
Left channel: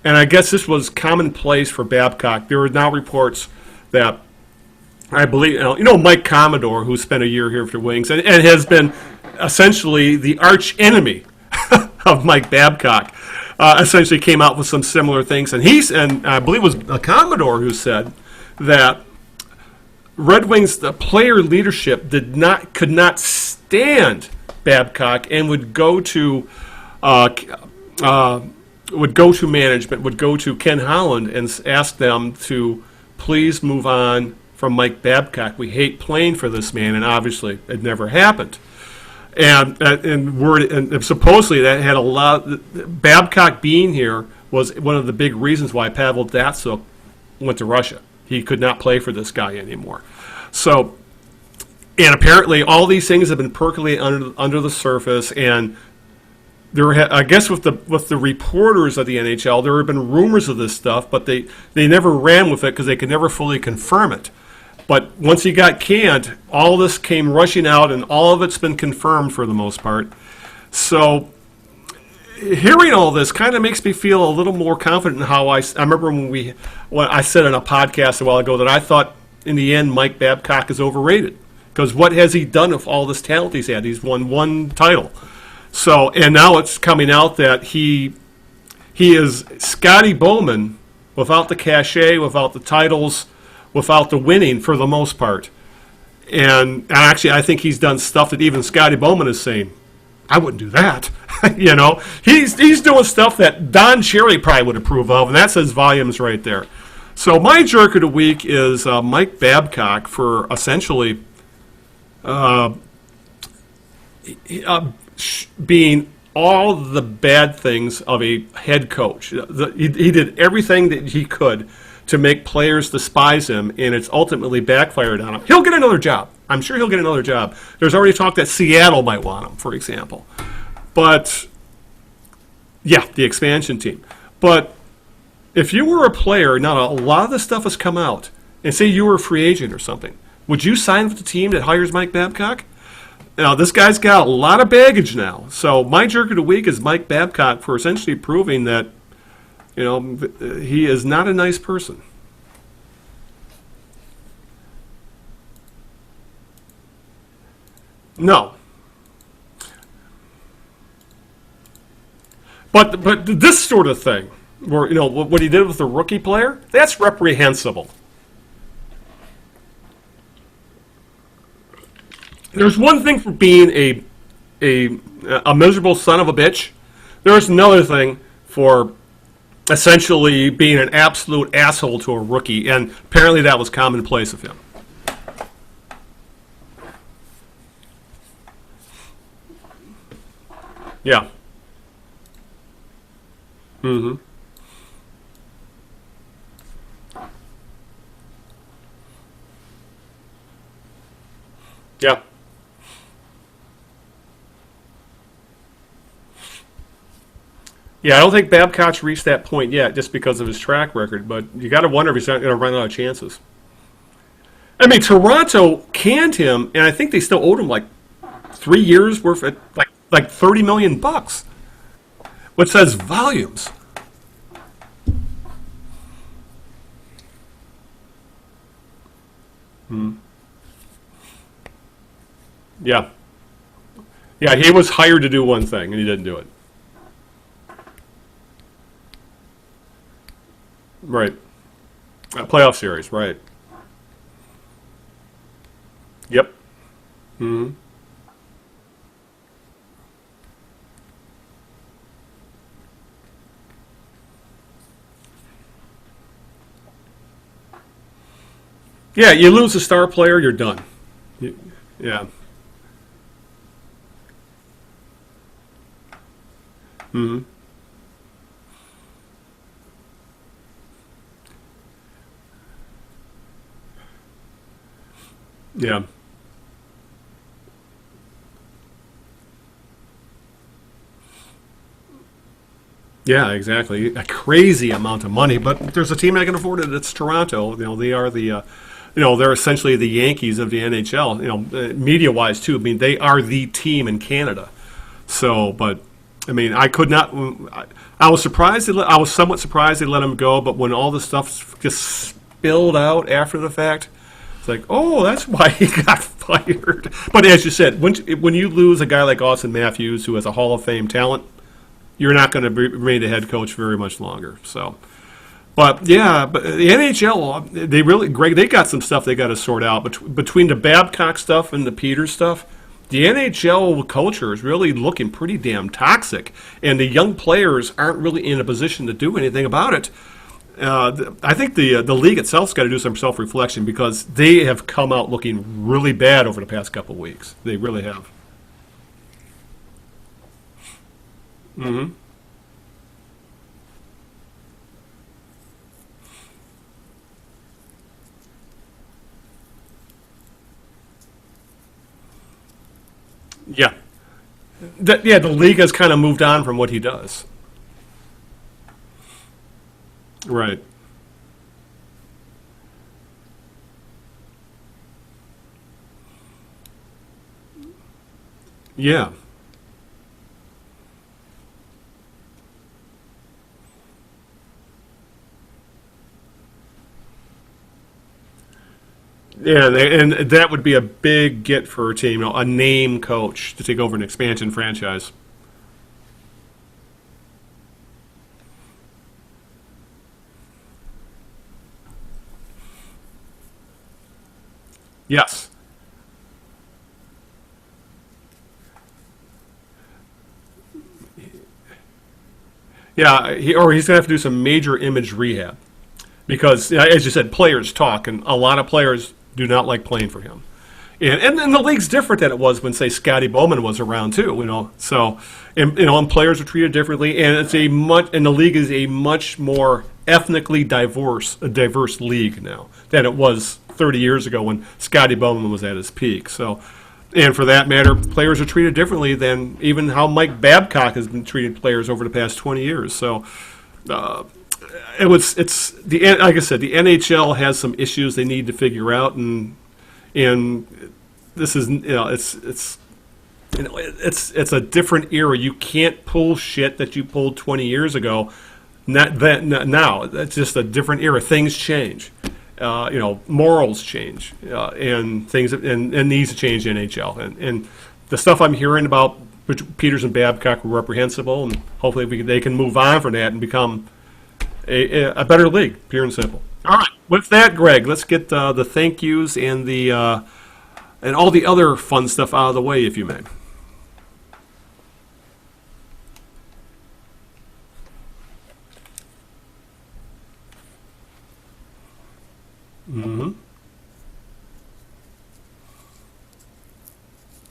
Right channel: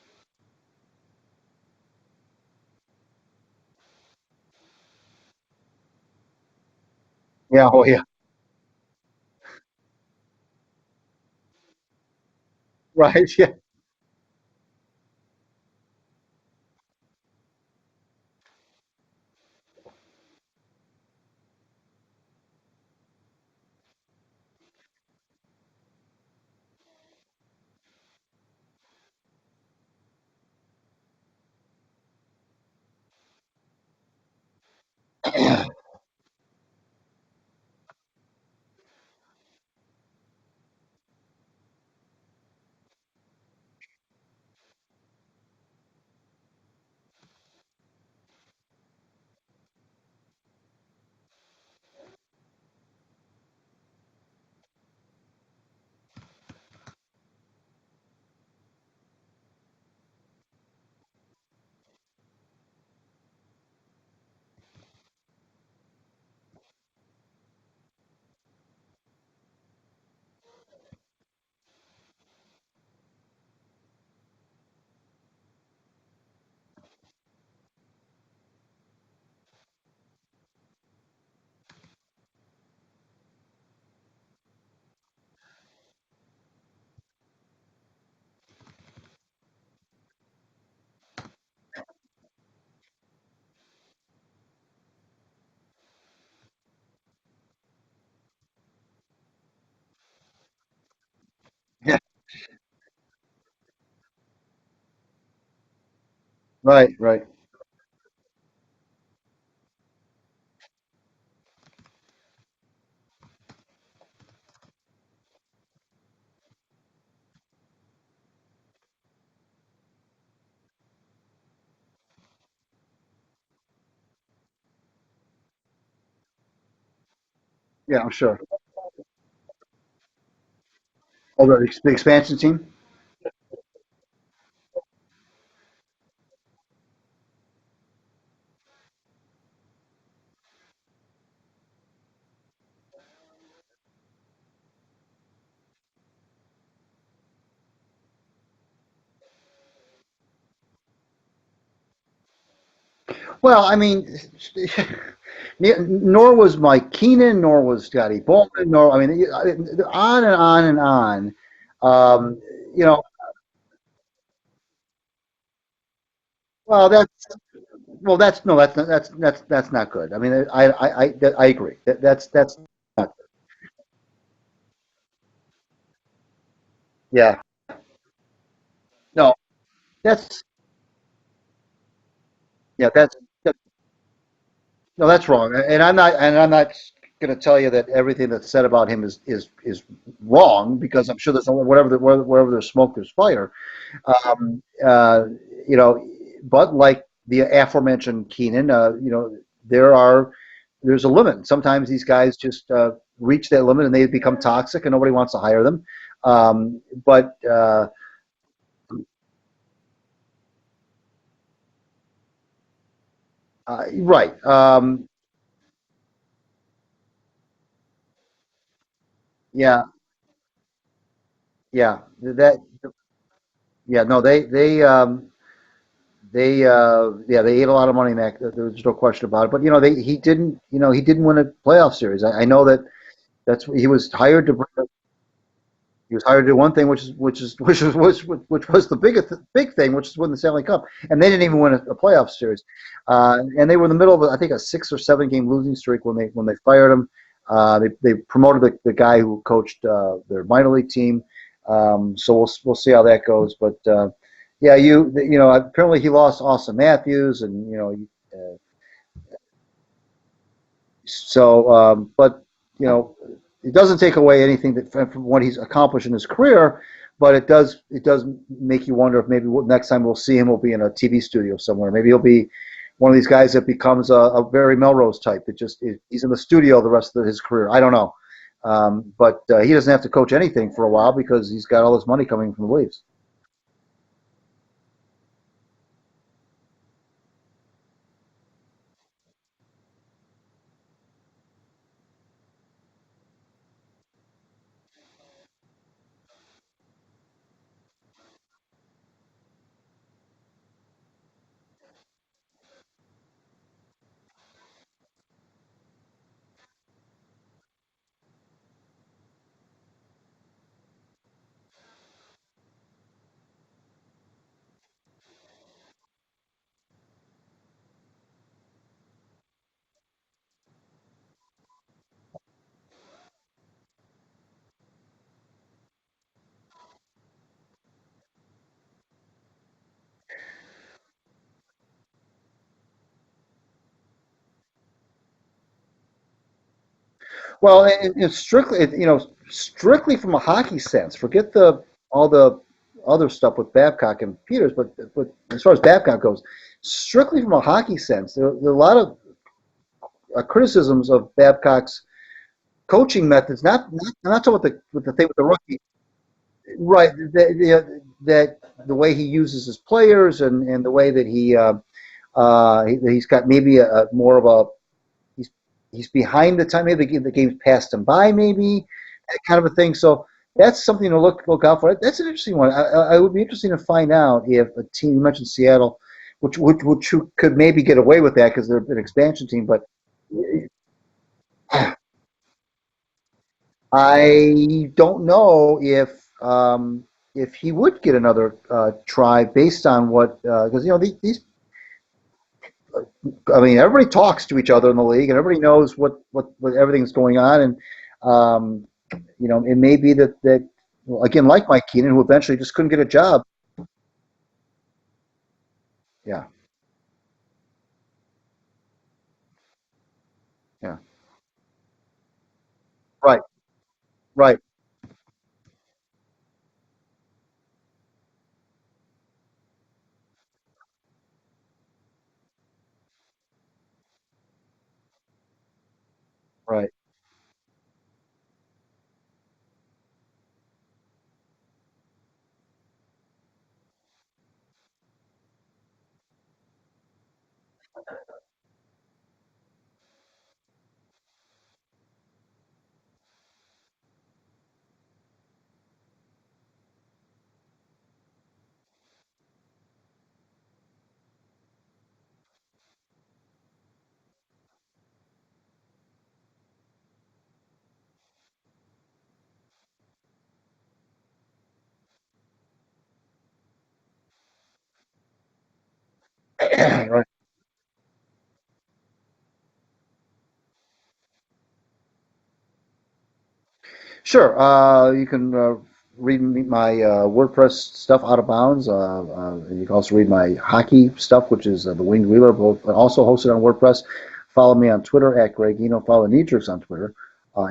And I guess this was commonplace for Babcock. There are now reports that I believe, Mike Commodore, who spent a year here for Wings, and has been essentially the arch enemy of Mike Babcock, essentially came out with some similar things. And I believe it was Commodore who said that Red Wings, the player leadership could not stand Babcock and would go to management, would go to Ken Holland and ask them to please move on from Mike Babcock. We hate playing for this man, and obviously it never happened. And supposedly that had a lot. Babcock being here was one of the big reasons why Pavel Datsyuk went to Russia. He could not play for this guy anymore. So, and apparently all these things have been percolating under the surface, and I guess with the reporters of the NHL, there have been rumors of this stuff, but they never ran with it because they could never fully confirm it. But once he got canned, all this came rushing out, and all of it's been confirmed for the most part. So hearing all this kind of makes me feel a little more confident in how I remember when I said in a podcast a while ago that I thought in the end Mike Babcock is overrated. Because what has he done with all this talent he's had? He's won one title. So, and now it's coming out that he is Scotty Bowman without the cachet, without the titles, without the winning for the most part. And actually, I think he's done stuff that even Scotty Bowman is saying, I wouldn't do that. He's doing stuff that Don Cherry probably would approve of, and that says volumes right there. Right. So my jerk of the week is Mike Babcock for essentially being all the bad things of a head coach. He did everything that he could to make players despise him, and it's ultimately backfired on him. He'll get another job. I'm sure he'll get another job. There's already talk that Seattle might want him, for example. But the expansion team? Yeah, the expansion team. But if you were a player, now a lot of this stuff has come out, and say you were a free agent or something, would you sign with the team that hires Mike Babcock? Now, this guy's got a lot of baggage now. So my jerk of the week is Mike Babcock for essentially proving that, he is not a nice person. Well, I mean, nor was Mike Keenan, nor was Scotty Bowman, on and on and on. But this sort of thing, where what he did with the rookie player, that's reprehensible. Well, that's not good. I mean, I agree. That's. There's one thing for being a miserable son of a bitch. Yeah. There's another thing for essentially being an absolute asshole to a rookie, and apparently that was commonplace of him. No, that's wrong, and I'm not going to tell you that everything that's said about him is wrong, because I'm sure there's wherever there's smoke, there's fire. Mm-hmm. But like the aforementioned Keenan, there's a limit. Sometimes these guys just reach that limit and they become toxic, and nobody wants to hire them. I don't think Babcock's reached that point yet, just because of his track record. But you got to wonder if he's not going to run out of chances. Right. Toronto canned him, and I think they still owed him like 3 years worth of like $30 million. Yeah. Which says volumes. Yeah. No, they ate a lot of money, Mac. There's no question about it. But he didn't win a playoff series. I know that. Yeah. He was hired. Yeah, he was hired to do one thing, and he did. Hired to do one thing, which was the big thing, which is win the Stanley Cup, and they didn't even win a playoff series. A playoff series, right? And they were in the middle of, I think, a 6 or 7 game losing streak when they fired him. Mm-hmm. They promoted the guy who coached their minor league team. So we'll see how that goes. But apparently he lost Austin Matthews, and you lose a star player, you're done. So, but it doesn't take away anything from what he's accomplished in his career, but it does make you wonder if maybe next time we'll see him will be in a TV studio somewhere. Maybe he'll be one of these guys that becomes a very Melrose type. He's in the studio the rest of his career. I don't know, but he doesn't have to coach anything for a while because he's got all this money coming from the leagues. Yeah, exactly, a crazy amount of money. But there's a team that can afford it. It's Toronto. They are the. They're essentially the Yankees of the NHL, media-wise, too. I mean, they are the team in Canada. So, but, I mean, I could not – I was surprised. I was somewhat surprised they let him go, but when all this stuff just spilled out after the fact, it's like, oh, that's why he got fired. But as you said, when you lose a guy like Austin Matthews, who has a Hall of Fame talent, you're not going to remain a head coach very much longer, so – but the NHL, they got some stuff they got to sort out. Between the Babcock stuff and the Peters stuff, the NHL culture is really looking pretty damn toxic, and the young players aren't really in a position to do anything about it. I think the league itself's got to do some self-reflection because they have come out looking really bad over the past couple of weeks. Well, it's strictly from a hockey sense. Forget all the other stuff with Babcock and Peters, but as far as Babcock goes, strictly from a hockey sense, there are a lot of criticisms of Babcock's coaching methods. Not talking about the league has kind of moved on from what he does. That the way he uses his players and the way that he's got maybe more of a he's behind the time. Maybe the game's passed him by. Maybe that kind of a thing. So. That's something to look out for. That's an interesting one. I would be interested to find out if a team, you mentioned Seattle, which could maybe get away with that because they're an expansion team. Yeah, and that would be a big get for a team, a name coach to take over an expansion franchise. I don't know if he would get another try based on what because these. I mean, everybody talks to each other in the league, and everybody knows what everything's going on, and. It may be that again, like Mike Keenan, who eventually just couldn't get a job. Yeah, he's going to have to do some major image rehab. Yeah. Because, as you said, players talk, and a lot of players do not like playing for him. Yeah. And the league's different than it was when, say, Scotty Bowman was around too. Right. So, and players are treated differently, and the league is a much more ethnically diverse league now than it was 30 years ago when Scotty Bowman was at his peak. So. Right. And for that matter, players are treated differently than even how Mike Babcock has been treated players over the past 20 years. So, like I said, the NHL has some issues they need to figure out, and this is it's a different era. You can't pull shit that you pulled 20 years ago. Now it's just a different era. Things change. Morals change, and things and needs to change in NHL. And the stuff I'm hearing about Peters and Babcock were reprehensible, and hopefully they can move on from that and become a better league, pure and simple. All right. With that, Greg, let's get the thank yous and and all the other fun stuff out of the way, if you may. Sure. You can read my WordPress stuff, Out of Bounds. And you can also read my hockey stuff, which is the Winged Wheeler, both also hosted on WordPress. Follow me on Twitter at Greg Eno. Follow Knee Jerks on Twitter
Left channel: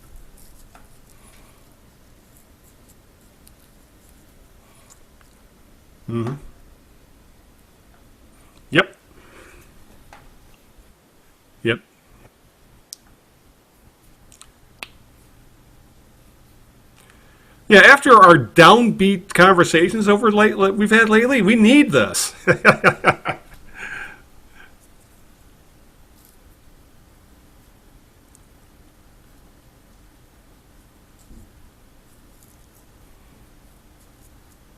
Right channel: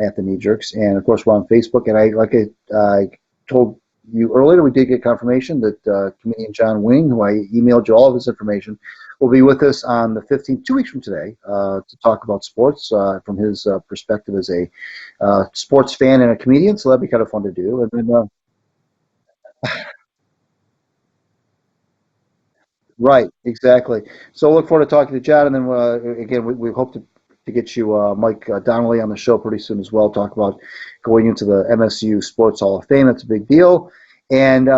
at the Knee Jerks, and of course we're on Facebook. And I told you earlier, we did get confirmation that me and John Wing, who I emailed you all of his information, will be with us on the 15th, 2 weeks from today, to talk about sports from his perspective as a sports fan and a comedian. So that'd be kind of fun to do. Yeah, after our downbeat conversations we've had lately, we need this. Right, exactly. So look forward to talking to John, and then again, we hope to get you Mike Donnelly on the show pretty soon as well. Talk about going into the MSU Sports Hall of Fame. That's a big deal. And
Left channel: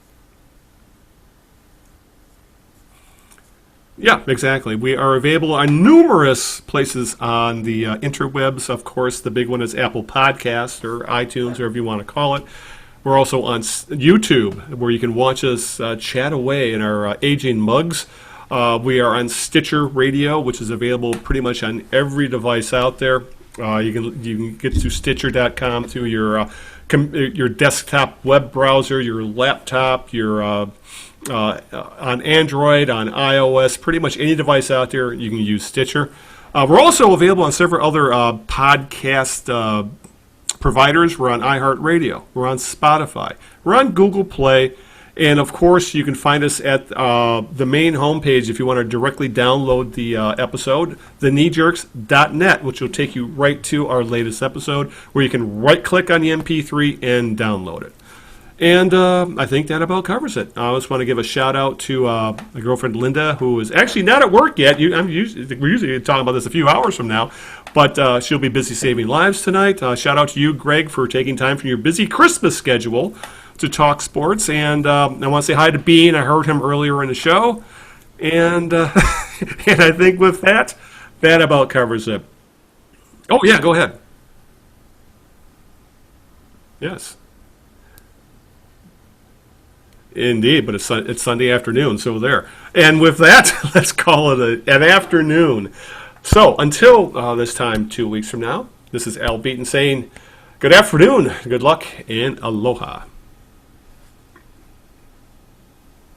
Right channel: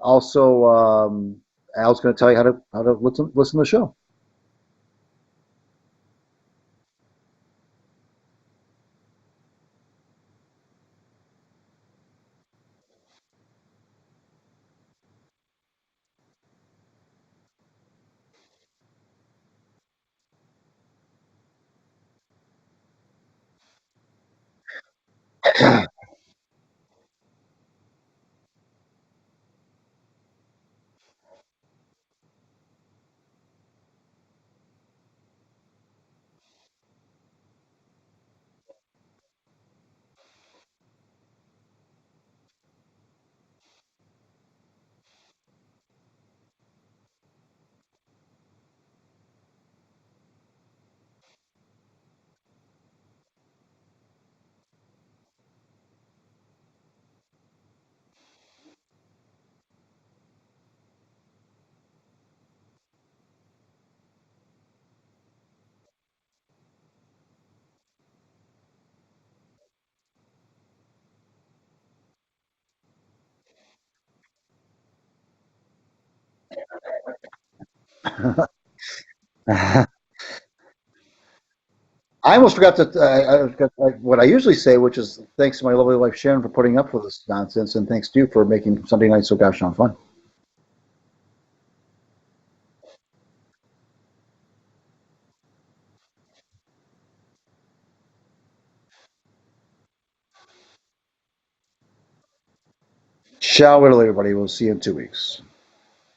also Al's going to tell you how to listen to the show. Yeah, exactly. We are available on numerous places on the interwebs. Of course, the big one is Apple Podcast or iTunes, whatever you want to call it. We're also on YouTube, where you can watch us chat away in our aging mugs. We are on Stitcher Radio, which is available pretty much on every device out there. You can get to Stitcher.com through your desktop web browser, your laptop, your on Android, on iOS, pretty much any device out there, you can use Stitcher. We're also available on several other podcast providers. We're on iHeartRadio. We're on Spotify. We're on Google Play. And, of course, you can find us at the main homepage if you want to directly download the episode, thekneejerks.net, which will take you right to our latest episode, where you can right-click on the MP3 and download it. And I think that about covers it. I just want to give a shout-out to my girlfriend Linda, who is actually not at work yet. We're usually talking about this a few hours from now, but she'll be busy saving lives tonight. Shout-out to you, Greg, for taking time from your busy Christmas schedule to talk sports. And I want to say hi to Bean. I heard him earlier in the show. And, and I think with that about covers it. I almost forgot to. Go ahead. What I usually say, which is thanks to my lovely wife Sharon for putting up with this nonsense, and thanks to you for making Sunday night so gosh darn fun. Indeed, but it's Sunday afternoon, so there. And with that, let's call it an afternoon. So until this time 2 weeks from now, this is Al Beaton saying good afternoon, good luck, and aloha. Ciao, everybody. We'll see you in 2 weeks.